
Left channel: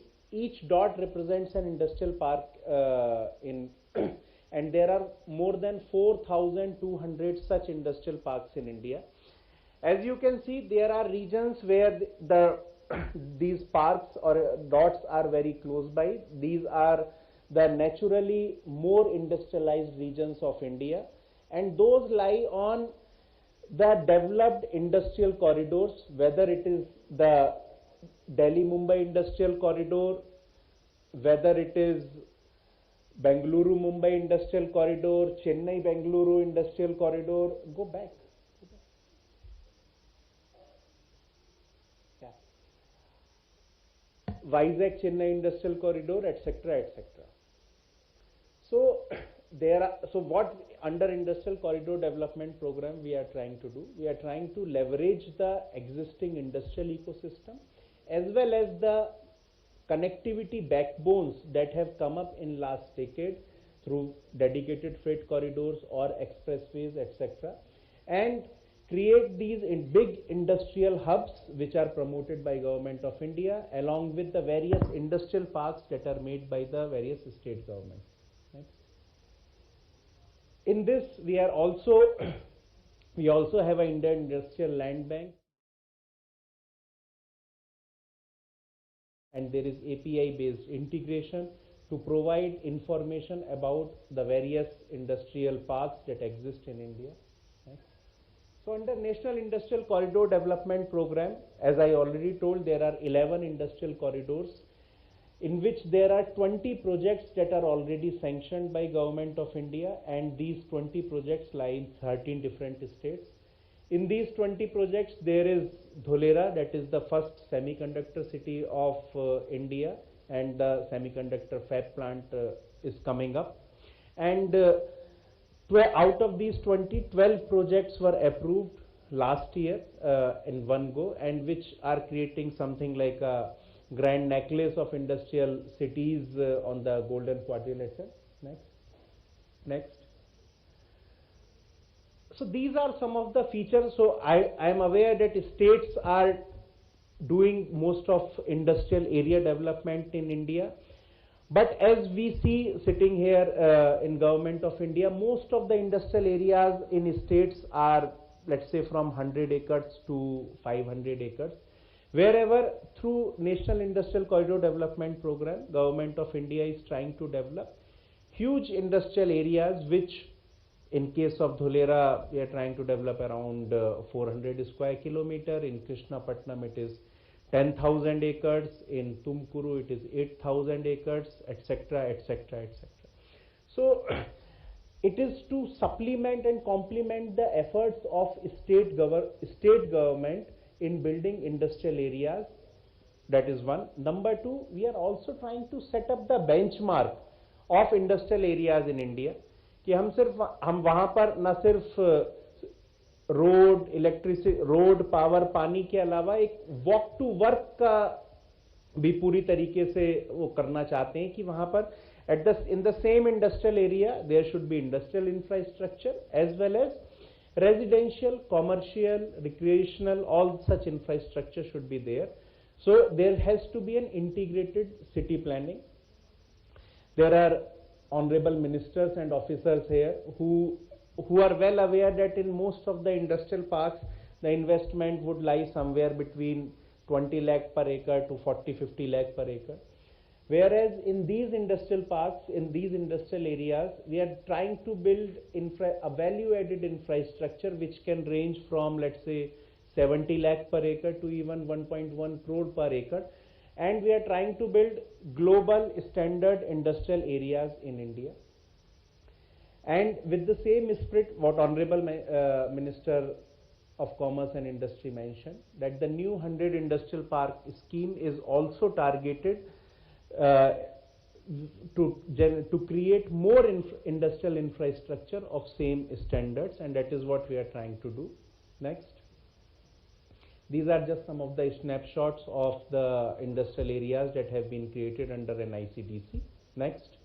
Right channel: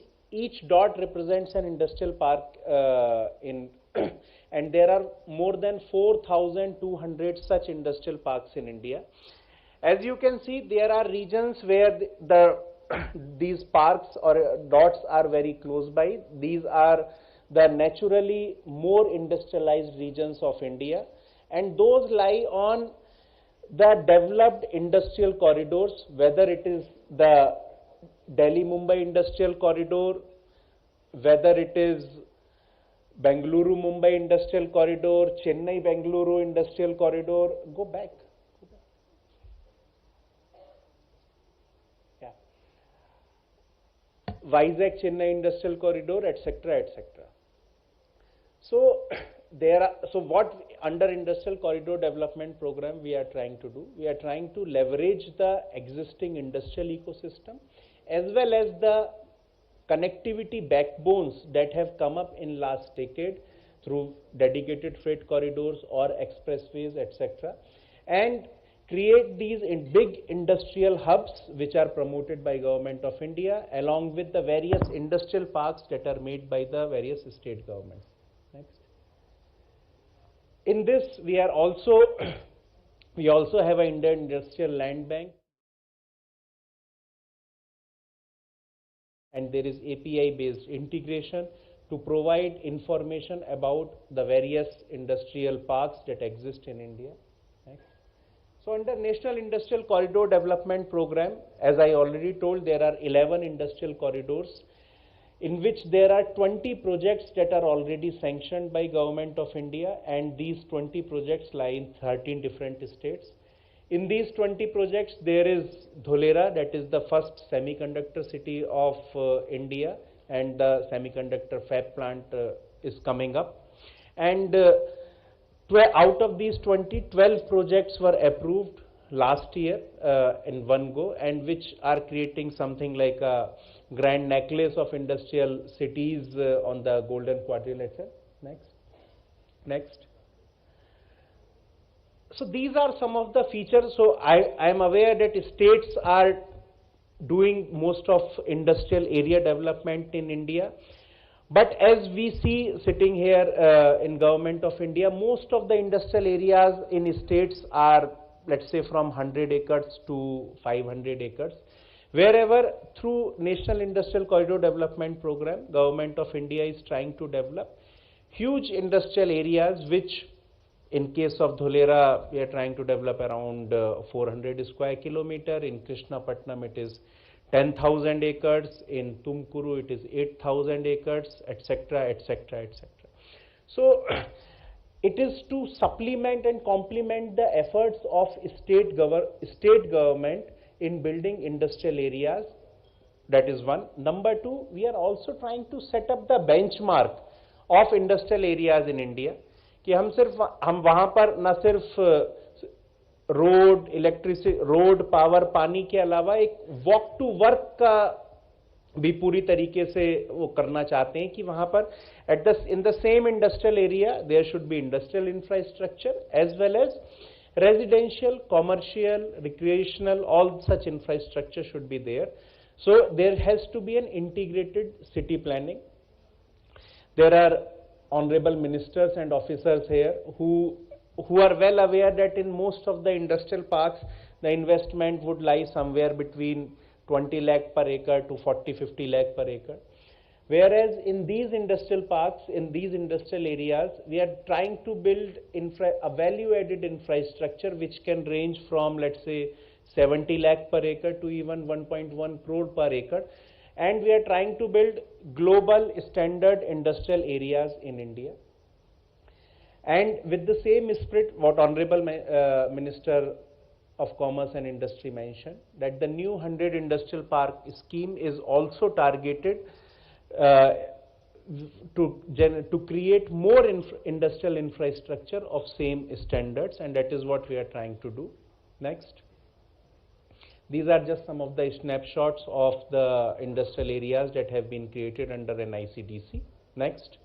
dot represents an industrial park and there are more than 4,200 such industrial parks in India. As you can see, there are regions where these parks or dots are very close by. These are the naturally more industrialized regions of India, and those lie on the developed industrial corridors, whether it is the Delhi-Mumbai industrial corridor, whether it is Bengaluru-Mumbai industrial corridor, Chennai-Bengaluru industrial corridor. Go back. Yeah. Vizag-Chennai industrial corridor, etc., etc. So what under industrial corridor development program we are trying to do? We are trying to leverage the existing industrial ecosystem as well as the connectivity backbones that have come up in last decade through dedicated freight corridors or expressways, etc., and create these big industrial hubs which are promoted by Government of India along with the various industrial parks that are made by the various state governments. In this, we also have an Indian Industrial Land Bank, and there is API-based integration to provide information about the various industrial parks that exist in India. Next. So, under National Industrial Corridor Development Program, as I already told, there are 11 industrial corridors, in which there are 20 projects that are already sanctioned by Government of India, and these 20 projects lie in 13 different states. In these 20 projects, there is Dholera, that is the first semiconductor city of India, and the semiconductor fab plant is coming up. And out of these 20, 12 projects were approved last year in one go, and which are creating something like a grand necklace of industrial cities on the golden quadrilateral. Next. So these are some of the features. So I am aware that states are doing most of industrial area development in India. But as we see sitting here in Government of India, most of the industrial areas in states are, let's say, from 100 acres to 500 acres. Wherever through National Industrial Corridor Development Program, Government of India is trying to develop huge industrial areas which In case of Dholera, we are trying to develop around 400 square kilometer. In Krishnapatnam, it is 10,000 acres. In Tumkuru, it is 8,000 acres, etc., etc., etc. So, it is to supplement and complement the efforts of state government in building industrial areas. That is one. Number two, we are also trying to set up the benchmark of industrial areas in India. कि हम वहाँ पर न सिर्फ road, electricity, road, power, पानी के अलावा एक वॉक टू वर्क का भी पूरी तरीके से वो करना चाहते हैं कि वहाँ पर in the same industrial area there should be industrial infrastructure as well as residential, commercial, recreational, all such infrastructure should be there. So there has to be an integrated city planning. There are honorable ministers and officers here who are well aware that in most of the industrial parks the investment would lie somewhere between 20 lakh per acre to 40-50 lakh per acre. Whereas in these industrial parks, in these industrial areas, we are trying to build a value-added infrastructure which can range from, let's say, 70 lakh per acre to even 1.1 crore per acre. And we are trying to build global standard industrial areas in India. And with the same spirit, what Honorable Minister of Commerce and Industry mentioned, that the new 100 Industrial Park scheme is also targeted to create more industrial infrastructure of same standards, and that is what we are trying to do. Next. These are just some of the snapshots of the industrial areas that have been created under an ICDC. Next.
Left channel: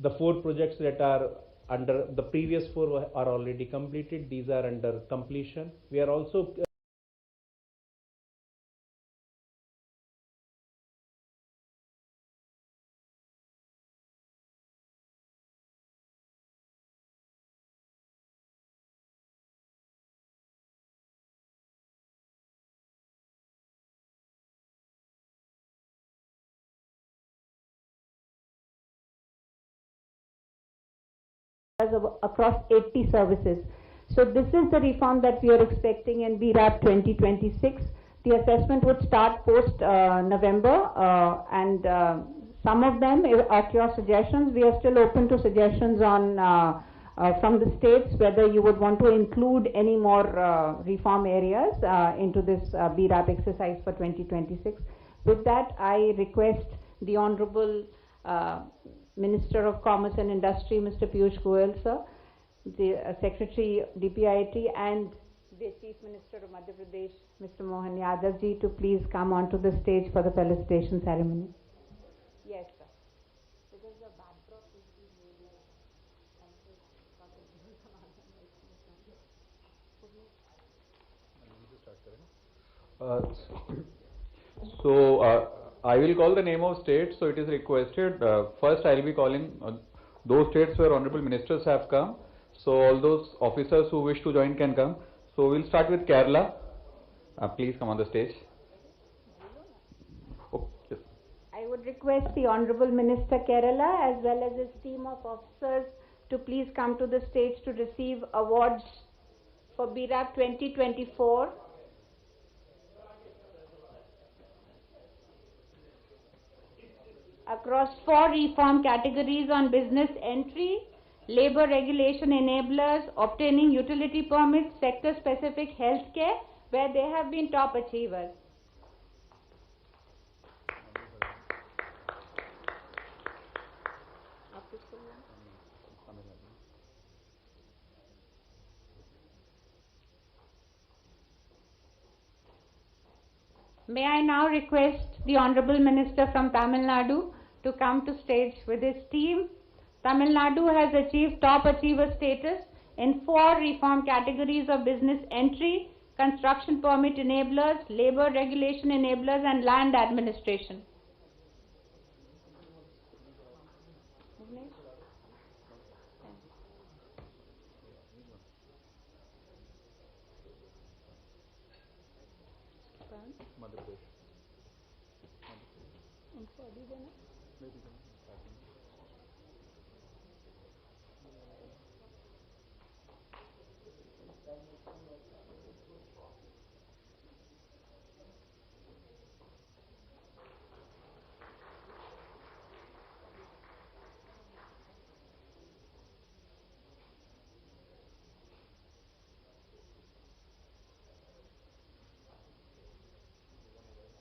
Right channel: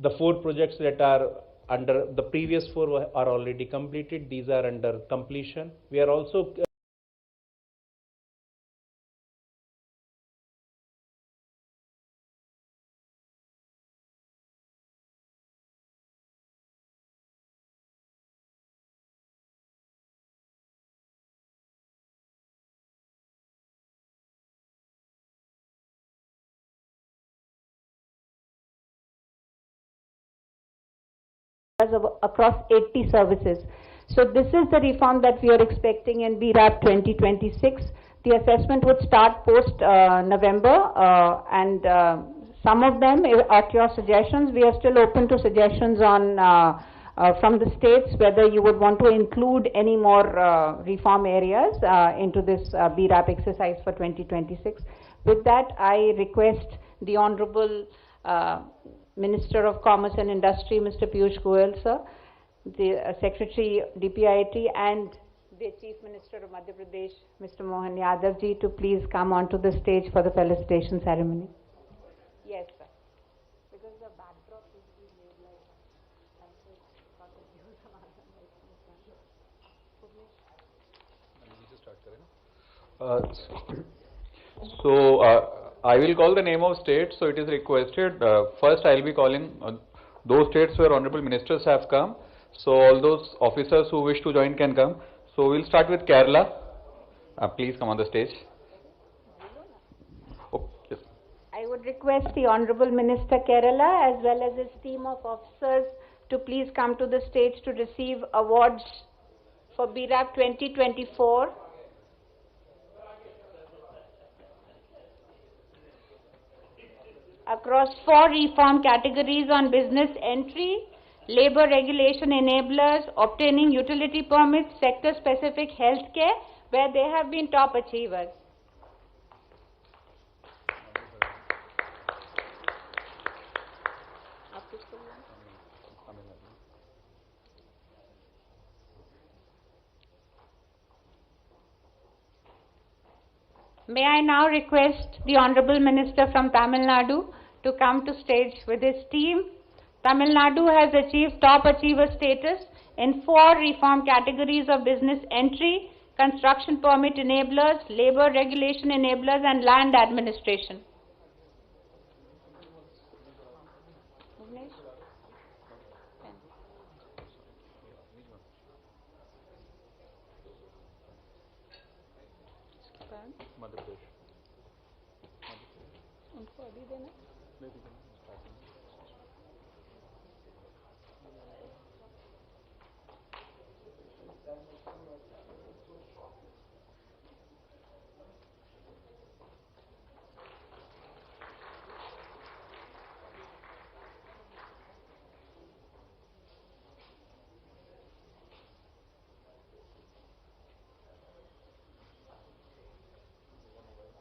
The 4 projects that are under, the previous 4 are already completed. These are under completion. We are also across 80 services. So this is the reform that we are expecting in BRAP 2026. The assessment would start post November and some of them at your suggestions. We are still open to suggestions on from the states whether you would want to include any more reform areas into this BRAP exercise for 2026. With that, I request the Honorable Minister of Commerce and Industry, Mr. Piyush Goyal, sir, the Secretary DPIIT, and the Chief Minister of Madhya Pradesh, Mr. Mohan Yadav ji, to please come onto the stage for the felicitation ceremony. Yes, sir. Because the backdrop is I will call the name of states, so it is requested. First, I will be calling those states where honorable ministers have come. So all those officers who wish to join can come. So we'll start with Kerala. Please come on the stage. Oh, yes. I would request the Honorable Minister Kerala as well as his team of officers to please come to the stage to receive awards for BRAP 2024. Across 4 reform categories on business entry, labor regulation enablers, obtaining utility permits, sector-specific healthcare, where they have been top achievers. May I now request the Honorable Minister from Tamil Nadu to come to stage with his team. Tamil Nadu has achieved top achiever status in 4 reform categories of business entry, construction permit enablers, labor regulation enablers, and land administration.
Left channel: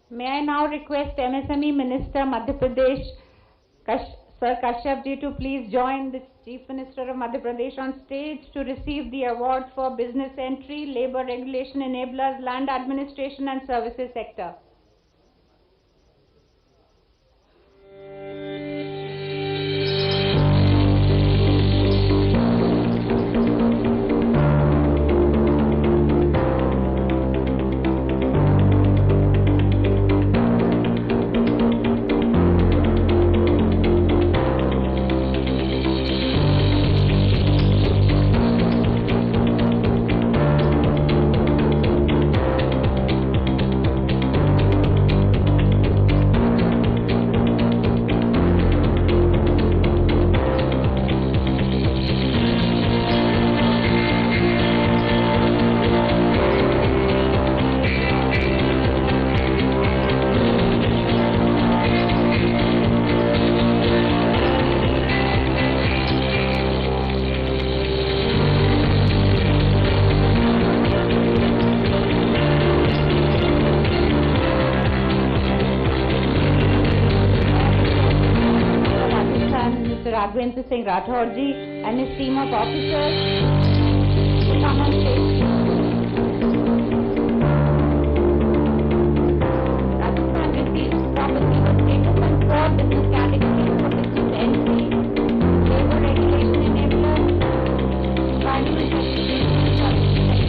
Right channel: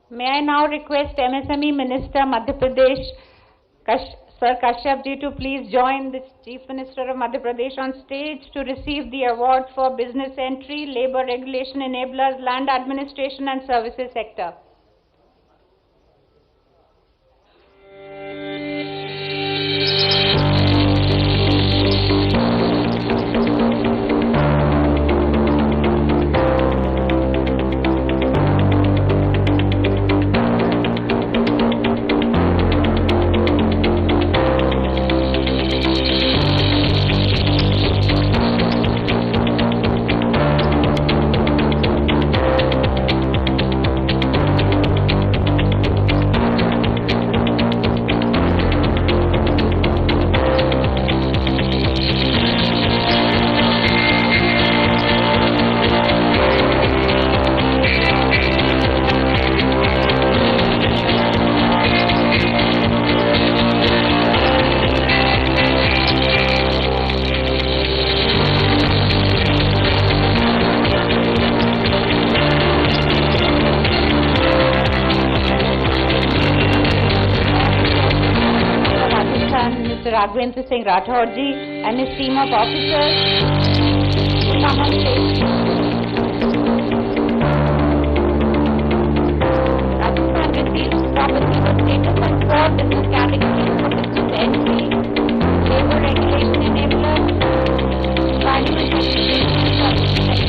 May I now request MSME Minister Madhya Pradesh, Sir Kashyap ji, to please join the Chief Minister of Madhya Pradesh on stage to receive the award for business entry, labor regulation enablers, land administration and services sector. Singh Rathod ji and his team of officers to come on stage. Rajasthan receives property with status on 4 business categories for business entry, labor regulation enablers, environment education and services sector.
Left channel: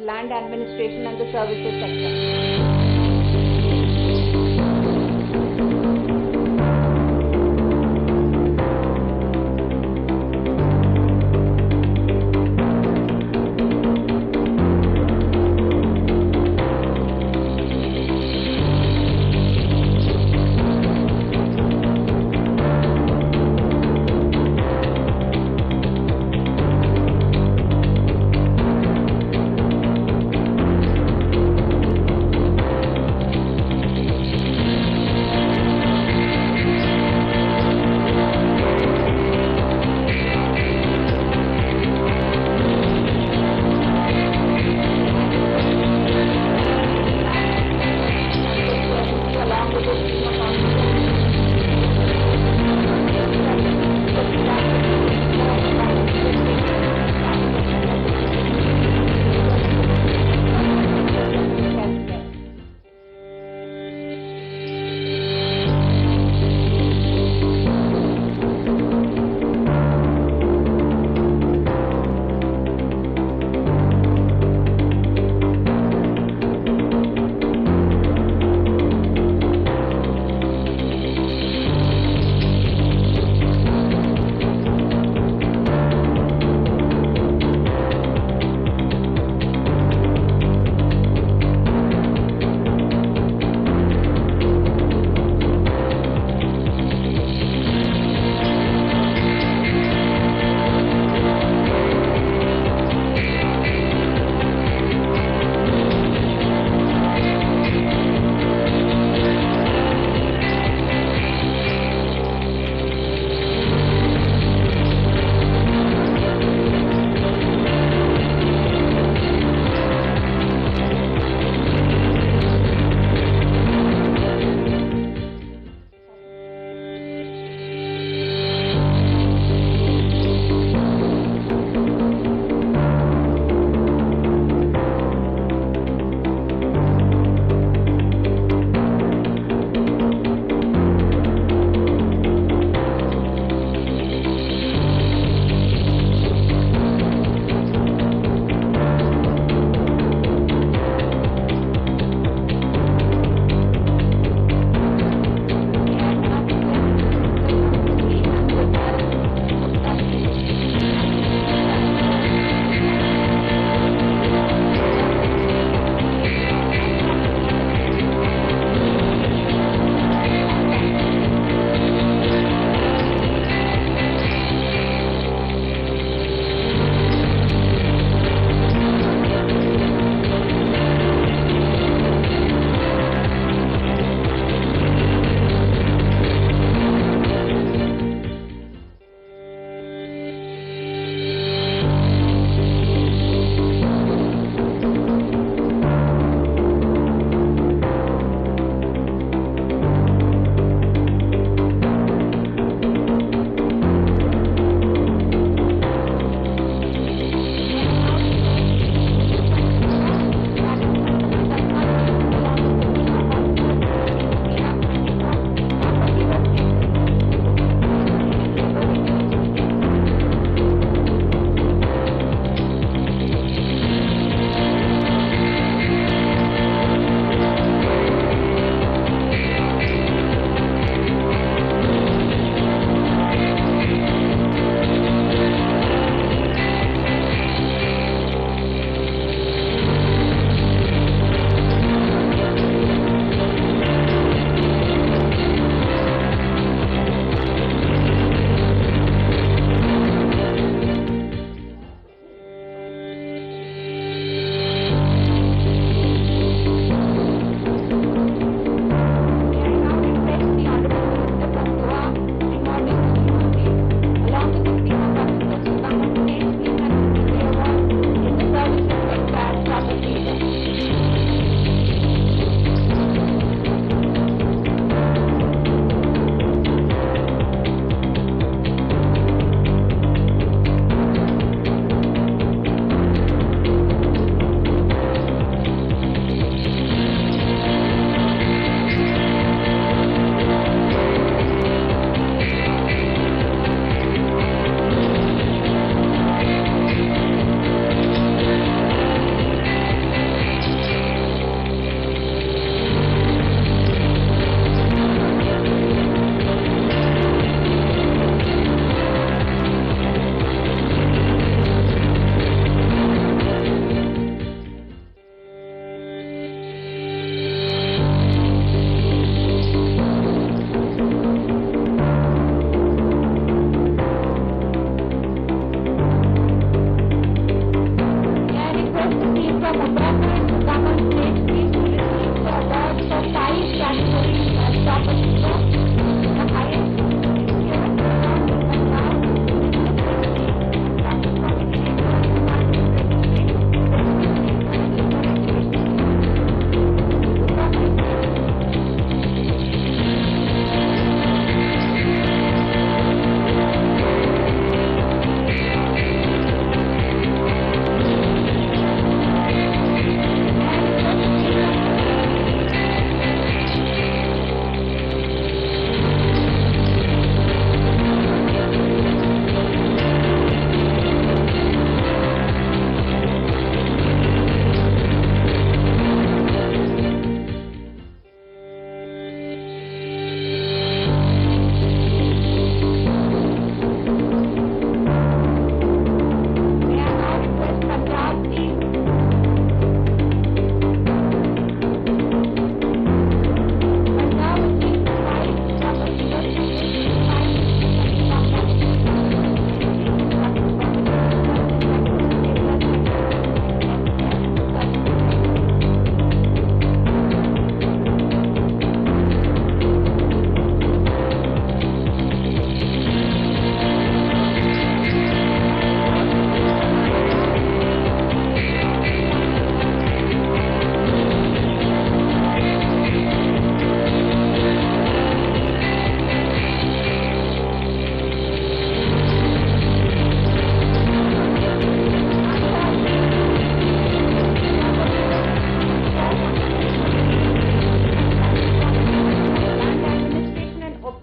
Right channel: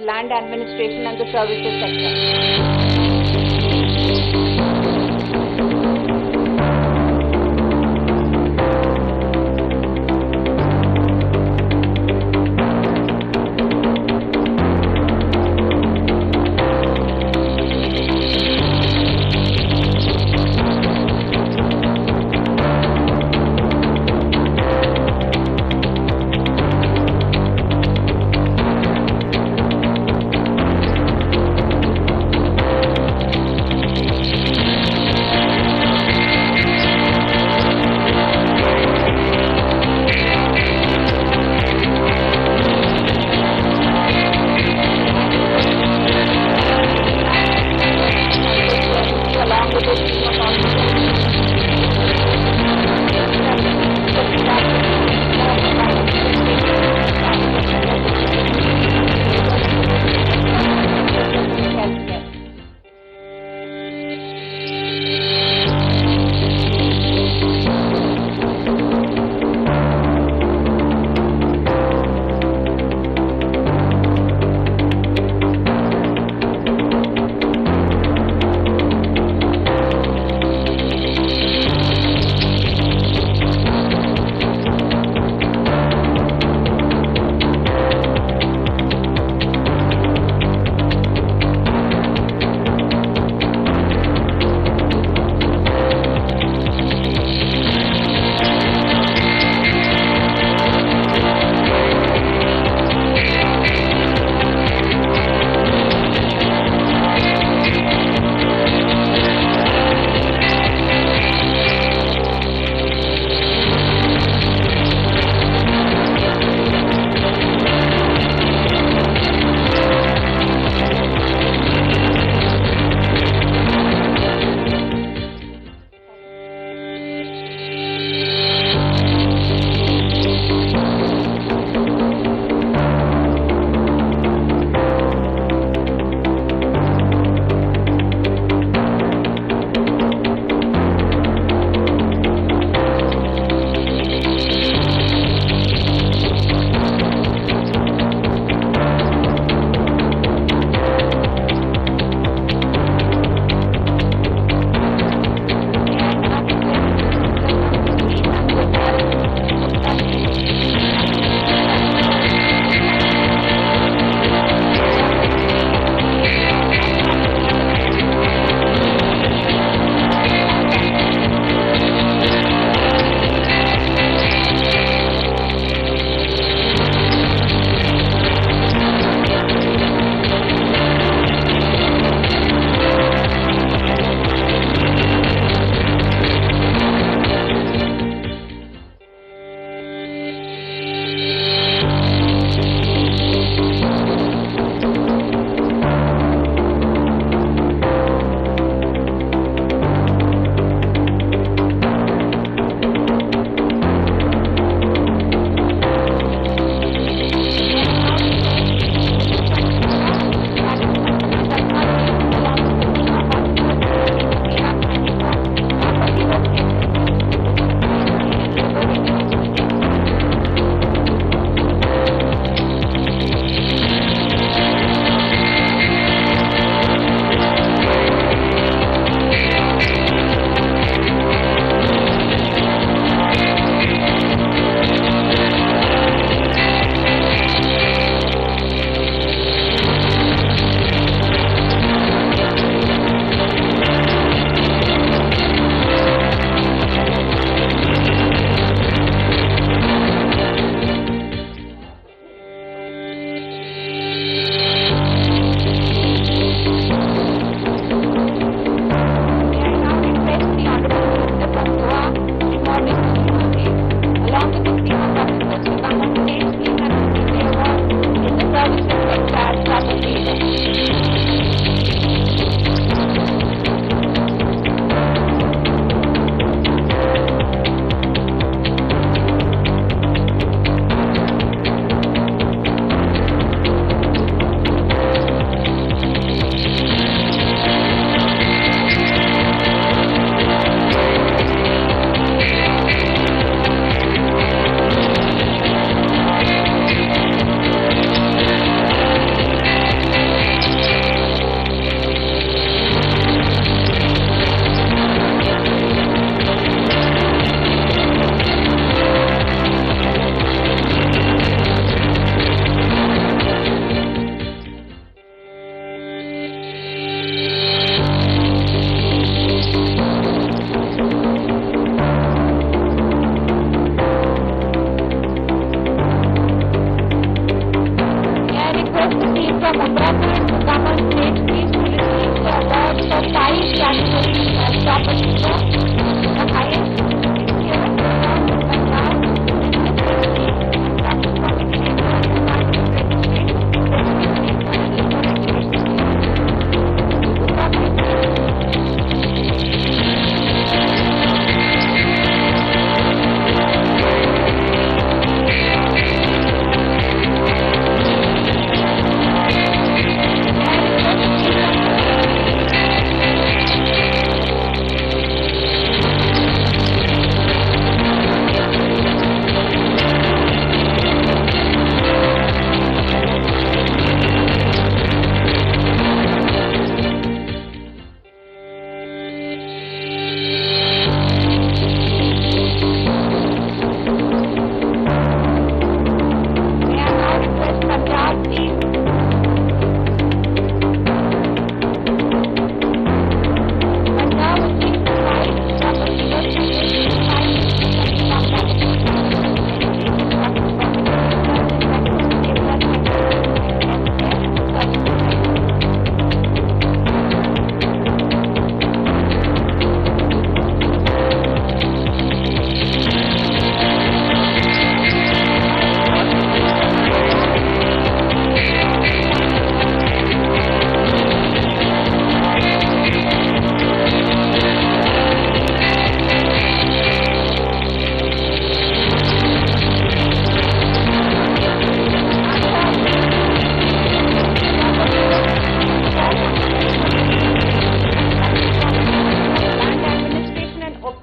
Land administration and the services sector.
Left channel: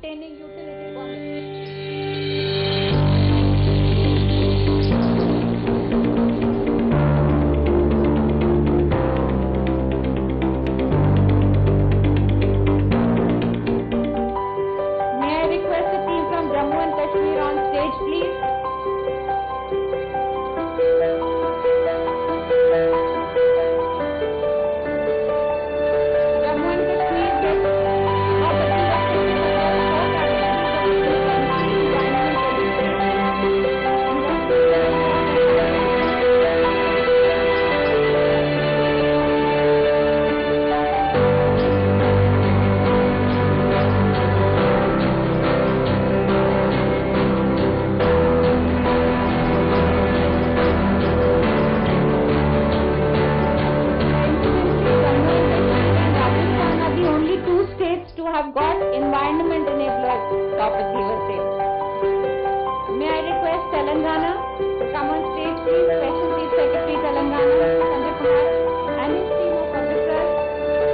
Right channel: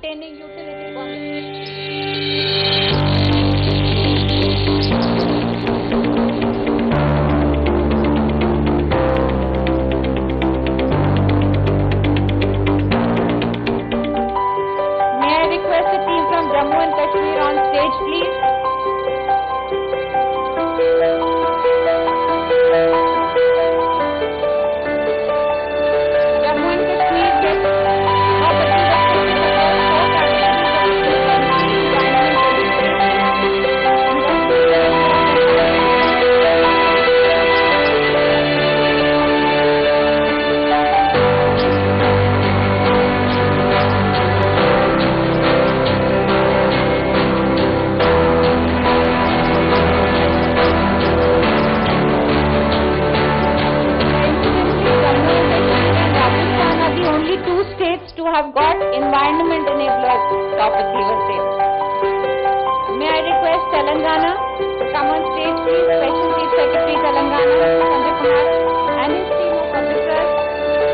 obtaining utility permits. May I request the team from Jammu and Kashmir on stage, please? Jammu and Kashmir gets property that consists of four categories of security, environment, to have got environment enablers top achievers there. May I request Telangana to come on stage, please? Special Chief Secretary Telangana, Mr. Sanjay Kumar, and his team of officers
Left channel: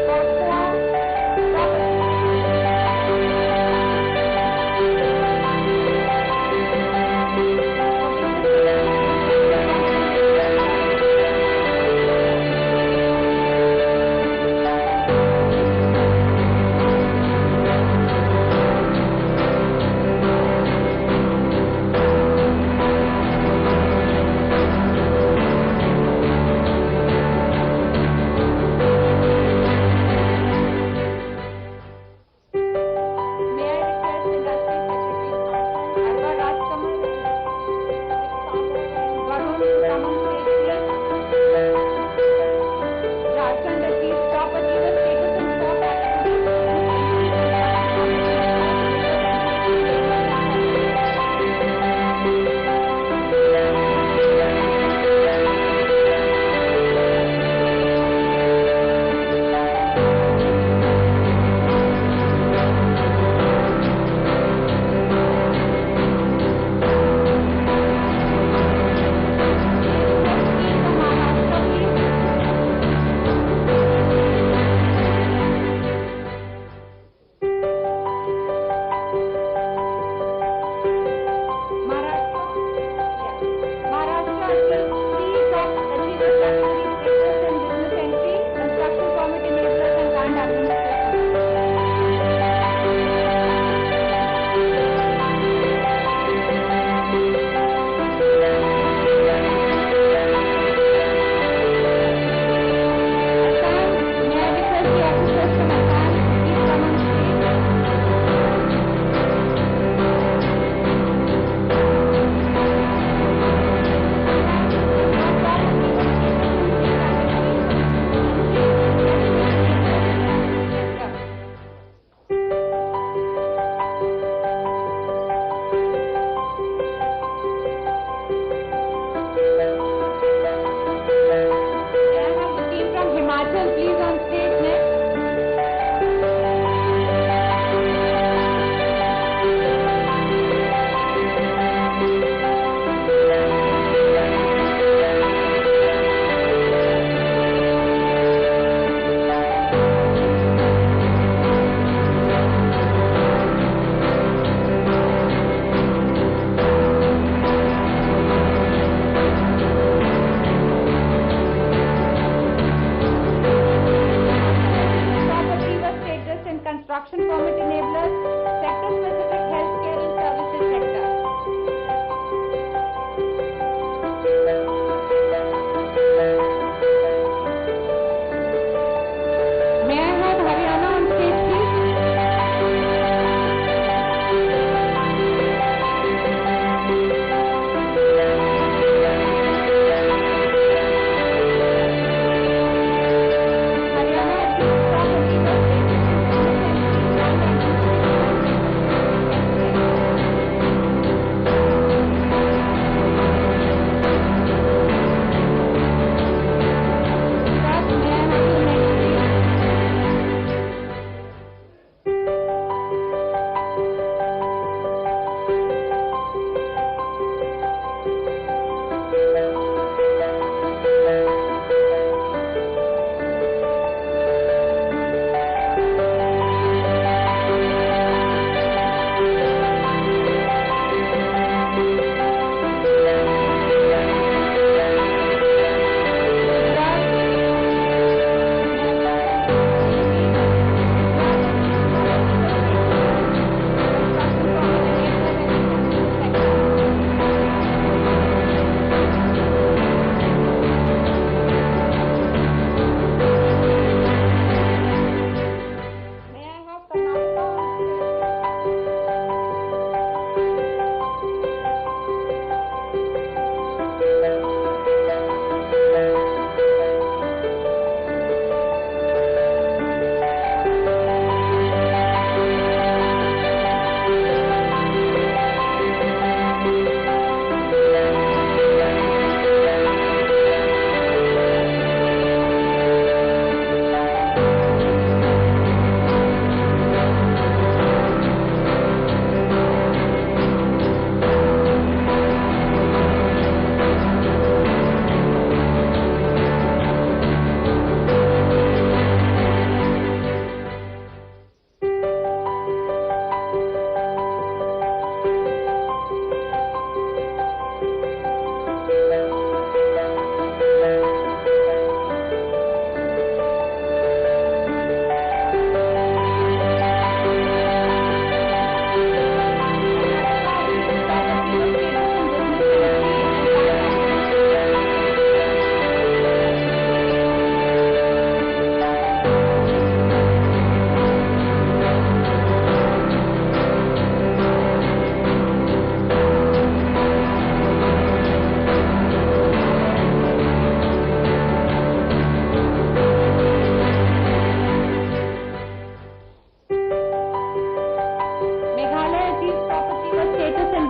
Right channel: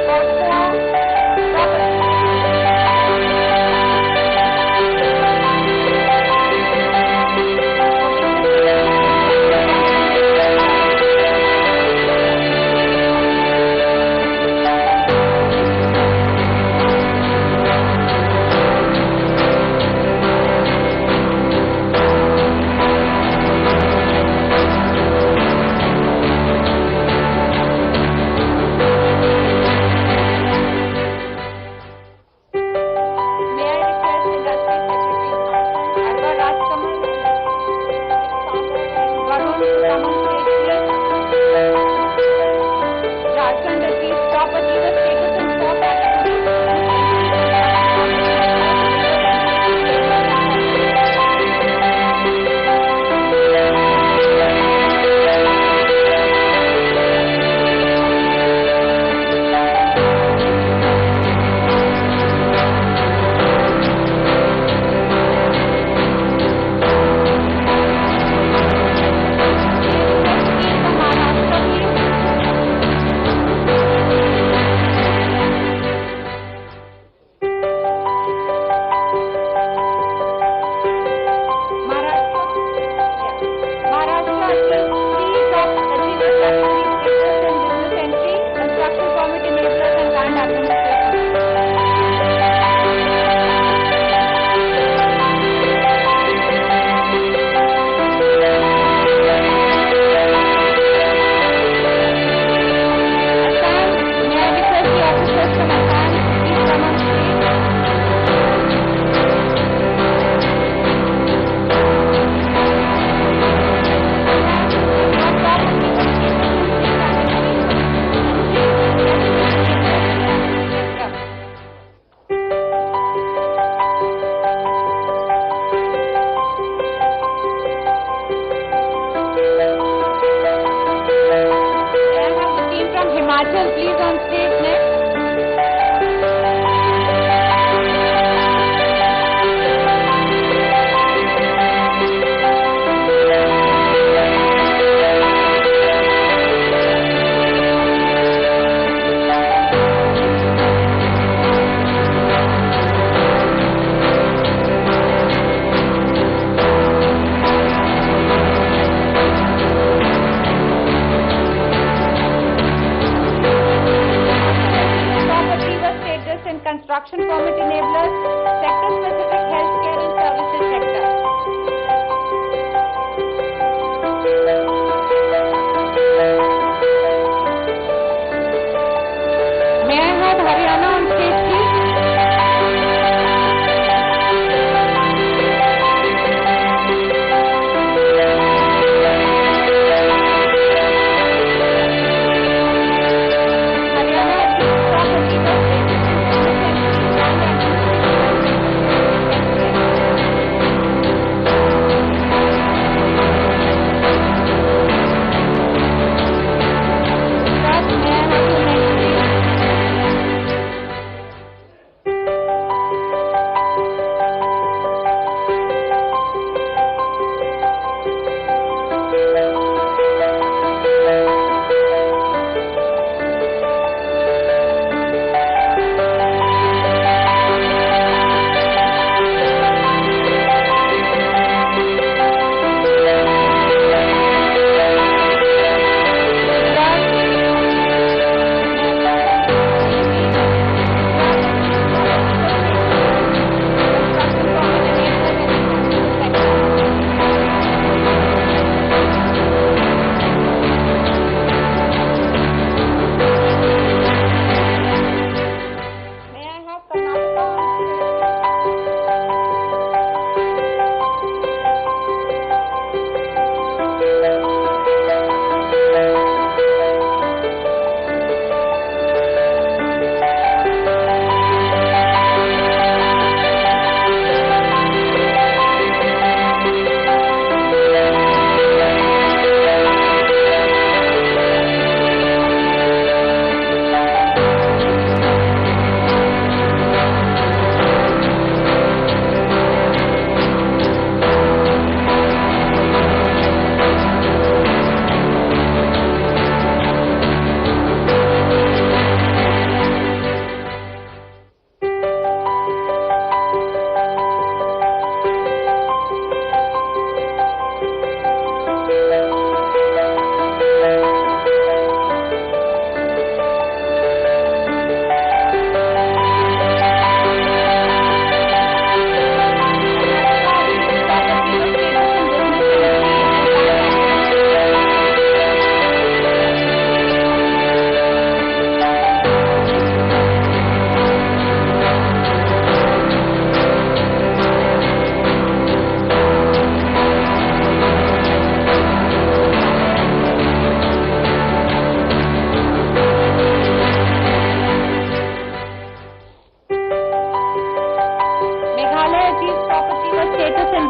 for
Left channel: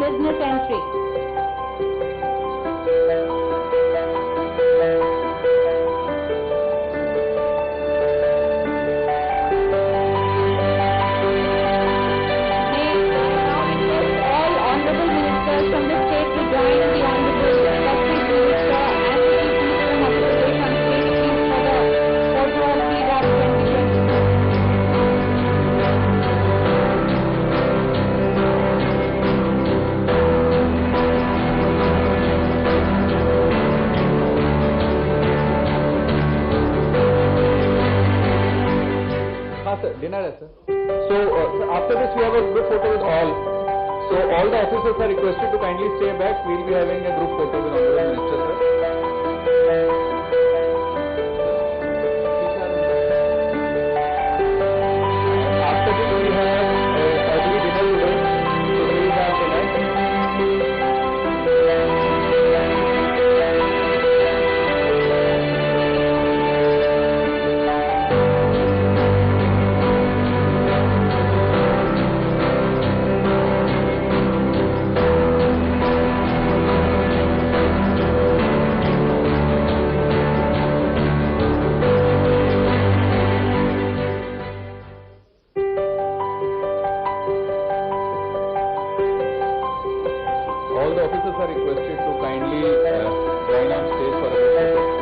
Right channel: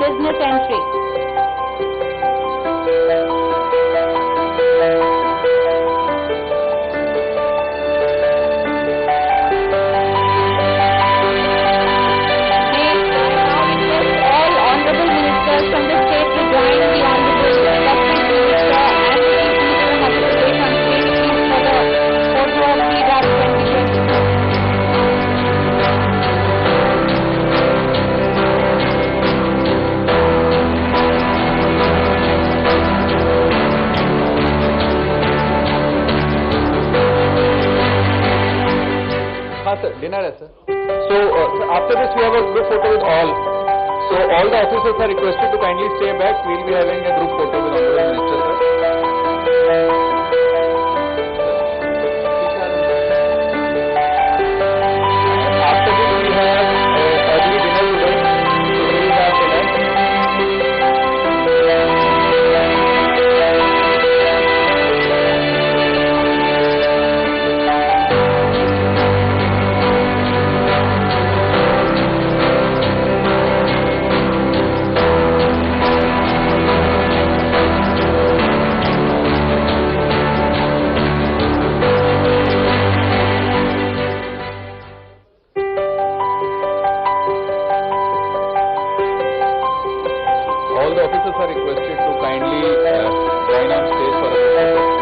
business entry. Dinner hai, sir. So after this we have a group photo with all. So all the officers are requested to kindly stay back. We will be having a group photo with Honorable Minister, sir. After this we have early dinner today. So we will have dinner. All the officers are requested to kindly join on stage for a photo.